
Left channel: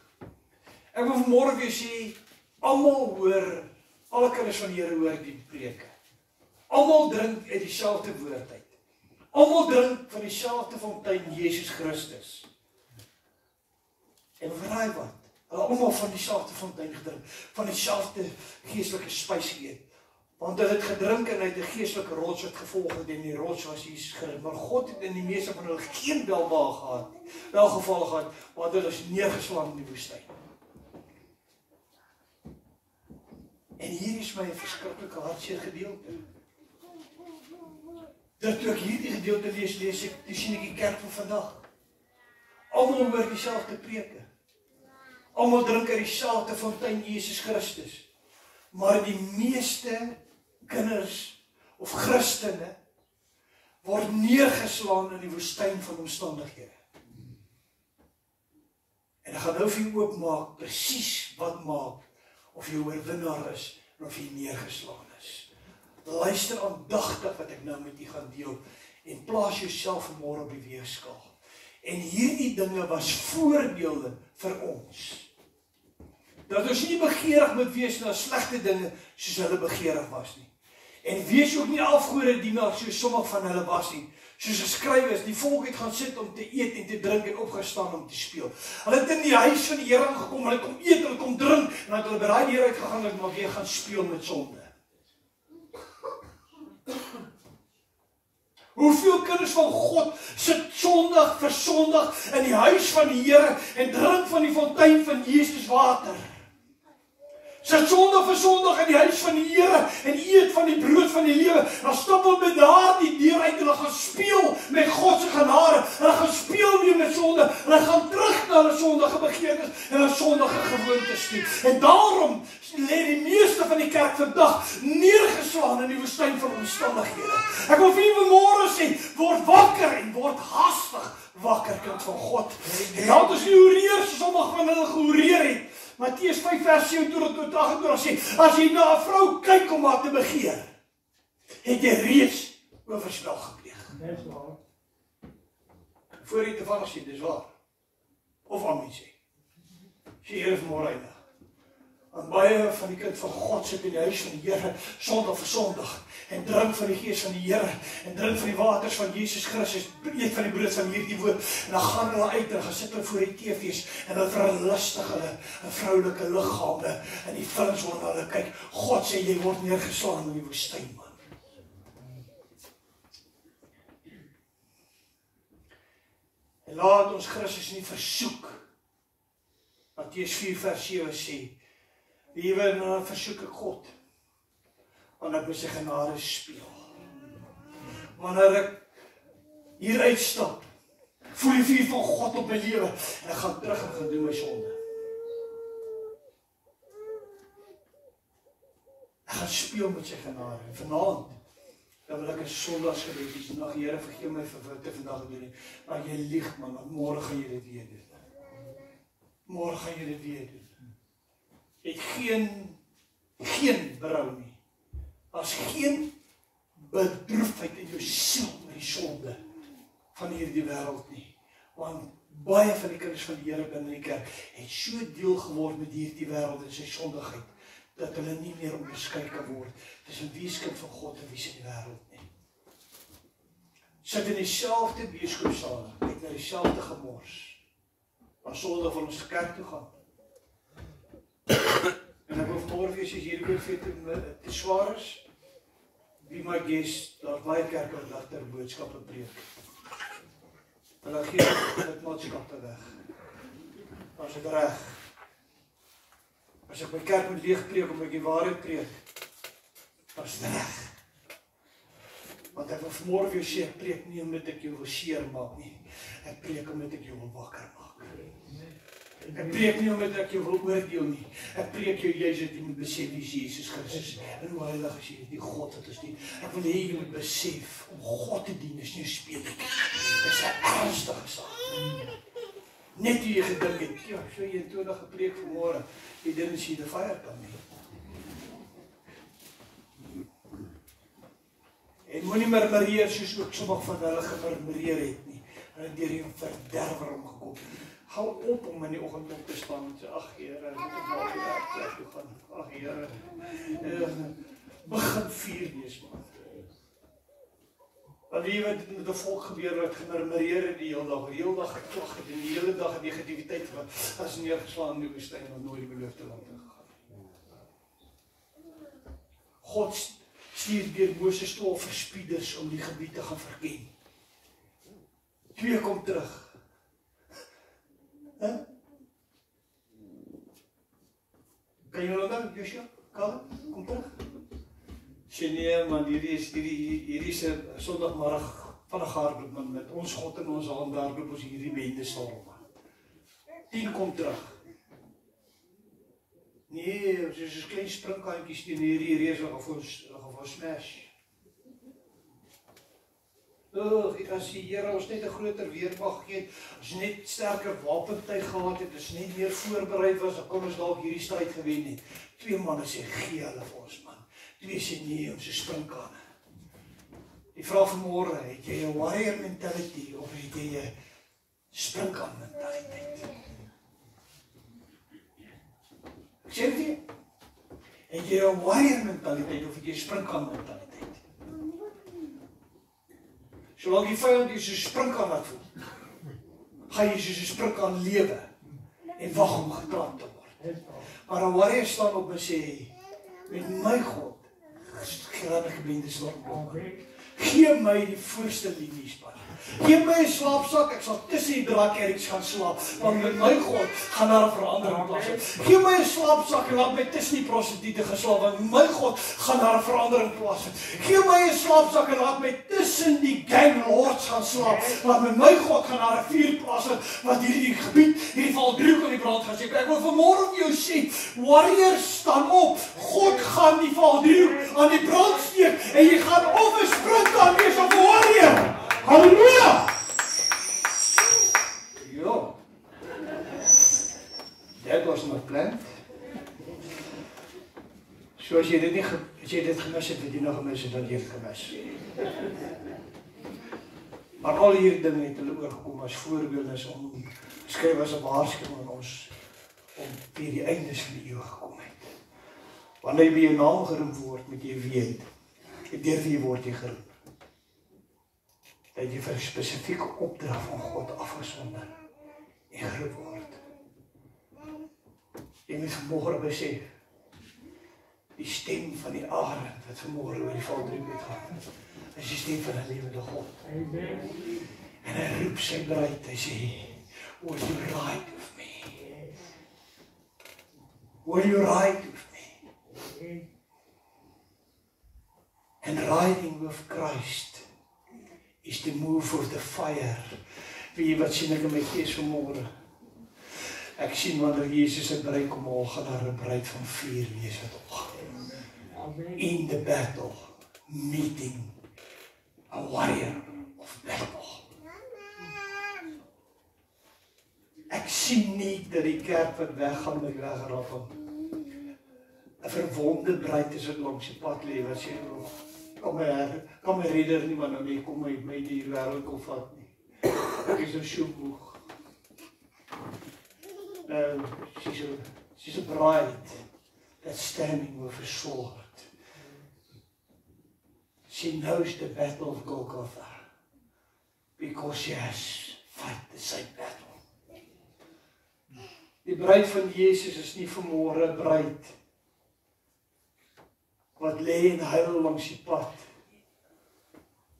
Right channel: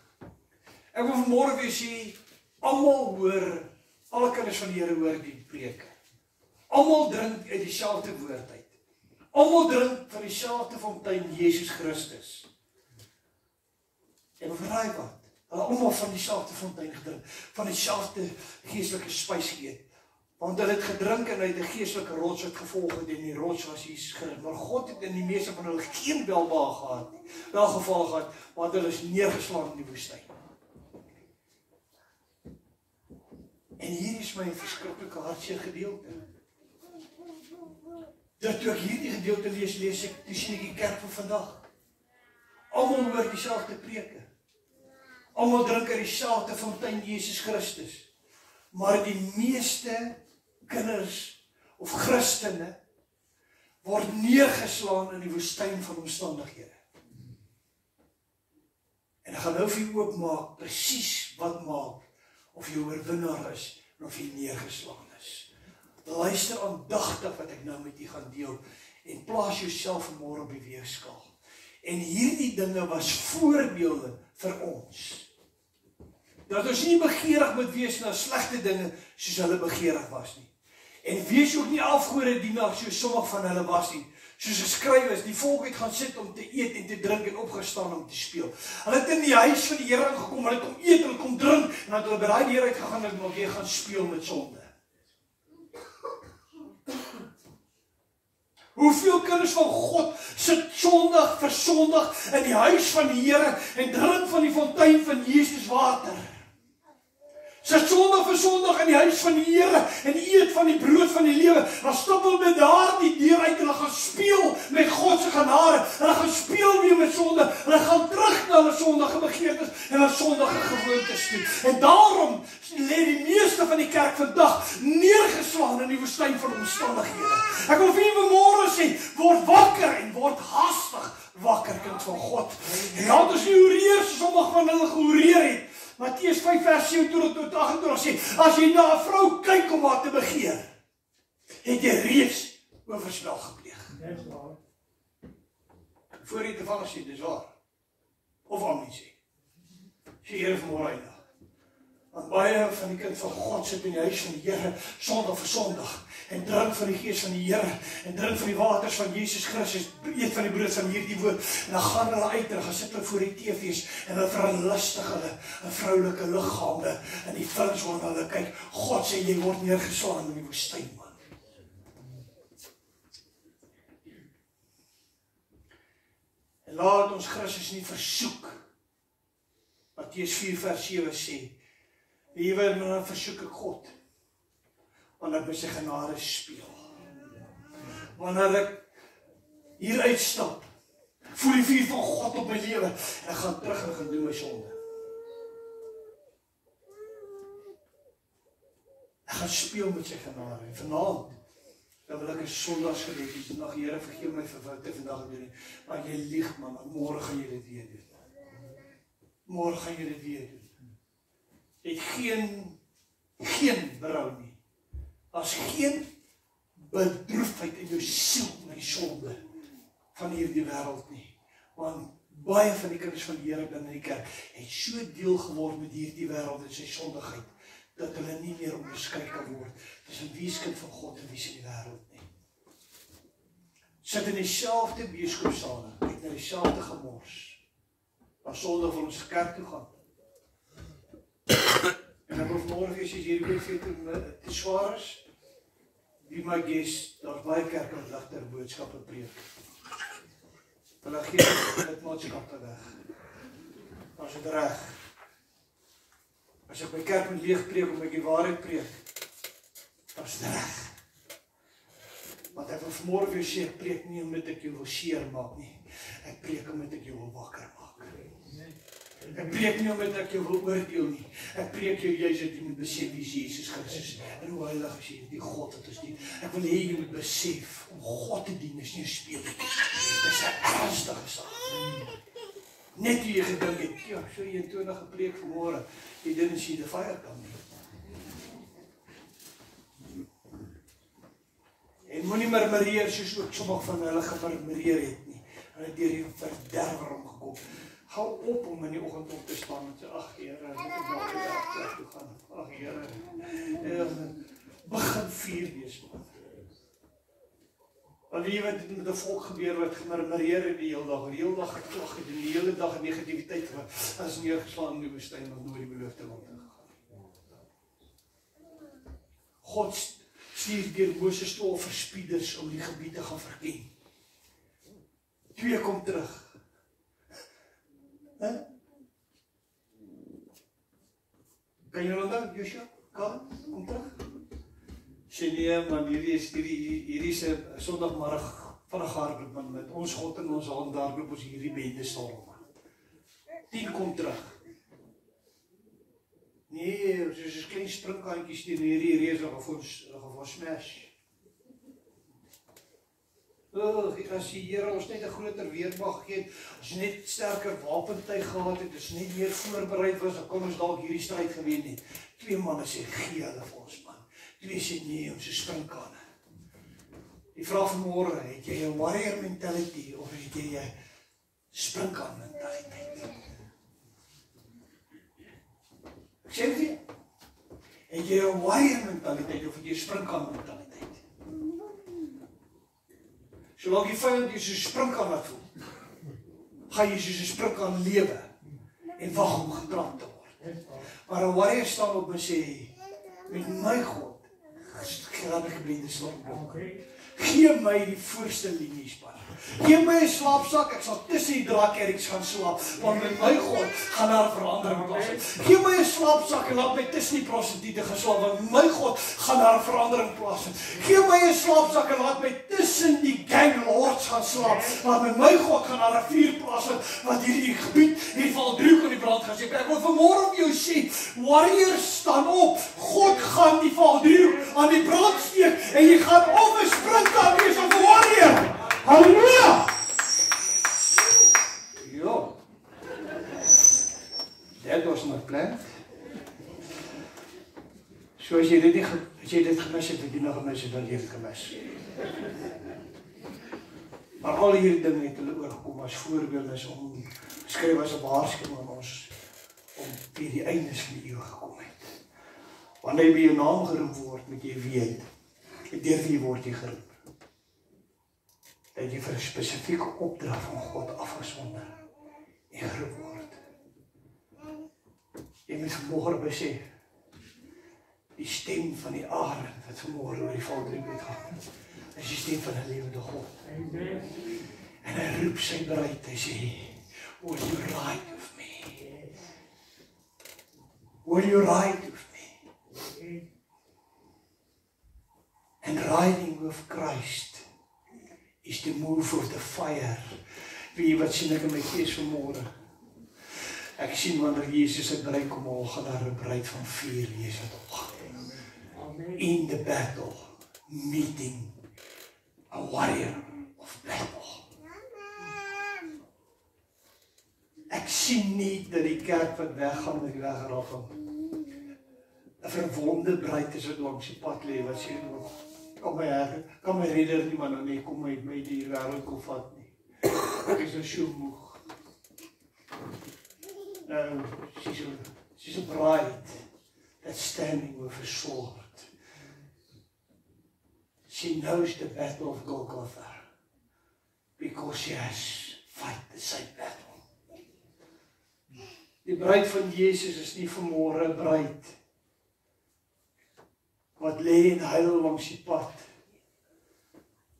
Ek wil vanmôre weer sê, almal hoor, alle kinders van die Here hoor die preke. Almal drink uit dieselfde woord uit. Almal drink van dieselfde fontein, Jesus Christus. En verraai wat? Hulle almal van dieselfde fontein gedrink, van dieselfde geestelike spys geëet. Want hulle het gedrink en uit 'n geestelike rots het gevolg het en die rots was Jesus Christus. Maar God het in die meeste van hulle geen welbehaag gehad nie. Welgeval gehad, want hulle is neergeslaan in die woestyn. En hier is my verskriklike hartseer gedeelte. Dat toe ek hierdie gedeelte lees ek, toe sien ek die kerk van vandag. Almal hoor dieselfde preke. Almal drink uit dieselfde fontein, Jesus Christus. Maar die meeste kinders of Christene word neergeslaan in die woestyn van omstandighede. En ek gaan nou vir jou oopmaak presies wat maak of jy oorwinnaar is en of jy neergeslaan is. Luister aandagtig wat ek nou met u gaan deel en plaas jouself vanmôre op die weegskaal. En hierdie dinge was voorbeelde vir ons. Dat ons nie begeerig moet wees na slegte dinge soos hulle begeerig was nie. En wees ook nie afgode dienaars soos sommige van hulle was nie. Soos geskryf is, die volk het gaan sit om te eet en te drink en opgestaan om te speel. Hulle het in die huis van die Here aangekom, hulle kom eet, hulle kom drink en dan het hulle by daai deur uitgegaan en maar weer gaan speel met sonde. Hoeveel kinders van God sit sondig vir sondig in die huis van die Here en drink van die fontein van Jesus water. Sit sondig vir sondig in die huis van die Here en eet van die brood van die lewe. Dan stap hulle met daardie deur uit, hulle gaan speel met God se genade. Hulle gaan speel weer met sonde. Hulle gaan terug na hulle sondige begeertes en hulle sondige gewoontes toe. En daarom lê die meeste van die kerk vandag neergeslaan in die woestyn van omstandighede. Ek wil vir julle vanmôre sê, word wakker en word haastig wakker, kind van God. En laat ons nie hoereer soos sommige van hulle gehoereer het. Matteus 5 vers 27 tot 28 sê, as jy na 'n vrou kyk om haar te begeer, het jy reeds oorspel gepleeg. Dis waar. Voor jy te val sê, dis waar. Of amen sê. Sê Here vanmôre eindig. Want baie van die kind van God sit in die huis van die Here sondag vir sondag en drink van die gees van die Here en drink van die waters van Jesus Christus, eet van die brood van hierdie woord en dan gaan hulle uit en gaan sit hulle voor die TV's en hulle verlustig hulle 'n vroulike liggame en die films waarna hulle kyk. God sê jy word neergeslaan in die woestyn, man. En laat ons Christus nie versoek. Matteus 4 vers 7 sê, liewe, dan versoek ek God, want ek met sy genade speel. Wanneer ek hier uitstap, voel die vuur van God op my lewe, en ek gaan terug en gaan doen my sonde. Ek gaan speel met sy genade, en vanaand, dan wil ek 'n sondagsgebed is, nog Here vergeef my vir wat ek vandag gedoen het, maar jy lieg man, môre gaan jy dit weer doen. Môre gaan jy dit weer doen. Het geen berou nie. As geen bedroefdheid in jou siel oor die sonde van hierdie wêreld nie. Want baie van die kinders van die Here binne die kerk het so deel geword met hierdie wêreld en sy sondigheid, dat hulle nie meer onderskei kan word tussen wie is kind van God en wie is in die wêreld nie. Sit in dieselfde beskoopsale, kyk na dieselfde gemors. As sonde van ons kerk toe gaan. En ek wil vanmôre wees, as hierdie woord te swaar is, be my guest, daar's baie kerke wat ligter boodskappe preek. Hulle gee dit maatskappe weg. As dit reg. As ek my kerk moet leeg preek om ek die waarheid preek, dan is dit reg. Want ek wil vanmôre weer sê, ek preek nie omdat ek jou wil seer maak nie. Ek preek omdat ek jou wil wakker maak. Ek preek nie omdat ek jou wil oordeel nie. Ek preek jou juist dat jy moet besef wie Jesus Christus en hoe heilig is jy, die God wat ons dien. Ek wil hê jy moet besef, om God te dien is nie 'n speletjie. Dis 'n ernstige saak. Net wie jy gedink het, ja, ek sou 21 gepreek vanmôre, jy didn't see the fire coming. En moenie murmureer soos ook sommige van hulle gemurmureer het nie. Hulle het deur die verderwer omgekom. Hou op om in die oggend op te staan en sê, ag Here, ek moet werk toe gaan. Ag Here, begin vier wees man. Want jy weet met 'n volk gebeur wat gemurmureer het die hele dag geklag het en die hele dag negativiteit as neergeslaan in die woestyn om nooit die beloofde land in gegaan. God stuur deur Moses 12 verspieders om die gebied te gaan verken. 2 kom terug. Kan jy onthou, Joshua? Kom terug. Sê nee, man, hierdie is 'n Sondagmiddag van 'n hardloop met ons God en ons hand daar loop ons hierdie bende storm. 10 kom terug. Nee, soos 'n klein springkantjies teen hierdie reus wat gaan ons smash. As die Here ons net 'n groter weermag gee, as net sterker wapentuig gehad het, as net meer voorbereid was, dan kon ons dalk hierdie stryd gewen het. 2 manne sê gee hulle vir ons man. 2 sê nee, ons is sprinkane. Die vraag vanmôre, het jy 'n warrior mentality of het jy 'n sprinkaan mentaliteit? Ek sê dit, het jy 'n warrior mentaliteit of het jy 'n sprinkaan mentaliteit? Solank die vyand jy soos 'n sprinkaan laat voel, gaan jy soos 'n sprinkaan lewe en wag om getrap te word. Maar 'n warrior staan op en sê, met my God, gaan ek blinde storm. Gee my die voorste liniespan. Gee my 'n slaapsak, ek sal tussen die draakeriks gaan slaap, want met my God gaan daar 'n verandering plaasvind. Gee my 'n slaapsak en laat my tussen die prostituie geslaap, want met my God gaan daar 'n verandering plaasvind. Gee my 'n slaapsak en laat my tussen die gang lords gaan slaap, want met my God gaan daar 'n vuur plaasvind, wat hierdie gebied, hierdie valdriehoek aan die brand gaan steek. Ek wil vanmôre op jou sê, warriors staan op, God gaan die valdriehoek aan die brand steek, en jy gaan of 'n sprinkaan wees of 'n warrior. Halleluja! Ja. That was not planned. So as jy dit gemis het, het jy nog gemis het, dan jy het gemis. Maar al hierdie dinge het hulle oorgekom as voorbeelde om skryf as 'n waarskuwing aan ons om vir die eindes van die eeu gekom het. Wanneer jy by jou naam geroep word, moet jy weet, deur wie word jy geroep? Dat jy vir 'n spesifieke opdrag van God afgesonder en geroep word. Jy moet vanmôre besef, die stem van die arend wat vanmôre oor die valdriehoek gaan, is die stem van 'n lewende God. En hy roep sy bruid, hy sê, will you ride with me? Will you ride with me? And riding with Christ is the move of the fire. Weet jy wat sien ek in my gees vanmôre? Ek sien wanneer Jesus se bruid kom haal, gaan daar 'n bruid van vuur wees wat opgaan. In the battle, meeting a warrior of battle. Ek sien nie dat die kerk wat weggaan met wegraap. 'n verwonde bruid is wat langs die pad lê wat sê, kom my redder nie, maar nou nie, kom my die wêreld kom vat nie. Ek is so moeg. She's a bride that's standing with a sword. She knows the battle of Golgotha because she has fight the same battle. Die bruid van Jesus is nie vanmôre 'n bruid wat lê en huil langs die pad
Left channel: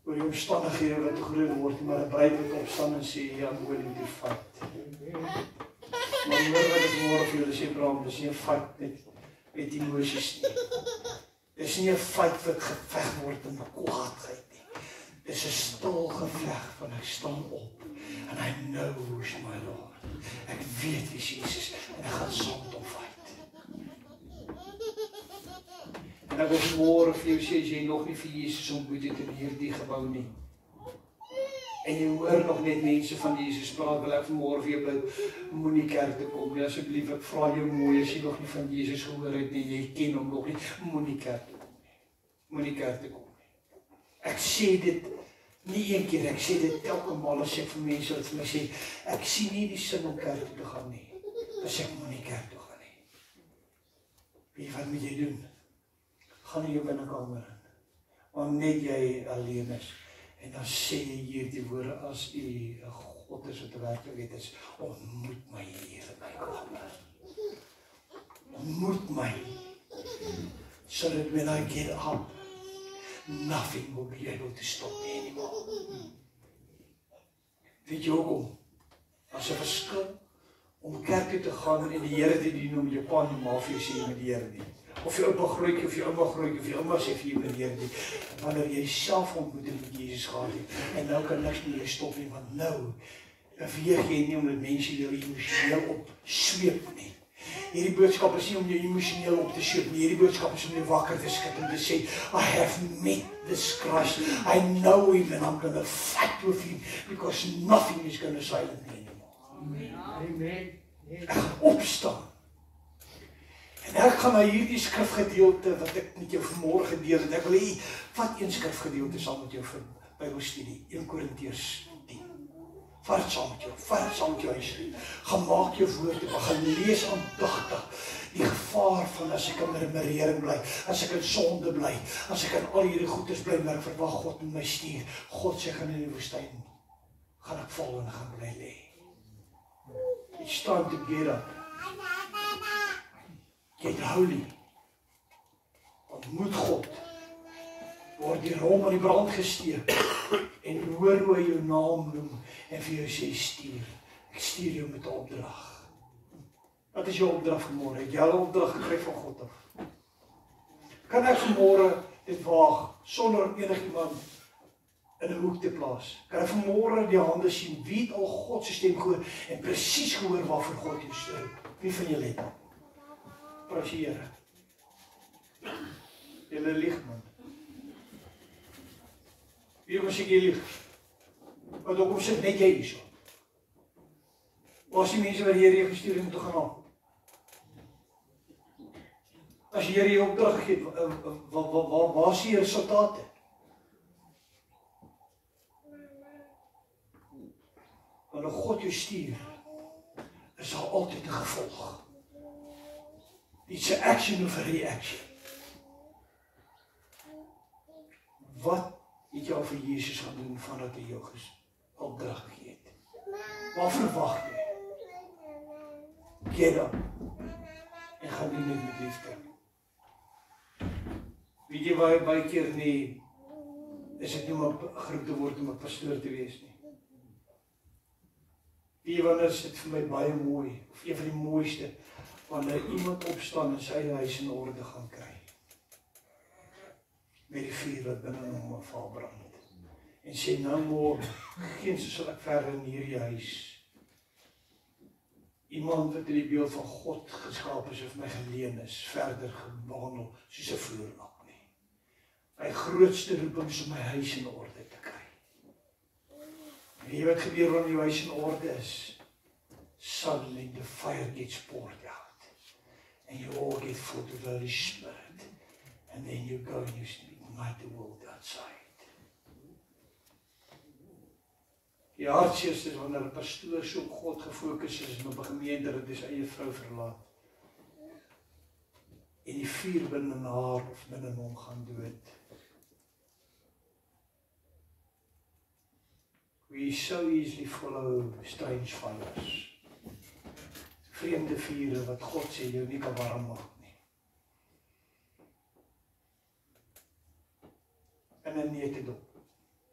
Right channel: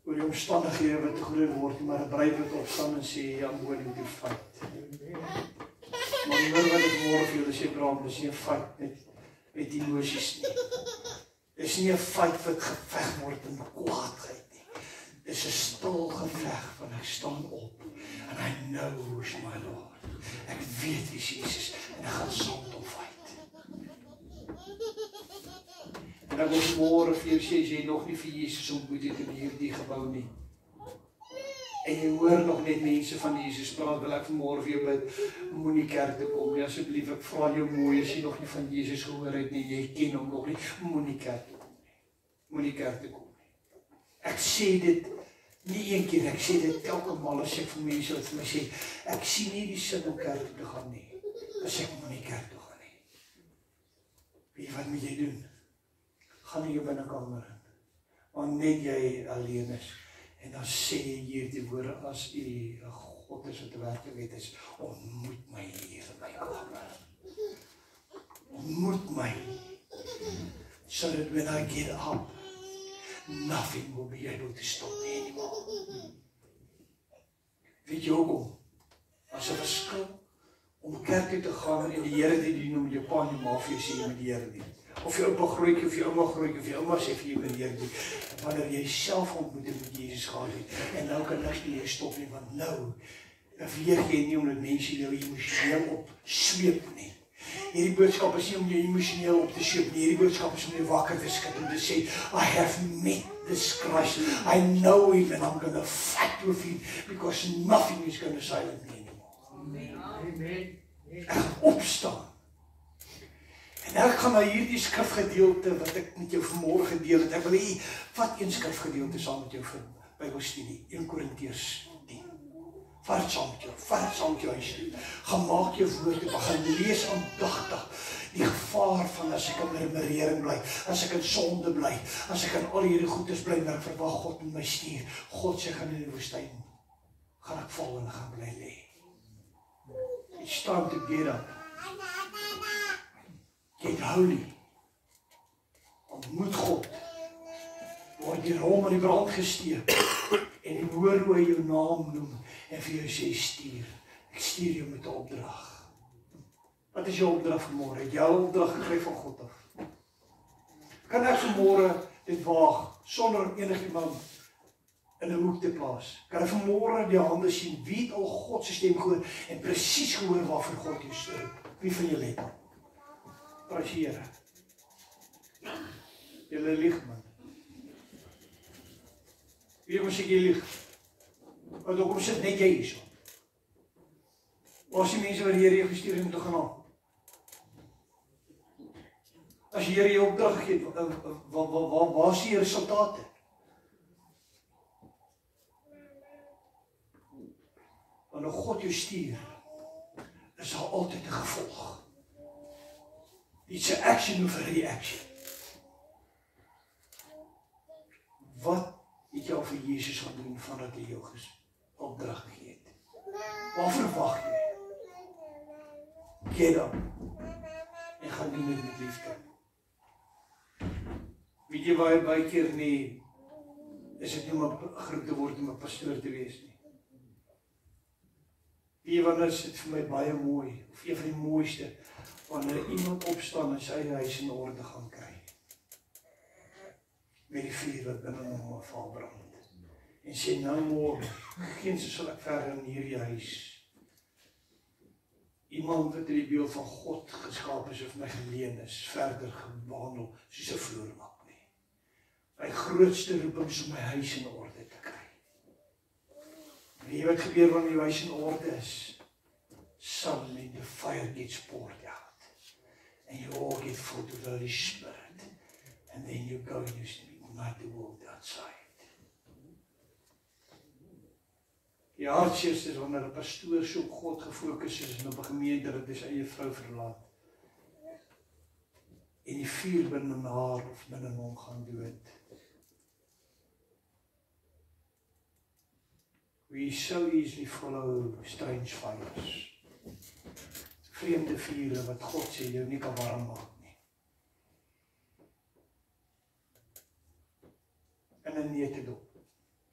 oor die omstandighede wat groot word, maar 'n bruid wat opstaan en sê, I'm willing to fight. Maar hoor wat ek môre vir julle sê, Bram, dis nie 'n fight met emosies nie. Dis nie 'n fight wat geveg word in kwaadheid nie. Dis 'n stil geveg van ek staan op and I know who's my Lord. Ek weet wie Jesus en ek gaan saam met hom fight. En ek wil môre vir jou sê, as jy nog nie vir Jesus ontmoet het in hierdie gebou nie, en jy hoor nog net mense van Jesus praat, wil ek vanmôre vir jou bid, moenie kerk toe kom nie, asseblief, ek vra jou mooi, as jy nog nie van Jesus gehoor het nie, jy ken hom nog nie, moenie kerk toe kom nie. Moenie kerk toe kom nie. Ek sê dit nie een keer, ek sê dit elke maal as ek vir mense wat vir my sê, ek sien nie die sin om kerk toe te gaan nie, as ek moenie kerk toe gaan nie. Weet wat moet jy doen? Gaan in jou binnekamer in, want net jy alleen is, en dan sê jy hier die woorde, as u 'n God is wat werklik is, ontmoet my hier in my kamer. Ontmoet my, so that when I get up, nothing will be able to stop me anymore. Weet jy hoekom? As 'n verskil om kerk toe te gaan en die Here te dien om jou pa en ma vir jou sê met die Here nie. Of jou oupa grootjie, of jou ouma grootjie, of jou ouma sê vir jou met die Here nie. Wanneer jy self ontmoeting met Jesus gehad het, en nou kan niks nie stop nie, want nou beweeg jy nie omdat mense jou emosioneel op sweep nie. Hierdie boodskap is nie om jou emosioneel op te sweep nie, hierdie boodskap is om jou wakker te skik en te sê, I have met this Christ, I know him and I'm going to fight with him, because nothing is going to silence me anymore. Amen. Ek gaan opstaan. En ek gaan na hierdie skrifgedeelte wat ek met jou vanmôre gedeel het. Ek wil hê, vat een skrifgedeelte saam met jou vir Bybelstudie, 1 Korintiërs 10. Vat het saam met jou huis. Gaan maak jou woorde, gaan lees aandagtig. Die gevaar van as ek in murmurering bly, as ek in sonde bly, as ek in al hierdie goeders bly, maar ek verwag God met my stuur. God sê, gaan in die woestyn, gaan ek val en gaan bly lê. It's time to get up. Get holy. Ontmoet God. Word die rom in die brand gesteek. En hoor hoe hy jou naam noem. En vir jou sê, stuur. Ek stuur jou met 'n opdrag. Wat is jou opdrag vanmôre? Het jy 'n opdrag gekry van God af? Kan ek vanmôre dit waag, sonder enigiemand in 'n hoek te plaas? Kan ek vanmôre die hande sien, wie het al God se stem gehoor, en presies gehoor waarvoor God jou stuur? Wie van julle het? Prys die Here. Julle lieg, man. Wie moet ek lieg? Want hoekom sit net jy hierso? Waar is die mense wat die Here jou gestuur het om te gaan haal? As die Here jou opdrag gegee het, waar is die resultate? Wanneer God jou stuur, is daar altyd 'n gevolg. It's an action of a reaction. Wat het jy al vir Jesus gaan doen vandat hy jou opdrag gegee het? Wat verwag jy? Get up. En gaan doen dit met liefde. Weet jy waar baie keer nie, is dit nie om 'n groep te word om 'n pastoor te wees nie. Wie wanneer is dit vir my baie mooi, of een van die mooiste, wanneer iemand opstaan en sy eie huis in orde gaan kry. Met die vuur wat binne hom val brand. En sê, nou môre, geen sal ek verder in hierdie huis. Iemand wat in die beeld van God geskaap is, of my geleen is, verder behandel, soos 'n vloerlap nie. My grootste roeping is om my huis in orde te kry. En weet wat gebeur wanneer jou huis in orde is? Suddenly the fire gets poured out. And you all get full of the Holy Spirit. And then you go and you ignite the world outside. Die hartseerste is wanneer 'n pastoor so op God gefokus is en op 'n gemeente dat hy sy eie vrou verlaat. En die vuur binne haar of binne hom gaan dood. We so easily follow strange fires. Vreemde vure wat God sê jou nie kan warm maak nie. In 'n neutedop.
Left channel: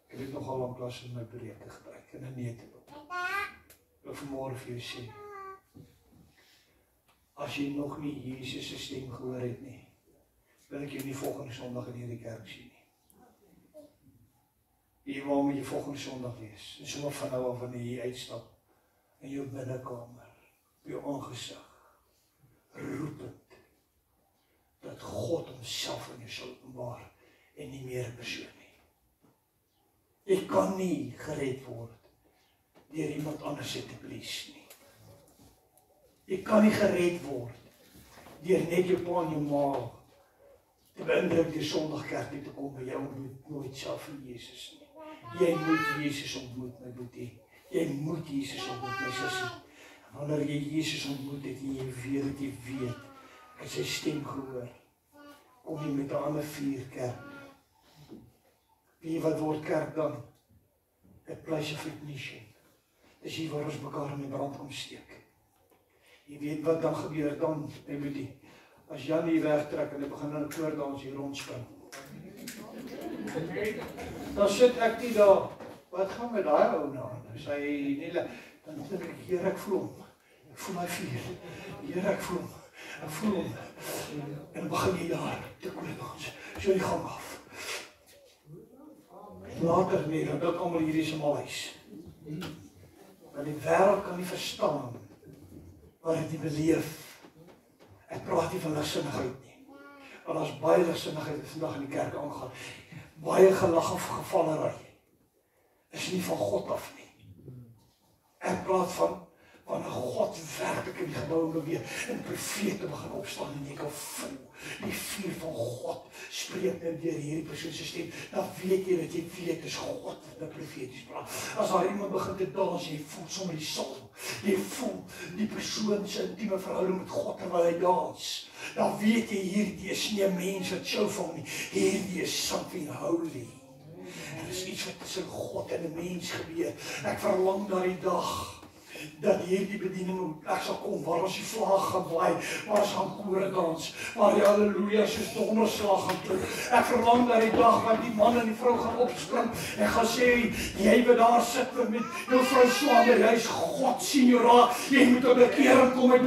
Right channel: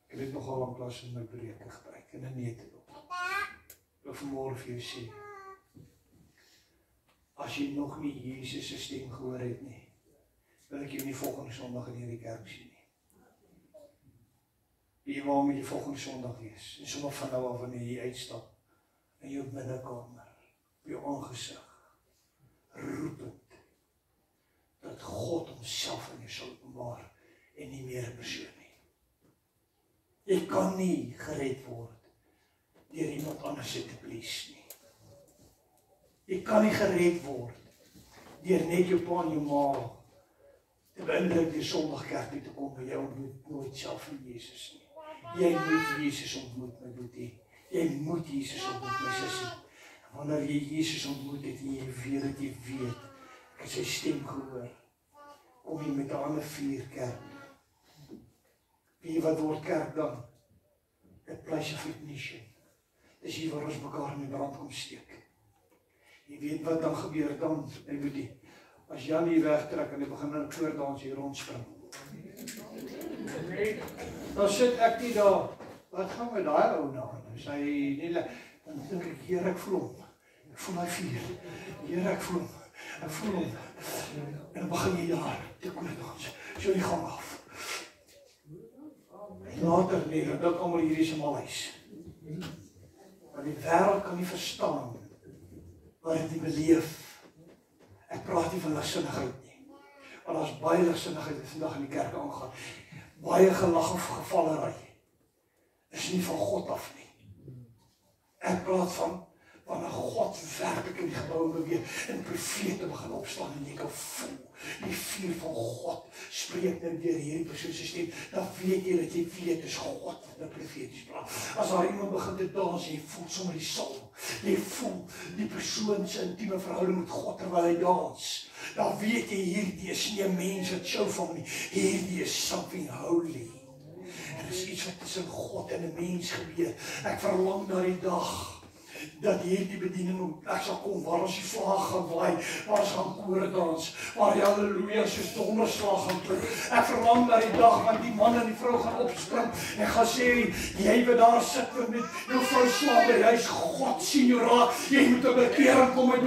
Ek het dit nogal lanklaas in my preke gebruik, in 'n neutedop. Ek wil vanmôre vir jou sê, as jy nog nie Jesus se stem gehoor het nie, wil ek jou nie volgende Sondag in hierdie kerk sien nie. Jy wil met jy volgende Sondag wees, en sommer van nou af wanneer jy uitstap, in jou binnekamer, op jou aangesig, roepend, dat God homself in jou sal openbaar, en nie meer 'n persoon nie. Jy kan nie gered word, deur iemand anders te please nie. Jy kan nie gered word, deur net jou pa en jou ma, te beïndruk deur Sondagkerk toe te kom, by jou ontmoet nooit self in Jesus nie. Jy moet Jesus ontmoet, my boetie. Jy moet Jesus ontmoet, my sussie. Wanneer jy Jesus ontmoet het, en jy weet, ek het sy stem gehoor, kom jy met 'n ander vuur kerk. Wie wat word kerk dan? A place of ignition. Dis hier waar ons mekaar in die brand kom steek. Jy weet wat dan gebeur dan, my boetie. As Jan hier wegtrek en hy begin dan koordans hier rondspring. Dan sit ek nie daar, wat gaan met daai ou na? Dan dink ek, Here, ek voel hom. Ek voel my vuur. Here, ek voel hom. En dan begin jy daar te koordans. So die gang af. Later nie, dat ook allemaal hier is allemaal huis. Want die wêreld kan nie verstaan wat ek nie beleef. Ek praat nie van ligsinnigheid nie. Want daar is baie ligsinnigheid wat vandag in die kerk aangaan. Baie gelag of gevallery. Is nie van God af nie. Ek praat van wanneer God werklik in die gebou beweeg en profete begin opstaan en jy kan voel die vuur van God spreek nou deur hierdie persoon se stem, dan weet jy dat jy weet dis God wat profeties praat. As daar iemand begin te dans, jy voel sommer die psalm, jy voel die persoon se intieme verhouding met God terwyl hy dans, dan weet jy hierdie is nie 'n mens wat show van nie, hierdie is something holy. En dit is iets wat tussen God en 'n mens gebeur. Ek verlang na die dag dat hierdie bediening ek sal kom, waar ons die vlag gaan waai, waar ons gaan kore dans, waar die halleluja soos donderslag gaan klink. Ek verlang na die dag wat die man en die vrou gaan opspring en gaan sê, jy wat daar sit met jou vrou swanger, hy is God sien jou raak, jy moet op bekering kom, jy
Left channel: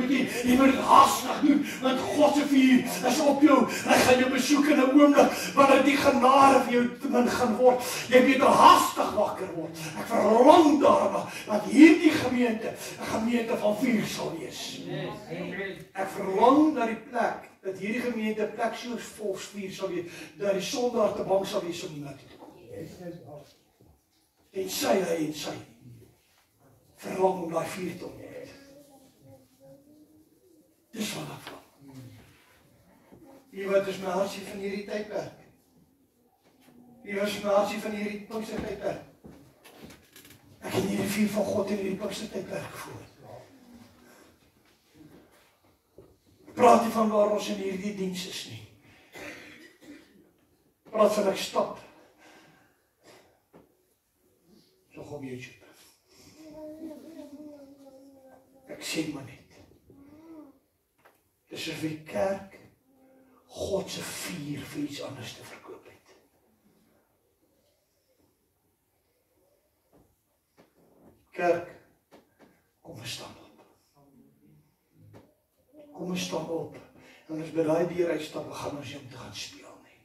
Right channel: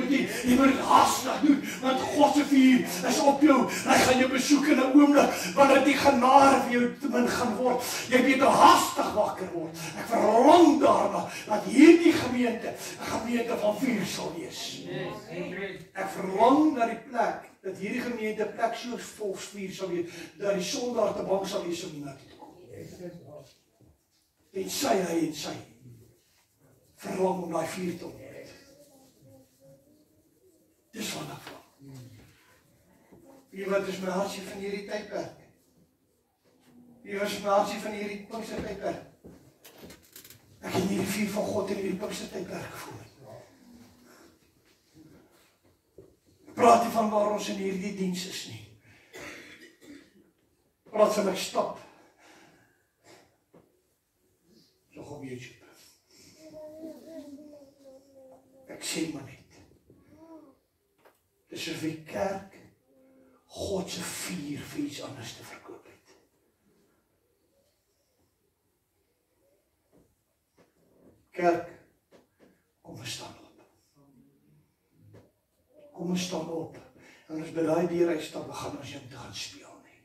moet dit haastig doen, want God se vuur is op jou, hy gaan jou besoek in 'n oomblik, wanneer die genade vir jou te min gaan word, jy weet haastig wakker word. Ek verlang daarna, dat hierdie gemeente 'n gemeente van vuur sal wees. Ek verlang na die plek, dat hierdie gemeente 'n plek soos vol vuur sal wees, dat die son daar te bang sal wees om iemand toe te kom. En sy verlang om daai vuur te ontmoet. Dis wat ek verlang. Wie wat is my hartjie van hierdie tydperk? Wie was my hartjie van hierdie Pinkstertydperk? Ek het nie die vuur van God in hierdie Pinkstertydperk gevoel. Praat nie van waar ons in hierdie diens is nie. Praat van ek stap. So op YouTube. Ek sê maar net. Dis of die kerk God se vuur vir iets anders te verkoop het. Kerk, kom ons staan op. Kom ons staan op. En ons by daai deur uitstap, gaan ons nie om te gaan speel nie.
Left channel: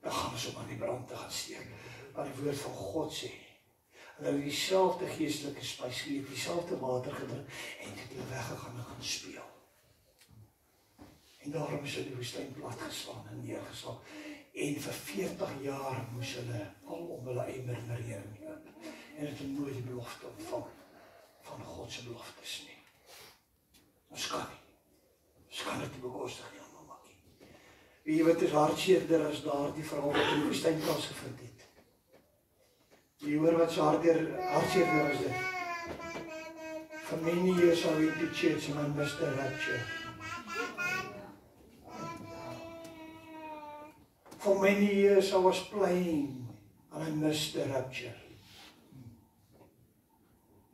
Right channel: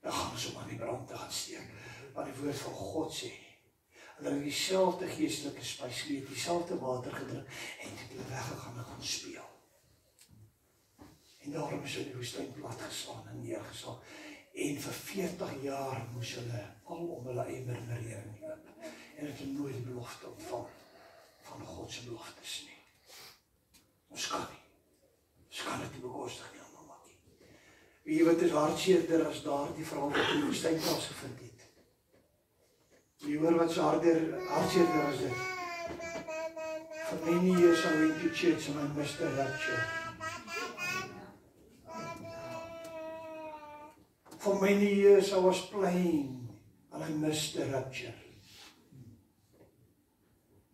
Dan gaan ons om aan die brand te gaan steek. Wat die woord van God sê. Hulle het dieselfde geestelike spys geëet, dieselfde water gedrink, en het hulle weggegaan en gaan speel. En daarom is hulle die woestyn platgeslaan en neergeslaan. En vir 40 jaar moes hulle al om hulle eie murmurering loop. En het nooit die belofte ontvang van God se beloftes nie. Ons kan nie. Ons kan dit nie bekostig nie, mamma. Weet jy wat is hartseerder as daardie verhaal wat in die woestyn plaasgevind het? Jy hoor wat so hartseerder as dit. For many years I went to church and I missed the rapture. For many years I was playing and I missed the rapture.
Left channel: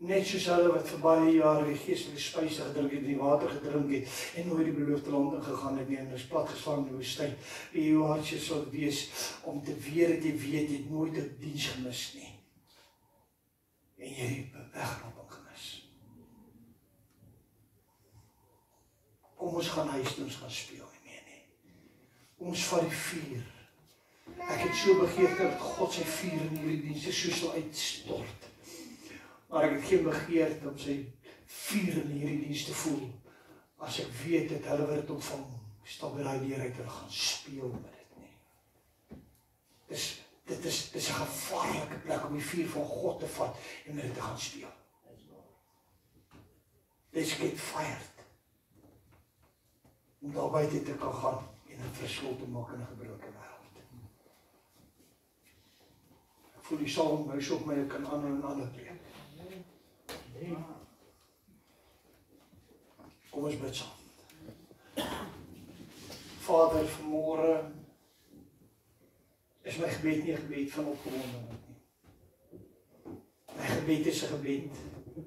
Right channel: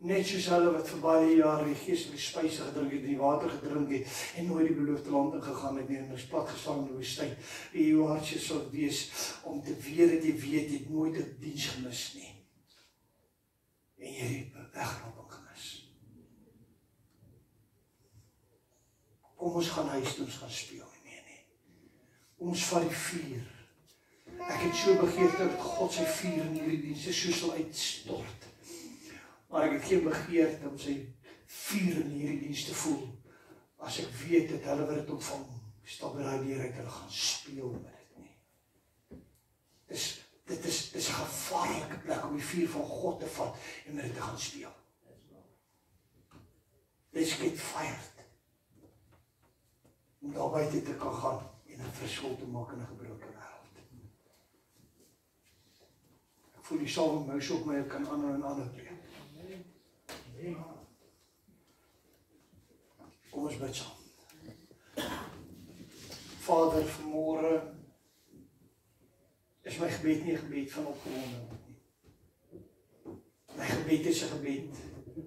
Net soos hulle wat vir baie jare die geestelike spyse gedrink het, die water gedrink het, en nooit die beloofde land ingegaan het nie, en is platgeslaan in die woestyn. Die jou hartjie sal wees, om te weet dat jy weet, jy het nooit 'n diens gemis nie. En jy het 'n wegrapping gemis. Kom ons gaan huis toe, ons gaan speel, nee. Kom ons vat die vuur. Ek het so begeerte dat God sy vuur in hierdie dienste so sal uitstort. Maar ek het geen begeerte om sy vuur in hierdie diens te voel, as ek weet dat hulle wat dit ontvang, stap by daai deur uit, hulle gaan speel met dit nie. Dit is 'n gevaarlike plek om die vuur van God te vat en met dit te gaan speel. Let's get fired. Om daar buite te kan gaan en 'n verskil te maak in 'n gebroke wêreld. Ek voel die saam muis op my, ek kan aanhou en aanhou preek. Kom ons bid saam. Vader, vanmôre is my gebed nie 'n gebed van opgewondenheid nie. My gebed is 'n gebed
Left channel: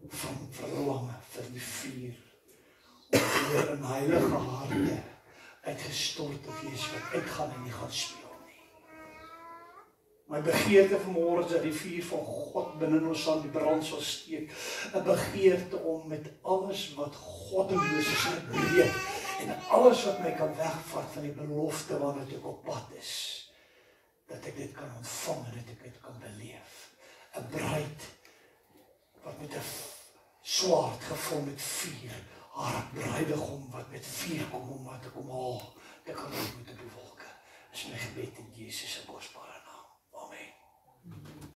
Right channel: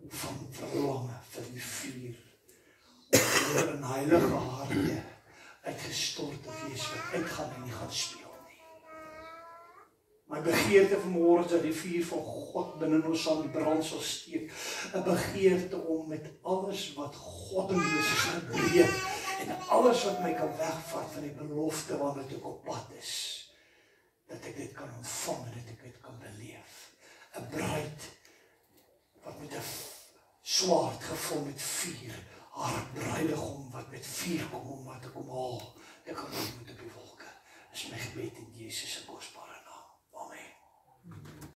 van verlange vir die vuur. Om in heilige harte uitgestort te wees wat uitgaan en nie gaan speel nie. My begeerte vanmôre is dat die vuur van God binne ons aan die brand sal steek. 'n Begeerte om met alles wat God in Moses gebreek en alles wat my kan wegvat van die belofte waarna ek op pad is, dat ek dit kan ontvang en dat ek dit kan beleef. 'n Bruid wat met 'n swaard gevul met vuur, haar bruidegom wat met vuur kom om wat te kom haal, te kan ontmoet op die wolke. Is my gebed in Jesus se kosbare naam. Amen.